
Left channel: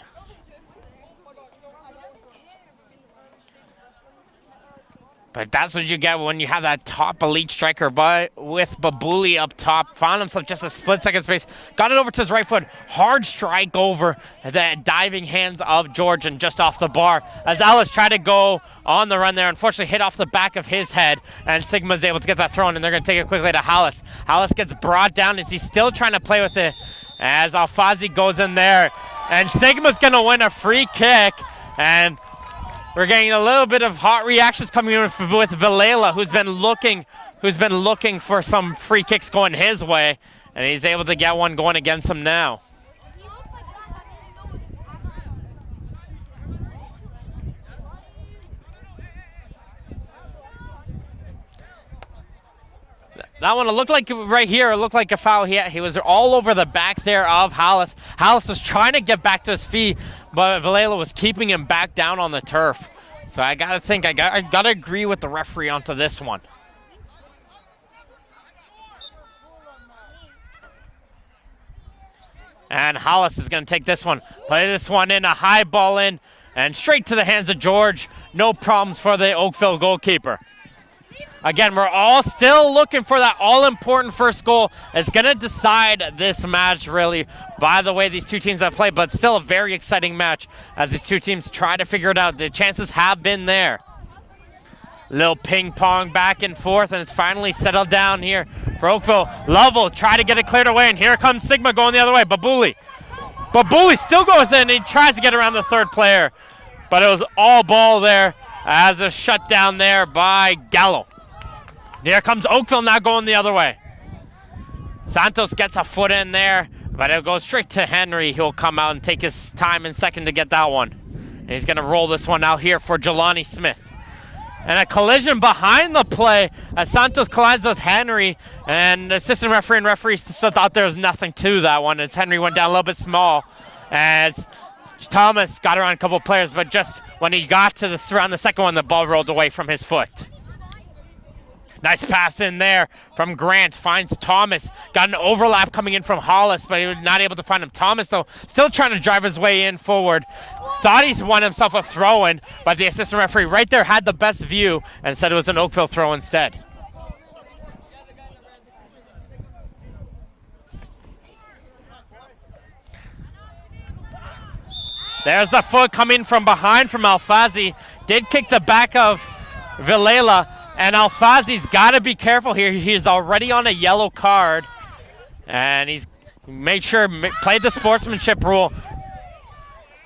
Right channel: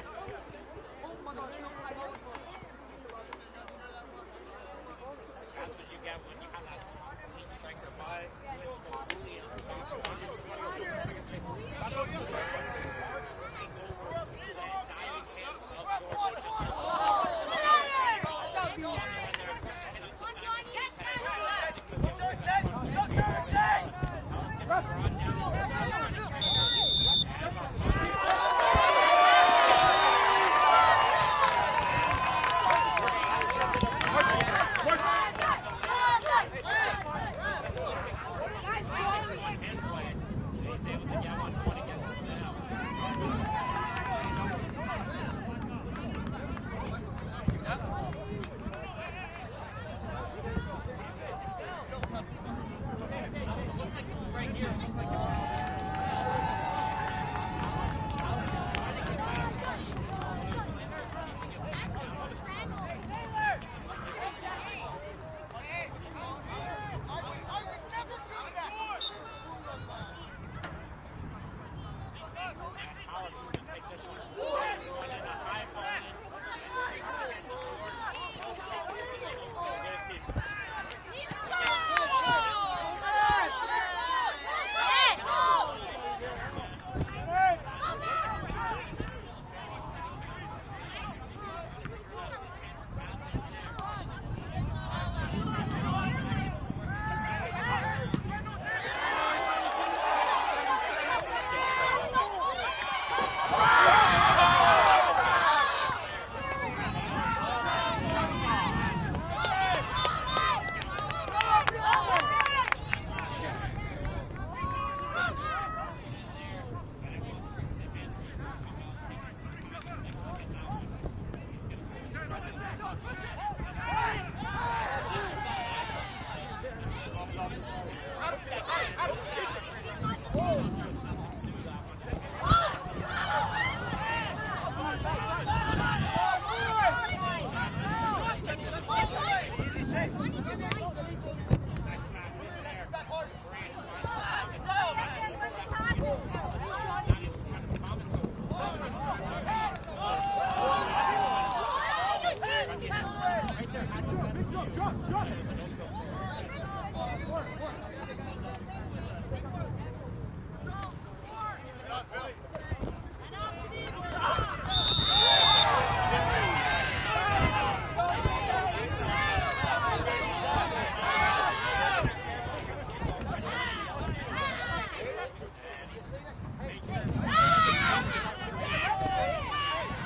But that's what you get when you have that top elite striker, but with Babuli up top, found himself just a split second space, got it over to his right foot, hard strike over the diving hands of Georgian just off the bar. As Ellis tried to go on the run there, unfortunately hit off the back of his head, and Sigma's able to get that thrown, and they're gonna take it quickly to Hallis. Hallis gets brought down as he's still trying to play with it, as Alfazi goes in there, and Sigma's gonna win a free kick, and we're getting a little bit of hot reactions coming in with Vilela, who's been looking for some free kicks going his way, and he's able to get one going against him now. That one, it looked like right here, it looked like a foul. He was all over the back there of Hallis. Hallis was trying to get back to his feet, but Vilela was keeping him back down on the turf. So I gotta agree with the referee onto this one. And Hollis is gonna take this one, play this one in, a high ball in, and straight to the hands of George. No problems for the Oakville goalkeeper. Again, we're all still looking for that all-important first goal. It's gonna decide this match, really, by the way these two teams have played, but still a very exciting match as these two teams try to figure it out. The chances have been there. Little ping pong back and forth, and it's finally settled down here for Oakville. Lovell try to get it cleared away, and here comes Sigma going the other way. Babuli still goes in, and he tries to get around the third player, but it was all ball there as a shutdown there by Gallo. Here comes Oakville now going the other way. Santos gets a foot in there, but it'll go straight to Henry. He'll come out and take his time in second to get that one. And he's gonna roll this one out here for Jelani Smith. And a collision behind the play as Santos collides with Henry, and the assistant referee and referee still thought there was nothing to that one as Henry went down a little bit small as Thomas got around a couple players, but just when he got to around the second one, the ball rolled away from his foot. Nice pass in there from Grant, finds Thomas. Got an overlap coming in from Hollis, but he was not able to find him. Thomas, though, still trying to drive his way in forward. Thought he's won himself a throw-in, but the assistant referee right there had the best view and said it was an Oakville throw instead. There's the foot coming from behind from Alfazi. Did kick the back of Vilela, and Alfazi's got to be careful here. He's already on a yellow card, and he's made sure, played the sportsmanship rule.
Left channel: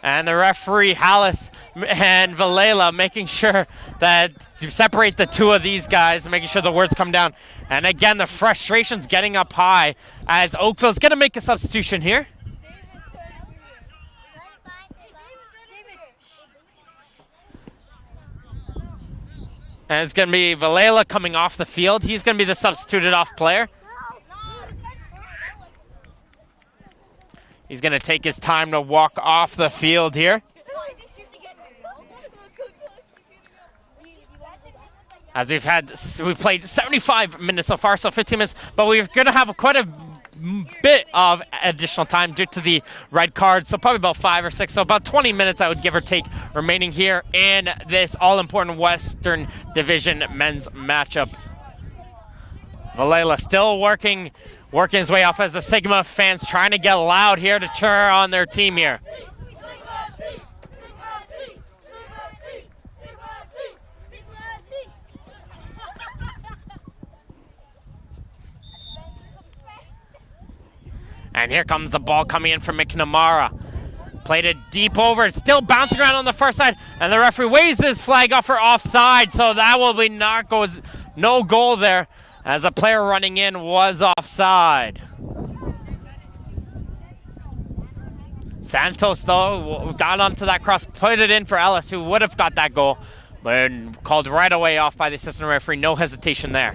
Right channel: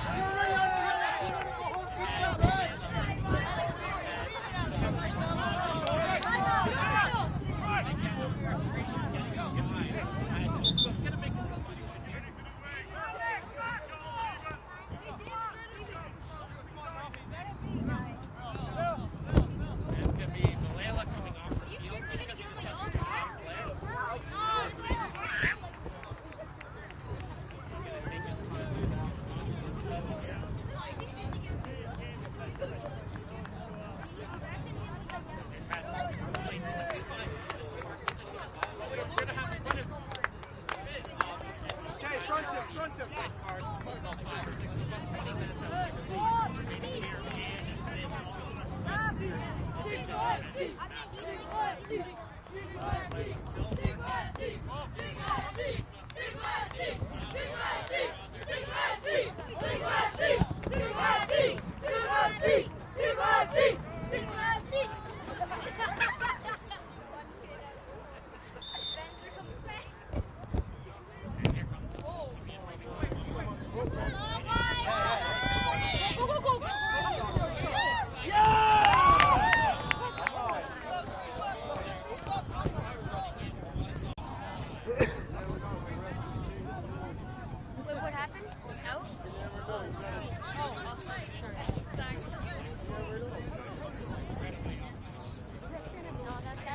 And the referee, Hallis, and Valela, making sure that to separate the two of these guys, making sure the words come down. And again, the frustration's getting up high as Oakville's gonna make a substitution here. And it's gonna be Valela coming off the field. He's gonna be the substituted off player. He's gonna take his time to walk off the field here. As we've played 75 minutes so far, so 15 minutes, but we're gonna have quite a bit of additional time due to the red card, so probably about 5 or 6, so about 20 minutes I would give or take remaining here in this all-important Western Division men's matchup. Valela still working his way off as the Sigma fans trying to get loud here to cheer on their team here. And here comes the ball coming in from McNamara. Played it deep over, it's still bouncing around on the far side, and the referee waves his flag up for offside, so that will be no goal there, as the player running in was offside. Santos, though, got onto that cross, put it in for Ellis, who would have got that goal, but called right away off by the assistant referee, no hesitation there.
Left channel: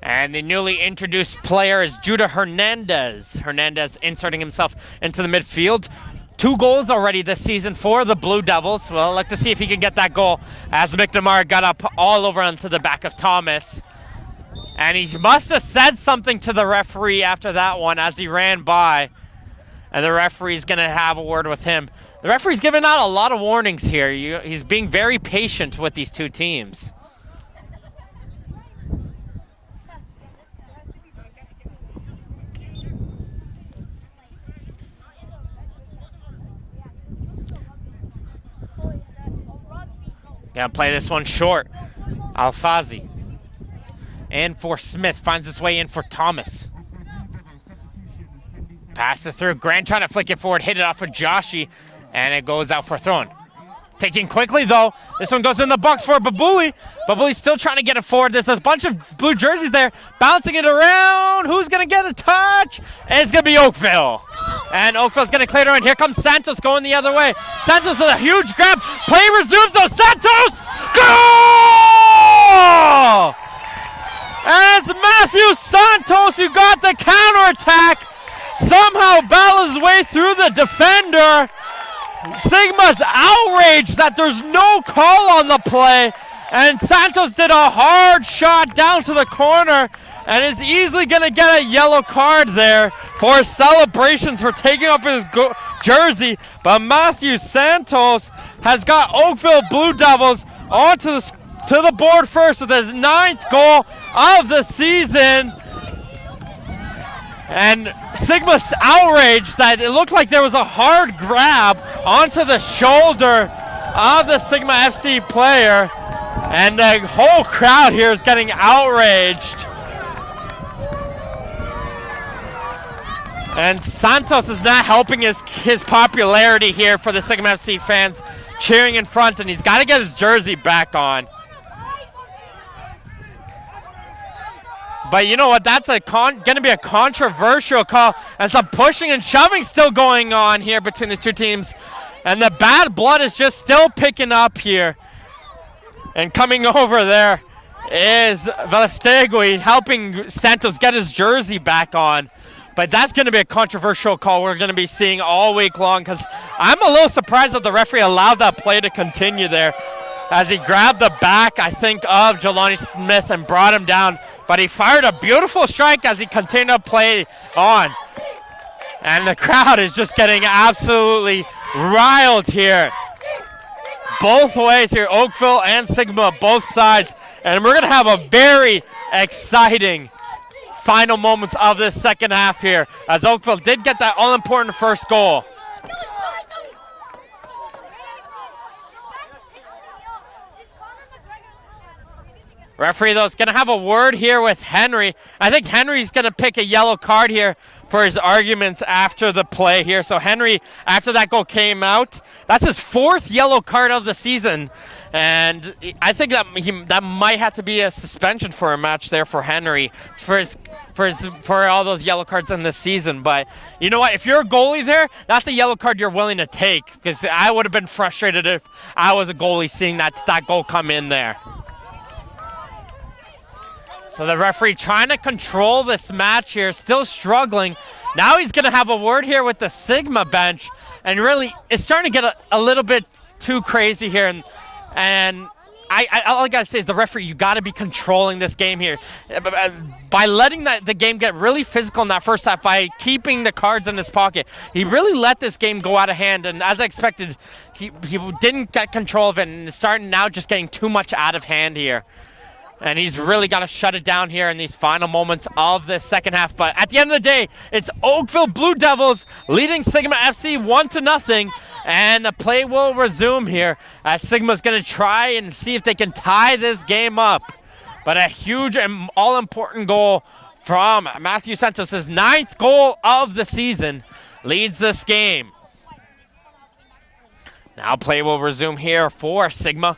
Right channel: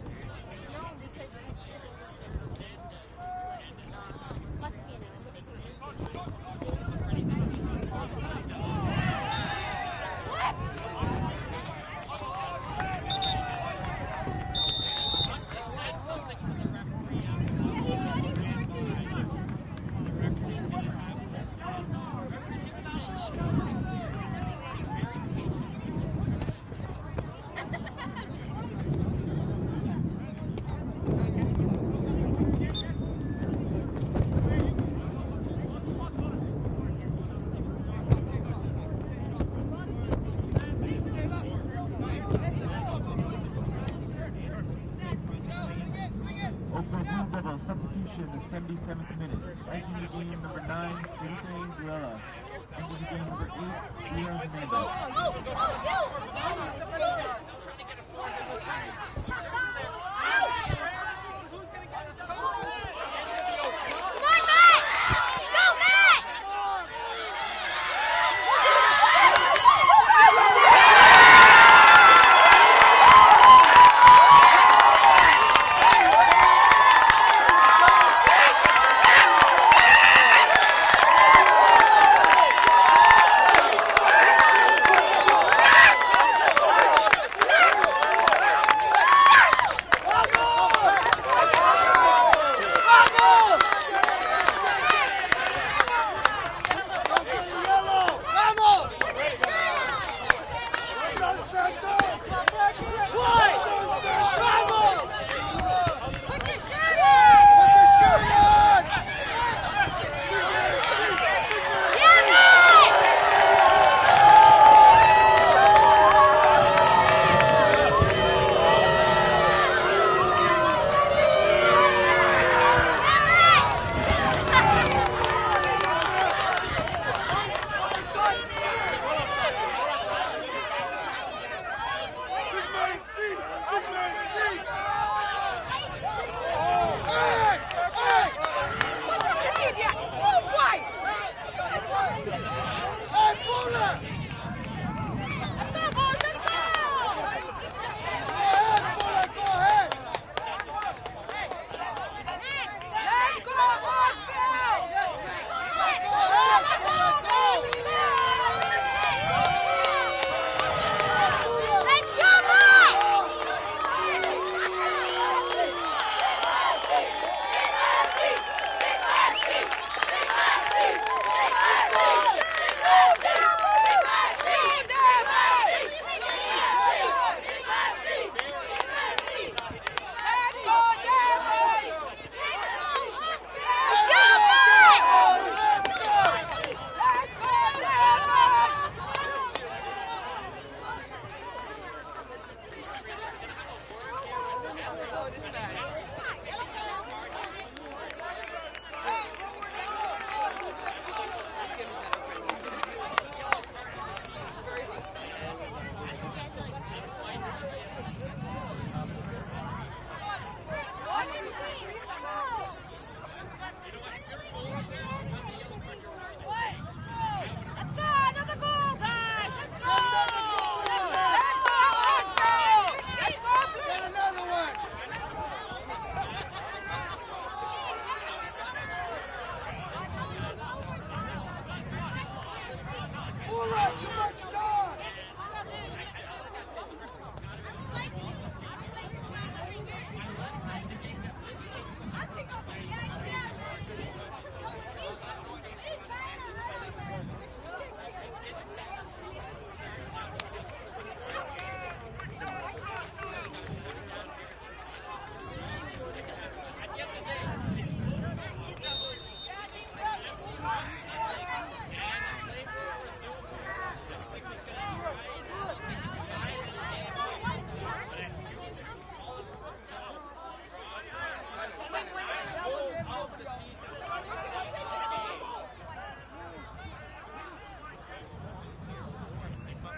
And the newly introduced player is Judah Hernandez. Hernandez inserting himself into the midfield. 2 goals already this season for the Blue Devils. Well, I'd like to see if he can get that goal as McNamara got up all over onto the back of Thomas. And he must have said something to the referee after that one as he ran by. And the referee's gonna have a word with him. The referee's giving out a lot of warnings here. He's being very patient with these two teams. Gonna play this one short. Alfazi. And for Smith, finds his way in for Thomas. Pass it through. Grant trying to flick it forward, hit it off of Joshi, and it goes out for throwing. Taking quickly though. This one goes in the box for Babuli. Babuli's still trying to get it forward. There's a bunch of blue jerseys there, bouncing it around. Who's gonna get a touch? And it's gonna be Oakville. And Oakville's gonna clear it around. Here comes Santos going the other way. Santos with a huge grab. Play resumes though. Santos! Goal! And it's Matthew Santos who got the counterattack. Somehow battles his way through the defender. Sigma's outraged that there's no call on the play. And Santos did a hard shot down to the corner and is easily gonna get a yellow card there for celebrations for taking off his jersey. But Matthew Santos has got Oakville Blue Devils onto the board first with his 9th goal of the season. And Sigma's outraged that it looked like there was a hard grab onto the shoulder of the Sigma FC player. And the whole crowd here is getting outraged. And Santos is not helping his popularity here for the Sigma FC fans cheering in front, and he's got to get his jersey back on. But you know what? That's going to be a controversial call, and some pushing and shoving still going on here between the two teams. And the bad blood is just still picking up here. And coming over there is Velastegui helping Santos get his jersey back on. But that's going to be a controversial call we're going to be seeing all week long, because I'm a little surprised that the referee allowed that play to continue there as he grabbed the back, I think, of Jelani Smith and brought him down. But he fired a beautiful strike as he continued to play on. And the crowd is just getting absolutely riled here. Both ways here, Oakville and Sigma, both sides. And we're going to have a very exciting final moments of this second half here, as Oakville did get that all-important first goal. Referee, though, is going to have a word here with Henry. I think Henry's going to pick a yellow card here for his arguments after the play here. So Henry, after that goal came out, that's his 4th yellow card of the season. And I think that might have to be a suspension for a match there for Henry for all those yellow cards in this season. But you know what? If you're a goalie there, that's a yellow card you're willing to take, because I would have been frustrated if I was a goalie seeing that goal come in there. So the referee trying to control this match here, still struggling. Now he's going to have a word here with the Sigma bench, and really it's starting to get a little bit too crazy here. And all I got to say is the referee, you got to be controlling this game here. By letting the game get really physical in that first half, by keeping the cards in his pocket, he really let this game go out of hand. And as I expected, he didn't get control of it, and it's starting now just getting too much out of hand here. And he's really got to shut it down here in these final moments of the second half. But at the end of the day, it's Oakville Blue Devils leading Sigma FC 1-0. And the play will resume here as Sigma's going to try and see if they can tie this game up. But a huge and all-important goal from Matthew Santos, his 9th goal of the season, leads this game. Now play will resume here for Sigma.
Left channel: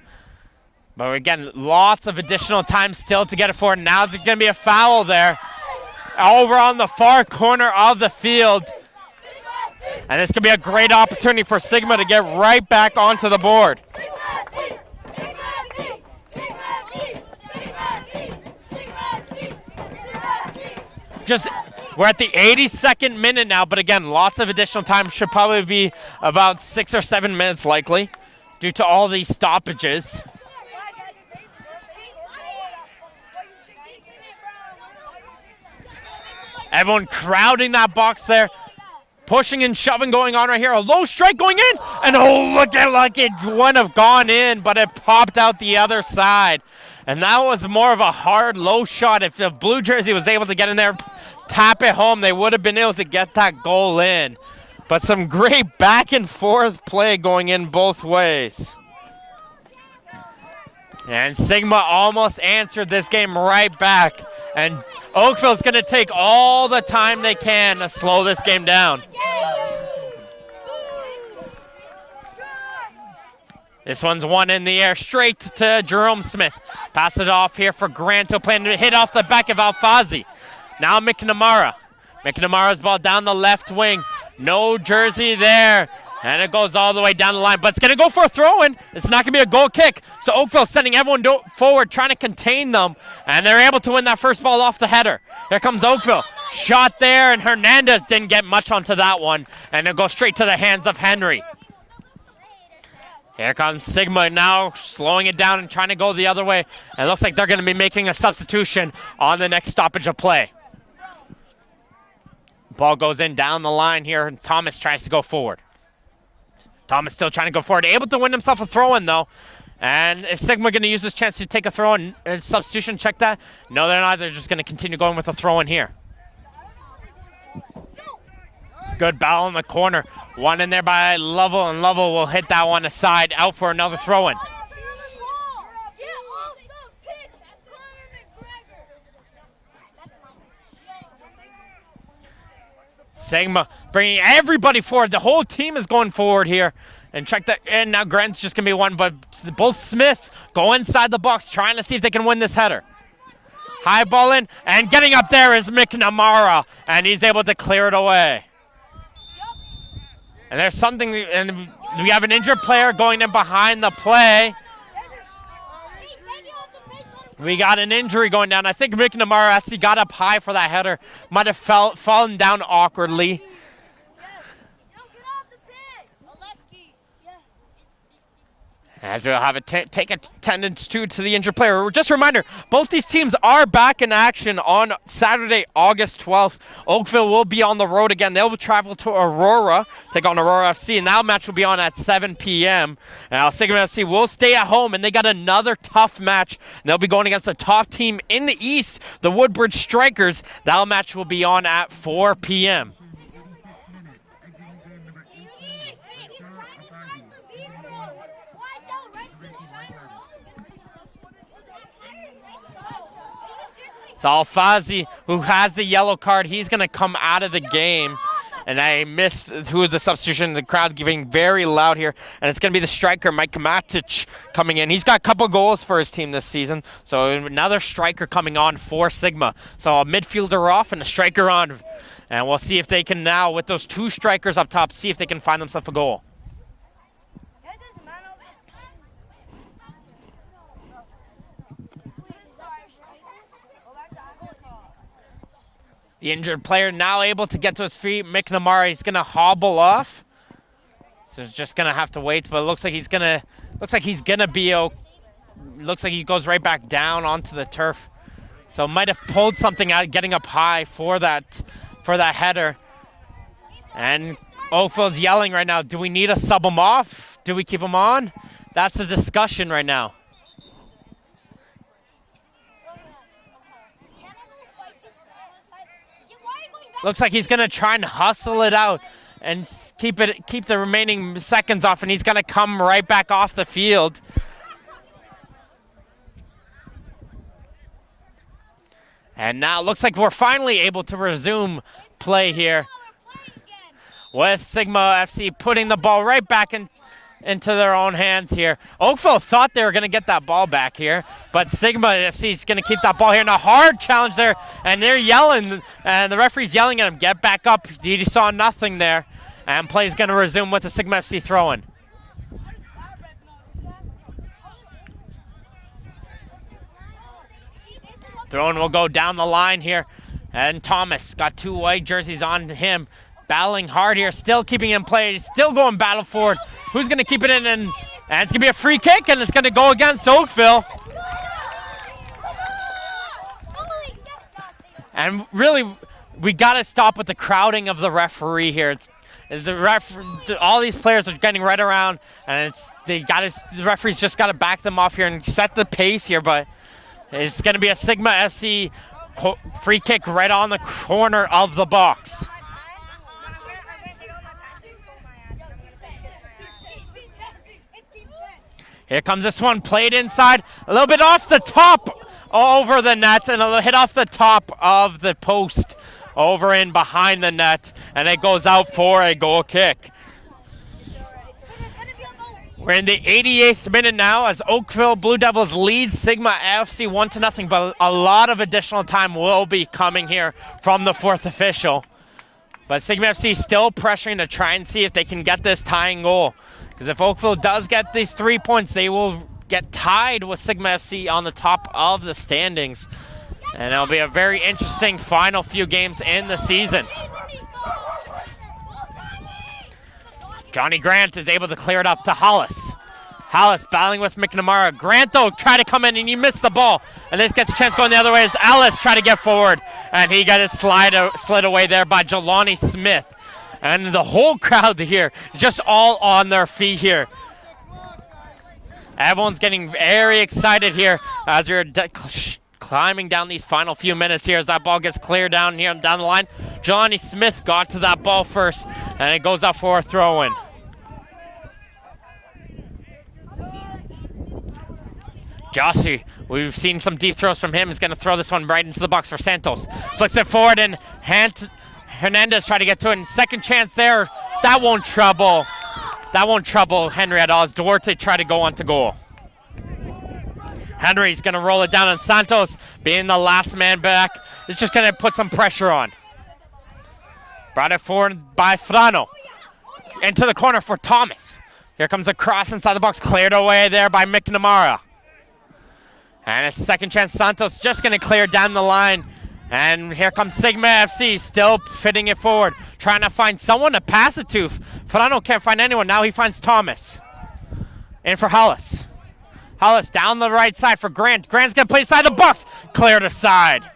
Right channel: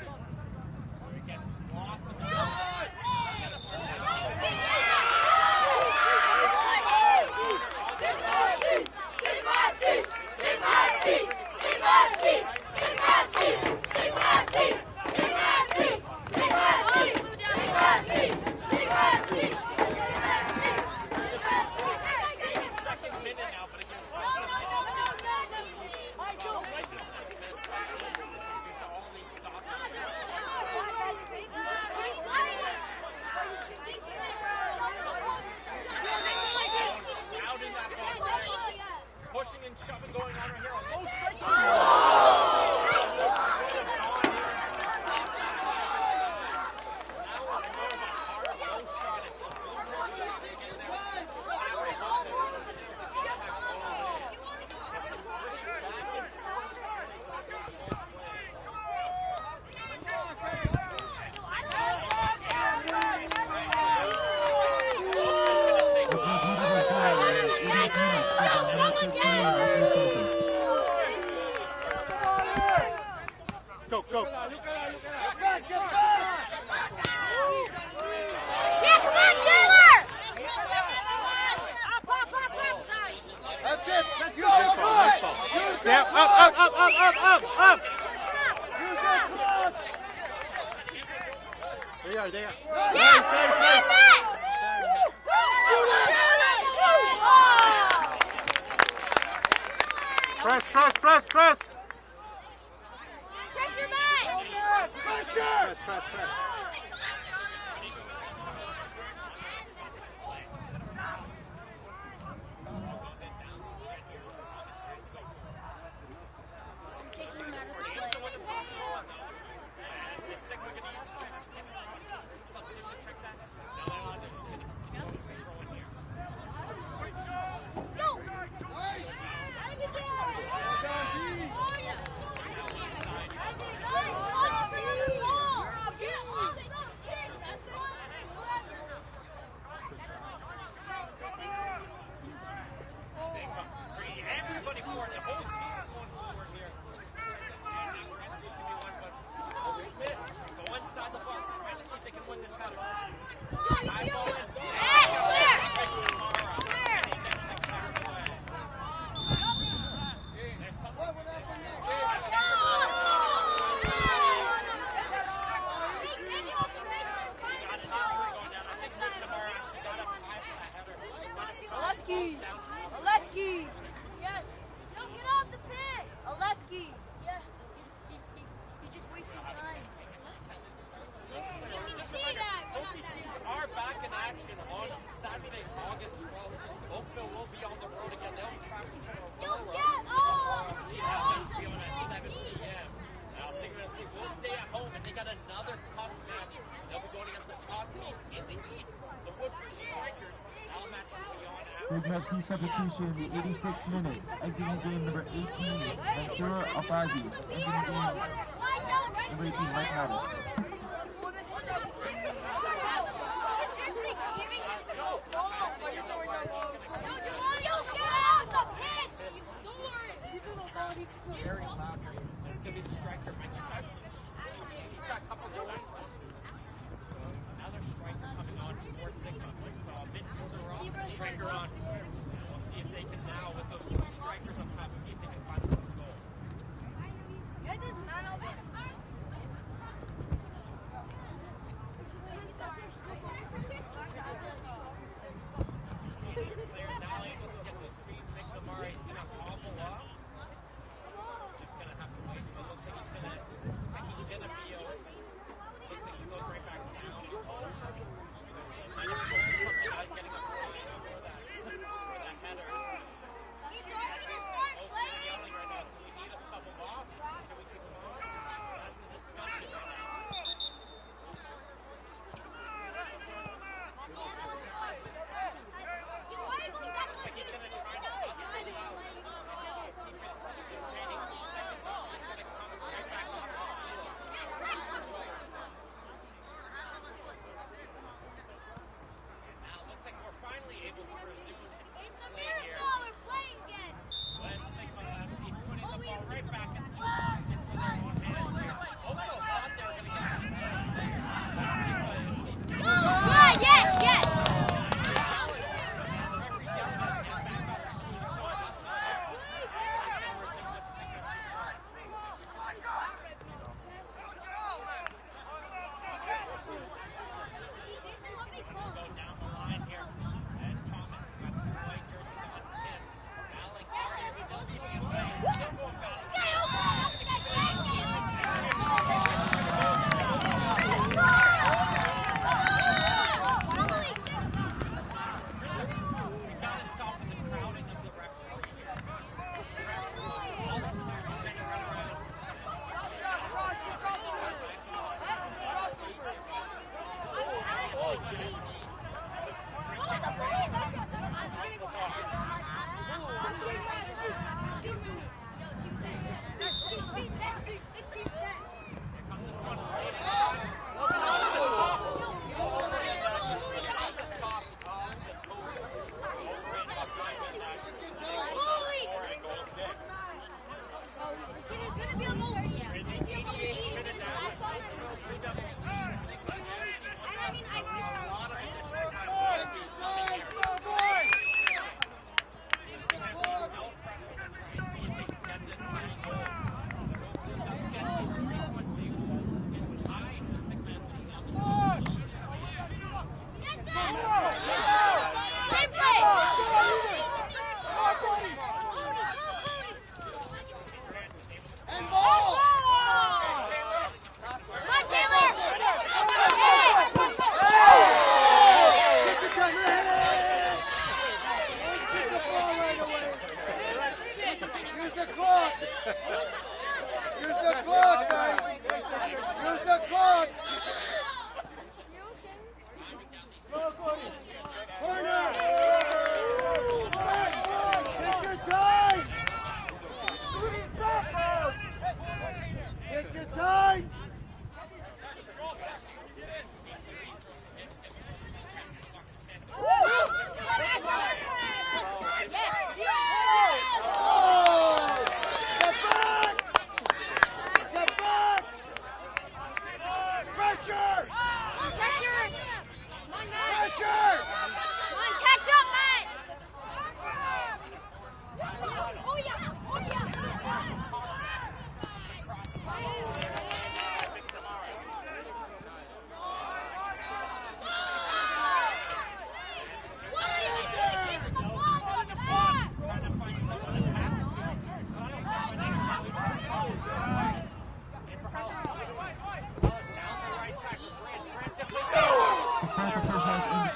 But again, lots of additional time still to get it forward. Now there's going to be a foul there over on the far corner of the field. And this could be a great opportunity for Sigma to get right back onto the board. We're at the 82nd minute now, but again, lots of additional time. Should probably be about 6 or 7 minutes likely due to all these stoppages. Everyone crowding that box there. Pushing and shoving going on right here. A low strike going in. And oh, look at like it wouldn't have gone in, but it popped out the other side. And that was more of a hard low shot. If the blue jersey was able to get in there, tap it home, they would have been able to get that goal in. But some great back and forth play going in both ways. And Sigma almost answered this game right back. And Oakville's going to take all the time they can to slow this game down. This one's one in the air, straight to Jerome Smith. Pass it off here for Grant. He'll plan to hit off the back of Alfazi. Now McNamara. McNamara's ball down the left wing. No jersey there. And it goes all the way down the line. But it's going to go for a throw-in. It's not going to be a goal kick. So Oakville sending everyone forward, trying to contain them. And they're able to win that first ball off the header. Here comes Oakville. Shot there, and Hernandez didn't get much onto that one. And it'll go straight to the hands of Henry. Here comes Sigma now, slowing it down and trying to go the other way. And it looks like they're going to be making a substitution on the next stoppage of play. Ball goes in down the line here, and Thomas tries to go forward. Thomas still trying to go forward, able to win himself a throw-in though. And is Sigma going to use this chance to take a throw-in? Substitution, check that. No, they're not. They're just going to continue going with a throw-in here. Good battle in the corner. One in there by Lovell, and Lovell will hit that one aside, out for another throw-in. Sigma bringing everybody forward. The whole team is going forward here. And check that. And now Grant's just going to be one, but both Smiths go inside the box, trying to see if they can win this header. High ball in, and getting up there is McNamara, and he's able to clear it away. And there's something, and we have an injured player going in behind the play. We got an injury going down. I think McNamara actually got up high for that header. Might have fallen down awkwardly. As we'll have a take attendance to the injured player. Just a reminder, both these teams are back in action on Saturday, August 12th. Oakville will be on the road again. They'll travel to Aurora, take on Aurora FC, and that match will be on at 7 p.m. Now, Sigma FC will stay at home, and they got another tough match. They'll be going against the top team in the East, the Woodbridge Strikers. That match will be on at 4 p.m. So Alfazi, who has the yellow card, he's going to come out of the game. And I missed who the substitution. The crowd giving very loud here. And it's going to be the striker, Mike Matic, coming in. He's got a couple goals for his team this season. So another striker coming on for Sigma. So a midfielder off and a striker on. And we'll see if they can now, with those two strikers up top, see if they can find themselves a goal. The injured player now able to get to his feet. McNamara is gonna hobble off. So he's just gonna have to wait, but it looks like he's gonna be looks like he goes right back down onto the turf. So might have pulled something out, getting up high for that header. And Oakville's yelling right now, do we need to sub him off? Do we keep him on? That's the discussion right now. Looks like he's gonna try and hustle it out and keep the remaining seconds off, and he's gonna come right back off the field. And now it looks like we're finally able to resume play here with Sigma FC putting the ball right back into their own hands here. Oakville thought they were going to get that ball back here, but Sigma FC is going to keep that ball here. And a hard challenge there, and they're yelling, and the referee's yelling at him, get back up. He saw nothing there, and play is going to resume with the Sigma FC throw-in. Throw-in will go down the line here, and Thomas got two white jerseys on him. Battling hard here, still keeping in play, still going battle forward. Who's going to keep it in? And it's going to be a free kick, and it's going to go against Oakville. And really, we got to stop with the crowding of the referee here. All these players are getting right around, and the referee's just got to back them off here and set the pace here. But it's going to be a Sigma FC free kick right on the corner of the box. Here comes this one, played inside, a little bit off the top, over the net, and a hit off the top of the post, over in behind the net, and it goes out for a goal kick. We're in the 88th minute now as Oakville Blue Devils lead Sigma FC 1-0, but a lot of additional time will be coming here from the fourth official. But Sigma FC still pressuring to try and see if they can get this tying goal. Because if Oakville does get these 3 points, they will get tied with Sigma FC on the top of the standings. And it'll be a very interesting final few games in the season. Johnny Grant is able to clear it up to Hollis. Hollis battling with McNamara. Grant, though, tried to come in and he missed the ball. And this gets a chance going the other way as Ellis tried to get forward. And he got his slid away there by Jelani Smith. And the whole crowd here, just all on their feet here. Everyone's getting very excited here as we're climbing down these final few minutes here as that ball gets cleared down here down the line. Johnny Smith got to that ball first, and it goes up for a throw-in. Jossie, we've seen some deep throws from him. He's going to throw this one right into the box for Santos. Flicks it forward, and Hernandez trying to get to it. And second chance there. That won't trouble Henry at all as Duarte try to go on to goal. Henry's going to roll it down, and Santos, being the last man back, is just going to put some pressure on. Brought it forward by Frano. Into the corner for Thomas. Here comes a cross inside the box, cleared away there by McNamara. And a second chance, Santos just going to clear down the line. And here comes Sigma FC, still fitting it forward, trying to find someone to pass it to. Frano can't find anyone. Now he finds Thomas. In for Hollis. Hollis down the right side for Grant. Grant's going to play inside the box. Cleared aside.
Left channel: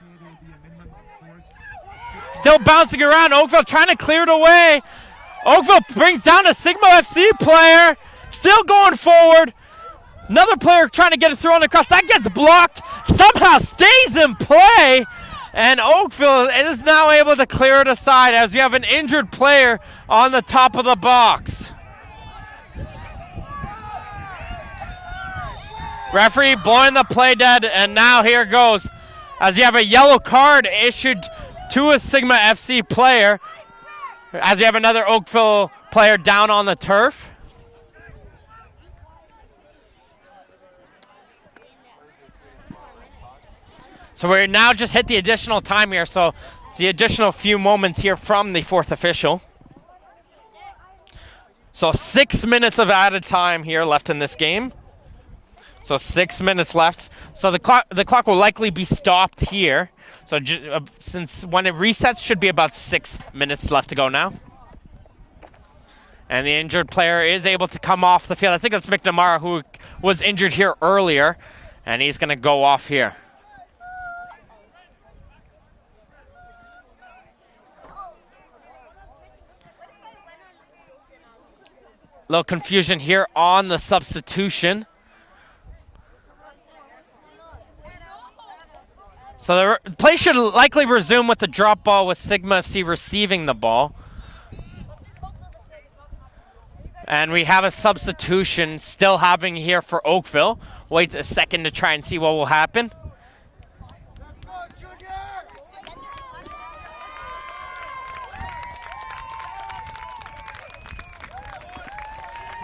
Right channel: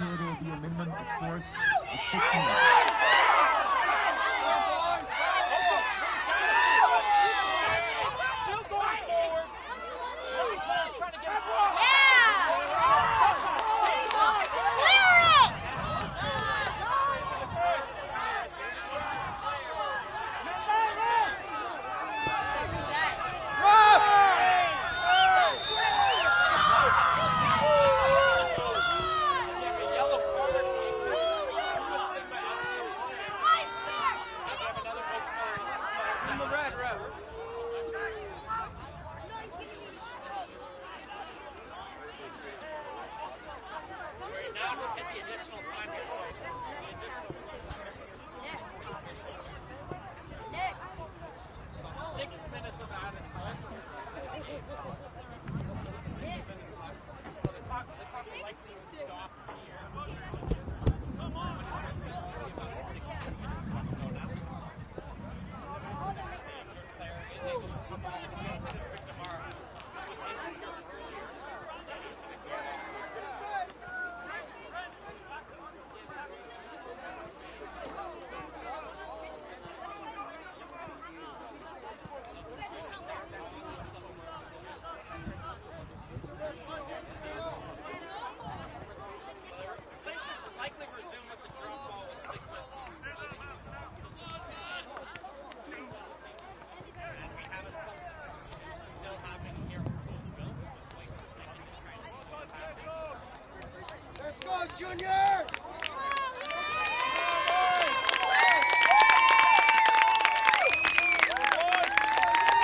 Still bouncing around. Oakville trying to clear it away. Oakville brings down a Sigma FC player. Still going forward. Another player trying to get it thrown across. That gets blocked. Somehow stays in play. And Oakville is now able to clear it aside as we have an injured player on the top of the box. Referee blowing the play dead, and now here goes as you have a yellow card issued to a Sigma FC player, as you have another Oakville player down on the turf. So we're now just hit the additional time here, so it's the additional few moments here from the fourth official. So 6 minutes of added time here left in this game. So 6 minutes left. So the clock will likely be stopped here. So since when it resets, should be about 6 minutes left to go now. And the injured player is able to come off the field. I think that's McNamara, who was injured here earlier, and he's going to go off here. Little confusion here on the substitution. So the play should likely resume with the drop ball with Sigma FC receiving the ball. And we have a substitution still happening here for Oakville. Wait a second to try and see what will happen. Let's go, Junior!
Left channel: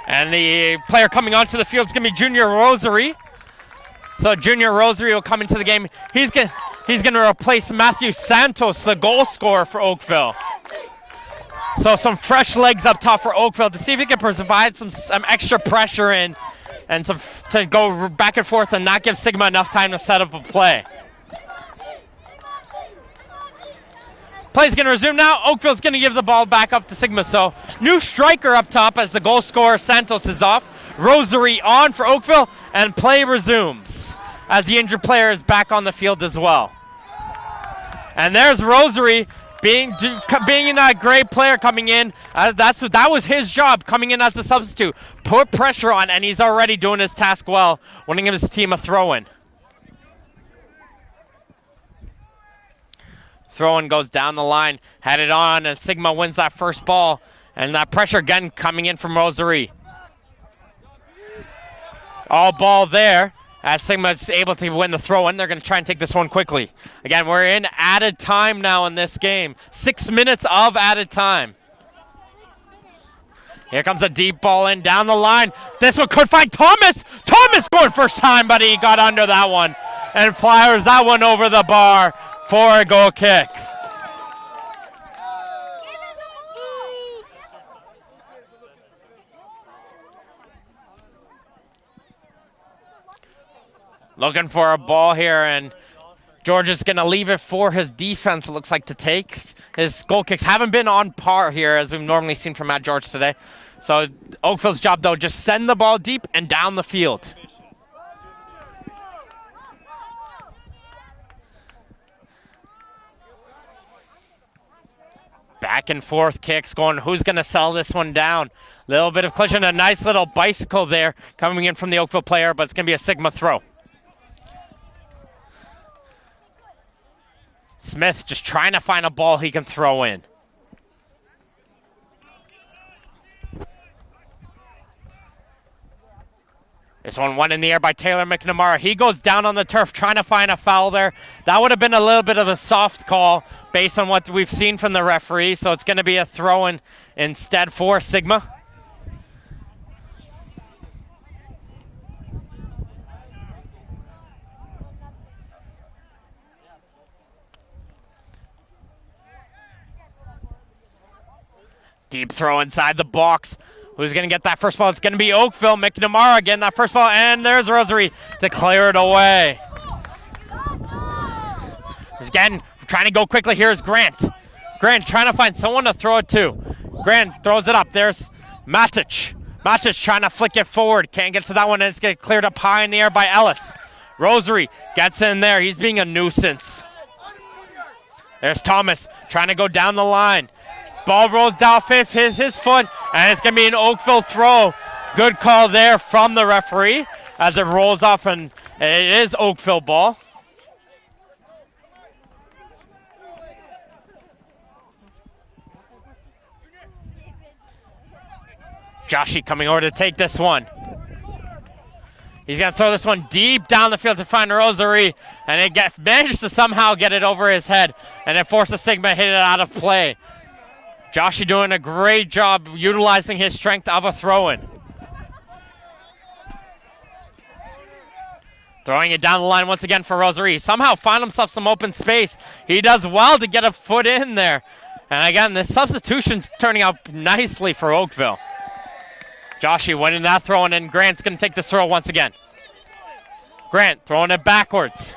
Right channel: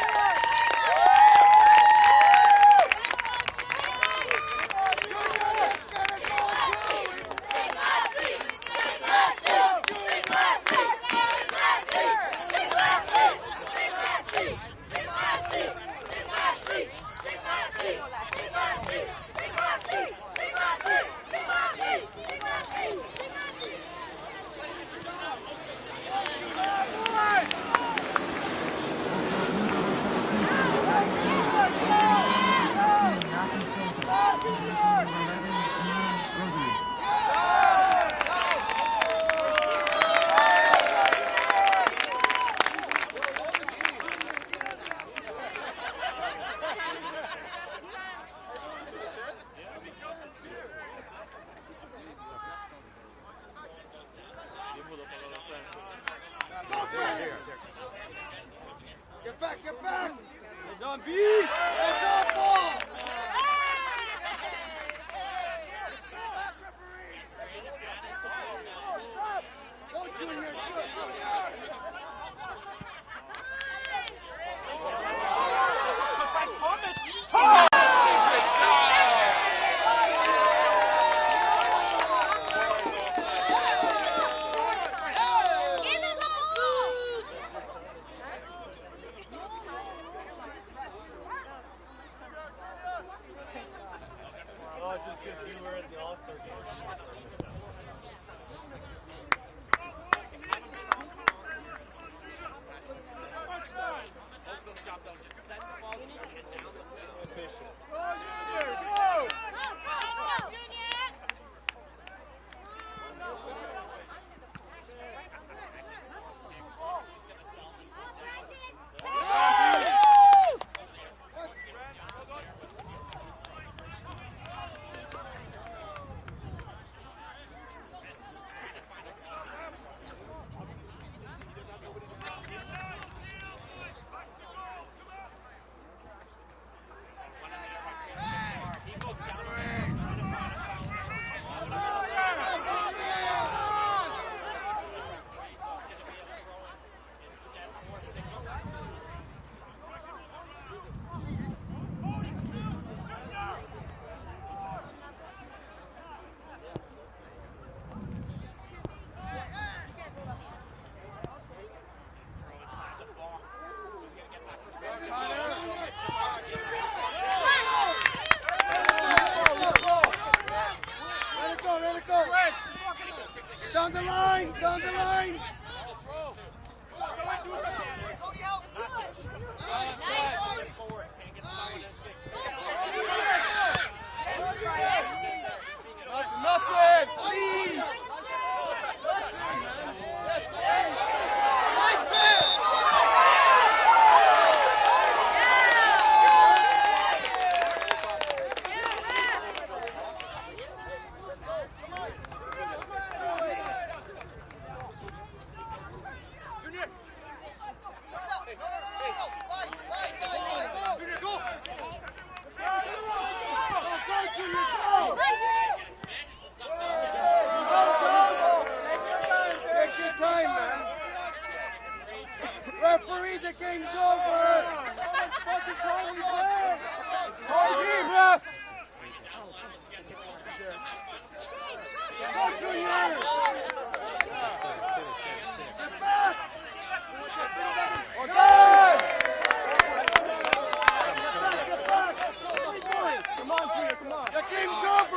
And the player coming onto the field is going to be Junior Rosary. So Junior Rosary will come into the game. He's going to replace Matthew Santos, the goal scorer for Oakville. So some fresh legs up top for Oakville to see if he can provide some extra pressure in and to go back and forth and not give Sigma enough time to set up a play. Play's going to resume now. Oakville's going to give the ball back up to Sigma. So new striker up top as the goal scorer Santos is off. Rosary on for Oakville, and play resumes as the injured player is back on the field as well. And there's Rosary being a great player coming in. That was his job, coming in as a substitute. Put pressure on, and he's already doing his task well, winning his team a throw-in. Throw-in goes down the line, headed on, and Sigma wins that first ball. And that pressure again coming in from Rosary. All ball there, as Sigma's able to win the throw-in. They're going to try and take this one quickly. Again, we're in added time now in this game. 6 minutes of added time. Here comes a deep ball in down the line. This one could find Thomas. Thomas scored first time, but he got under that one and fires that one over the bar for a goal kick. Looking for a ball here, and George is going to leave it for his defense, it looks like, to take. His goal kicks haven't been on par here, as we've normally seen from Matt George today. So Oakville's job, though, just send the ball deep and down the field. Back and forth kicks going. Who's going to sell this one down? Little bit of collision, a nice little bicycle there coming in from the Oakville player, but it's going to be a Sigma throw. Smith just trying to find a ball he can throw in. This one went in the air by Taylor McNamara. He goes down on the turf trying to find a foul there. That would have been a little bit of a soft call based on what we've seen from the referee, so it's going to be a throw-in instead for Sigma. Deep throw inside the box. Who's going to get that first ball? It's going to be Oakville. McNamara getting that first ball, and there's Rosary to clear it away. Again, trying to go quickly. Here's Grant. Grant trying to find someone to throw it to. Grant throws it up. There's Matic. Matic trying to flick it forward. Can't get to that one, and it's getting cleared up high in the air by Ellis. Rosary gets in there. He's being a nuisance. There's Thomas trying to go down the line. Ball rolls down fifth, his foot, and it's going to be an Oakville throw. Good call there from the referee as it rolls off, and it is Oakville ball. Joshy coming over to take this one. He's going to throw this one deep down the field to find Rosary. and it manages to somehow get it over his head, and it forces Sigma to hit it out of play. Joshy doing a great job utilizing his strength of a throw-in. Throwing it down the line once again for Rosary. Somehow find himself some open space. He does well to get a foot in there. And again, the substitution's turning out nicely for Oakville. Joshy winning that throw, and then Grant's going to take this throw once again. Grant throwing it backwards.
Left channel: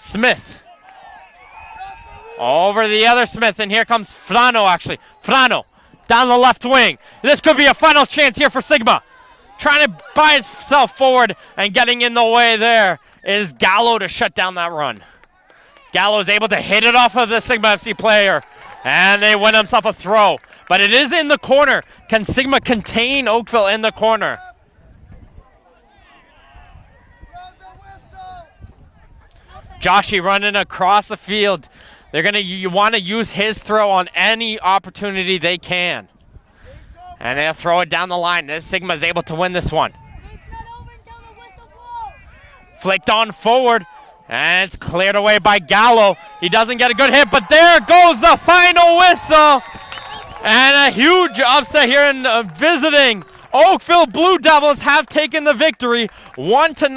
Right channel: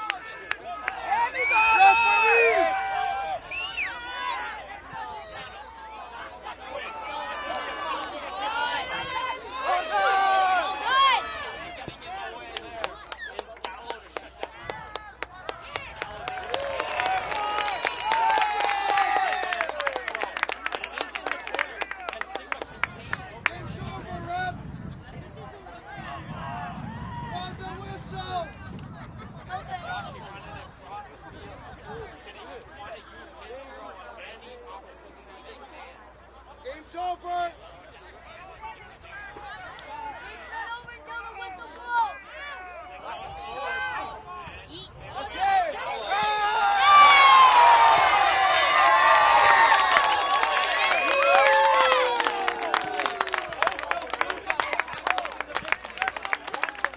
Smith. Over the other Smith, and here comes Frano actually. Frano down the left wing. This could be a final chance here for Sigma. Trying to buy himself forward, and getting in the way there is Gallo to shut down that run. Gallo is able to hit it off of the Sigma FC player, and they win himself a throw. But it is in the corner. Can Sigma contain Oakville in the corner? Joshy running across the field. They're gonna want to use his throw on any opportunity they can. And they'll throw it down the line. This Sigma is able to win this one. Flicked on forward, and it's cleared away by Gallo. He doesn't get a good hit, but there goes the final whistle. And a huge upset here in visiting. Oakville Blue Devils have taken the victory 1-9.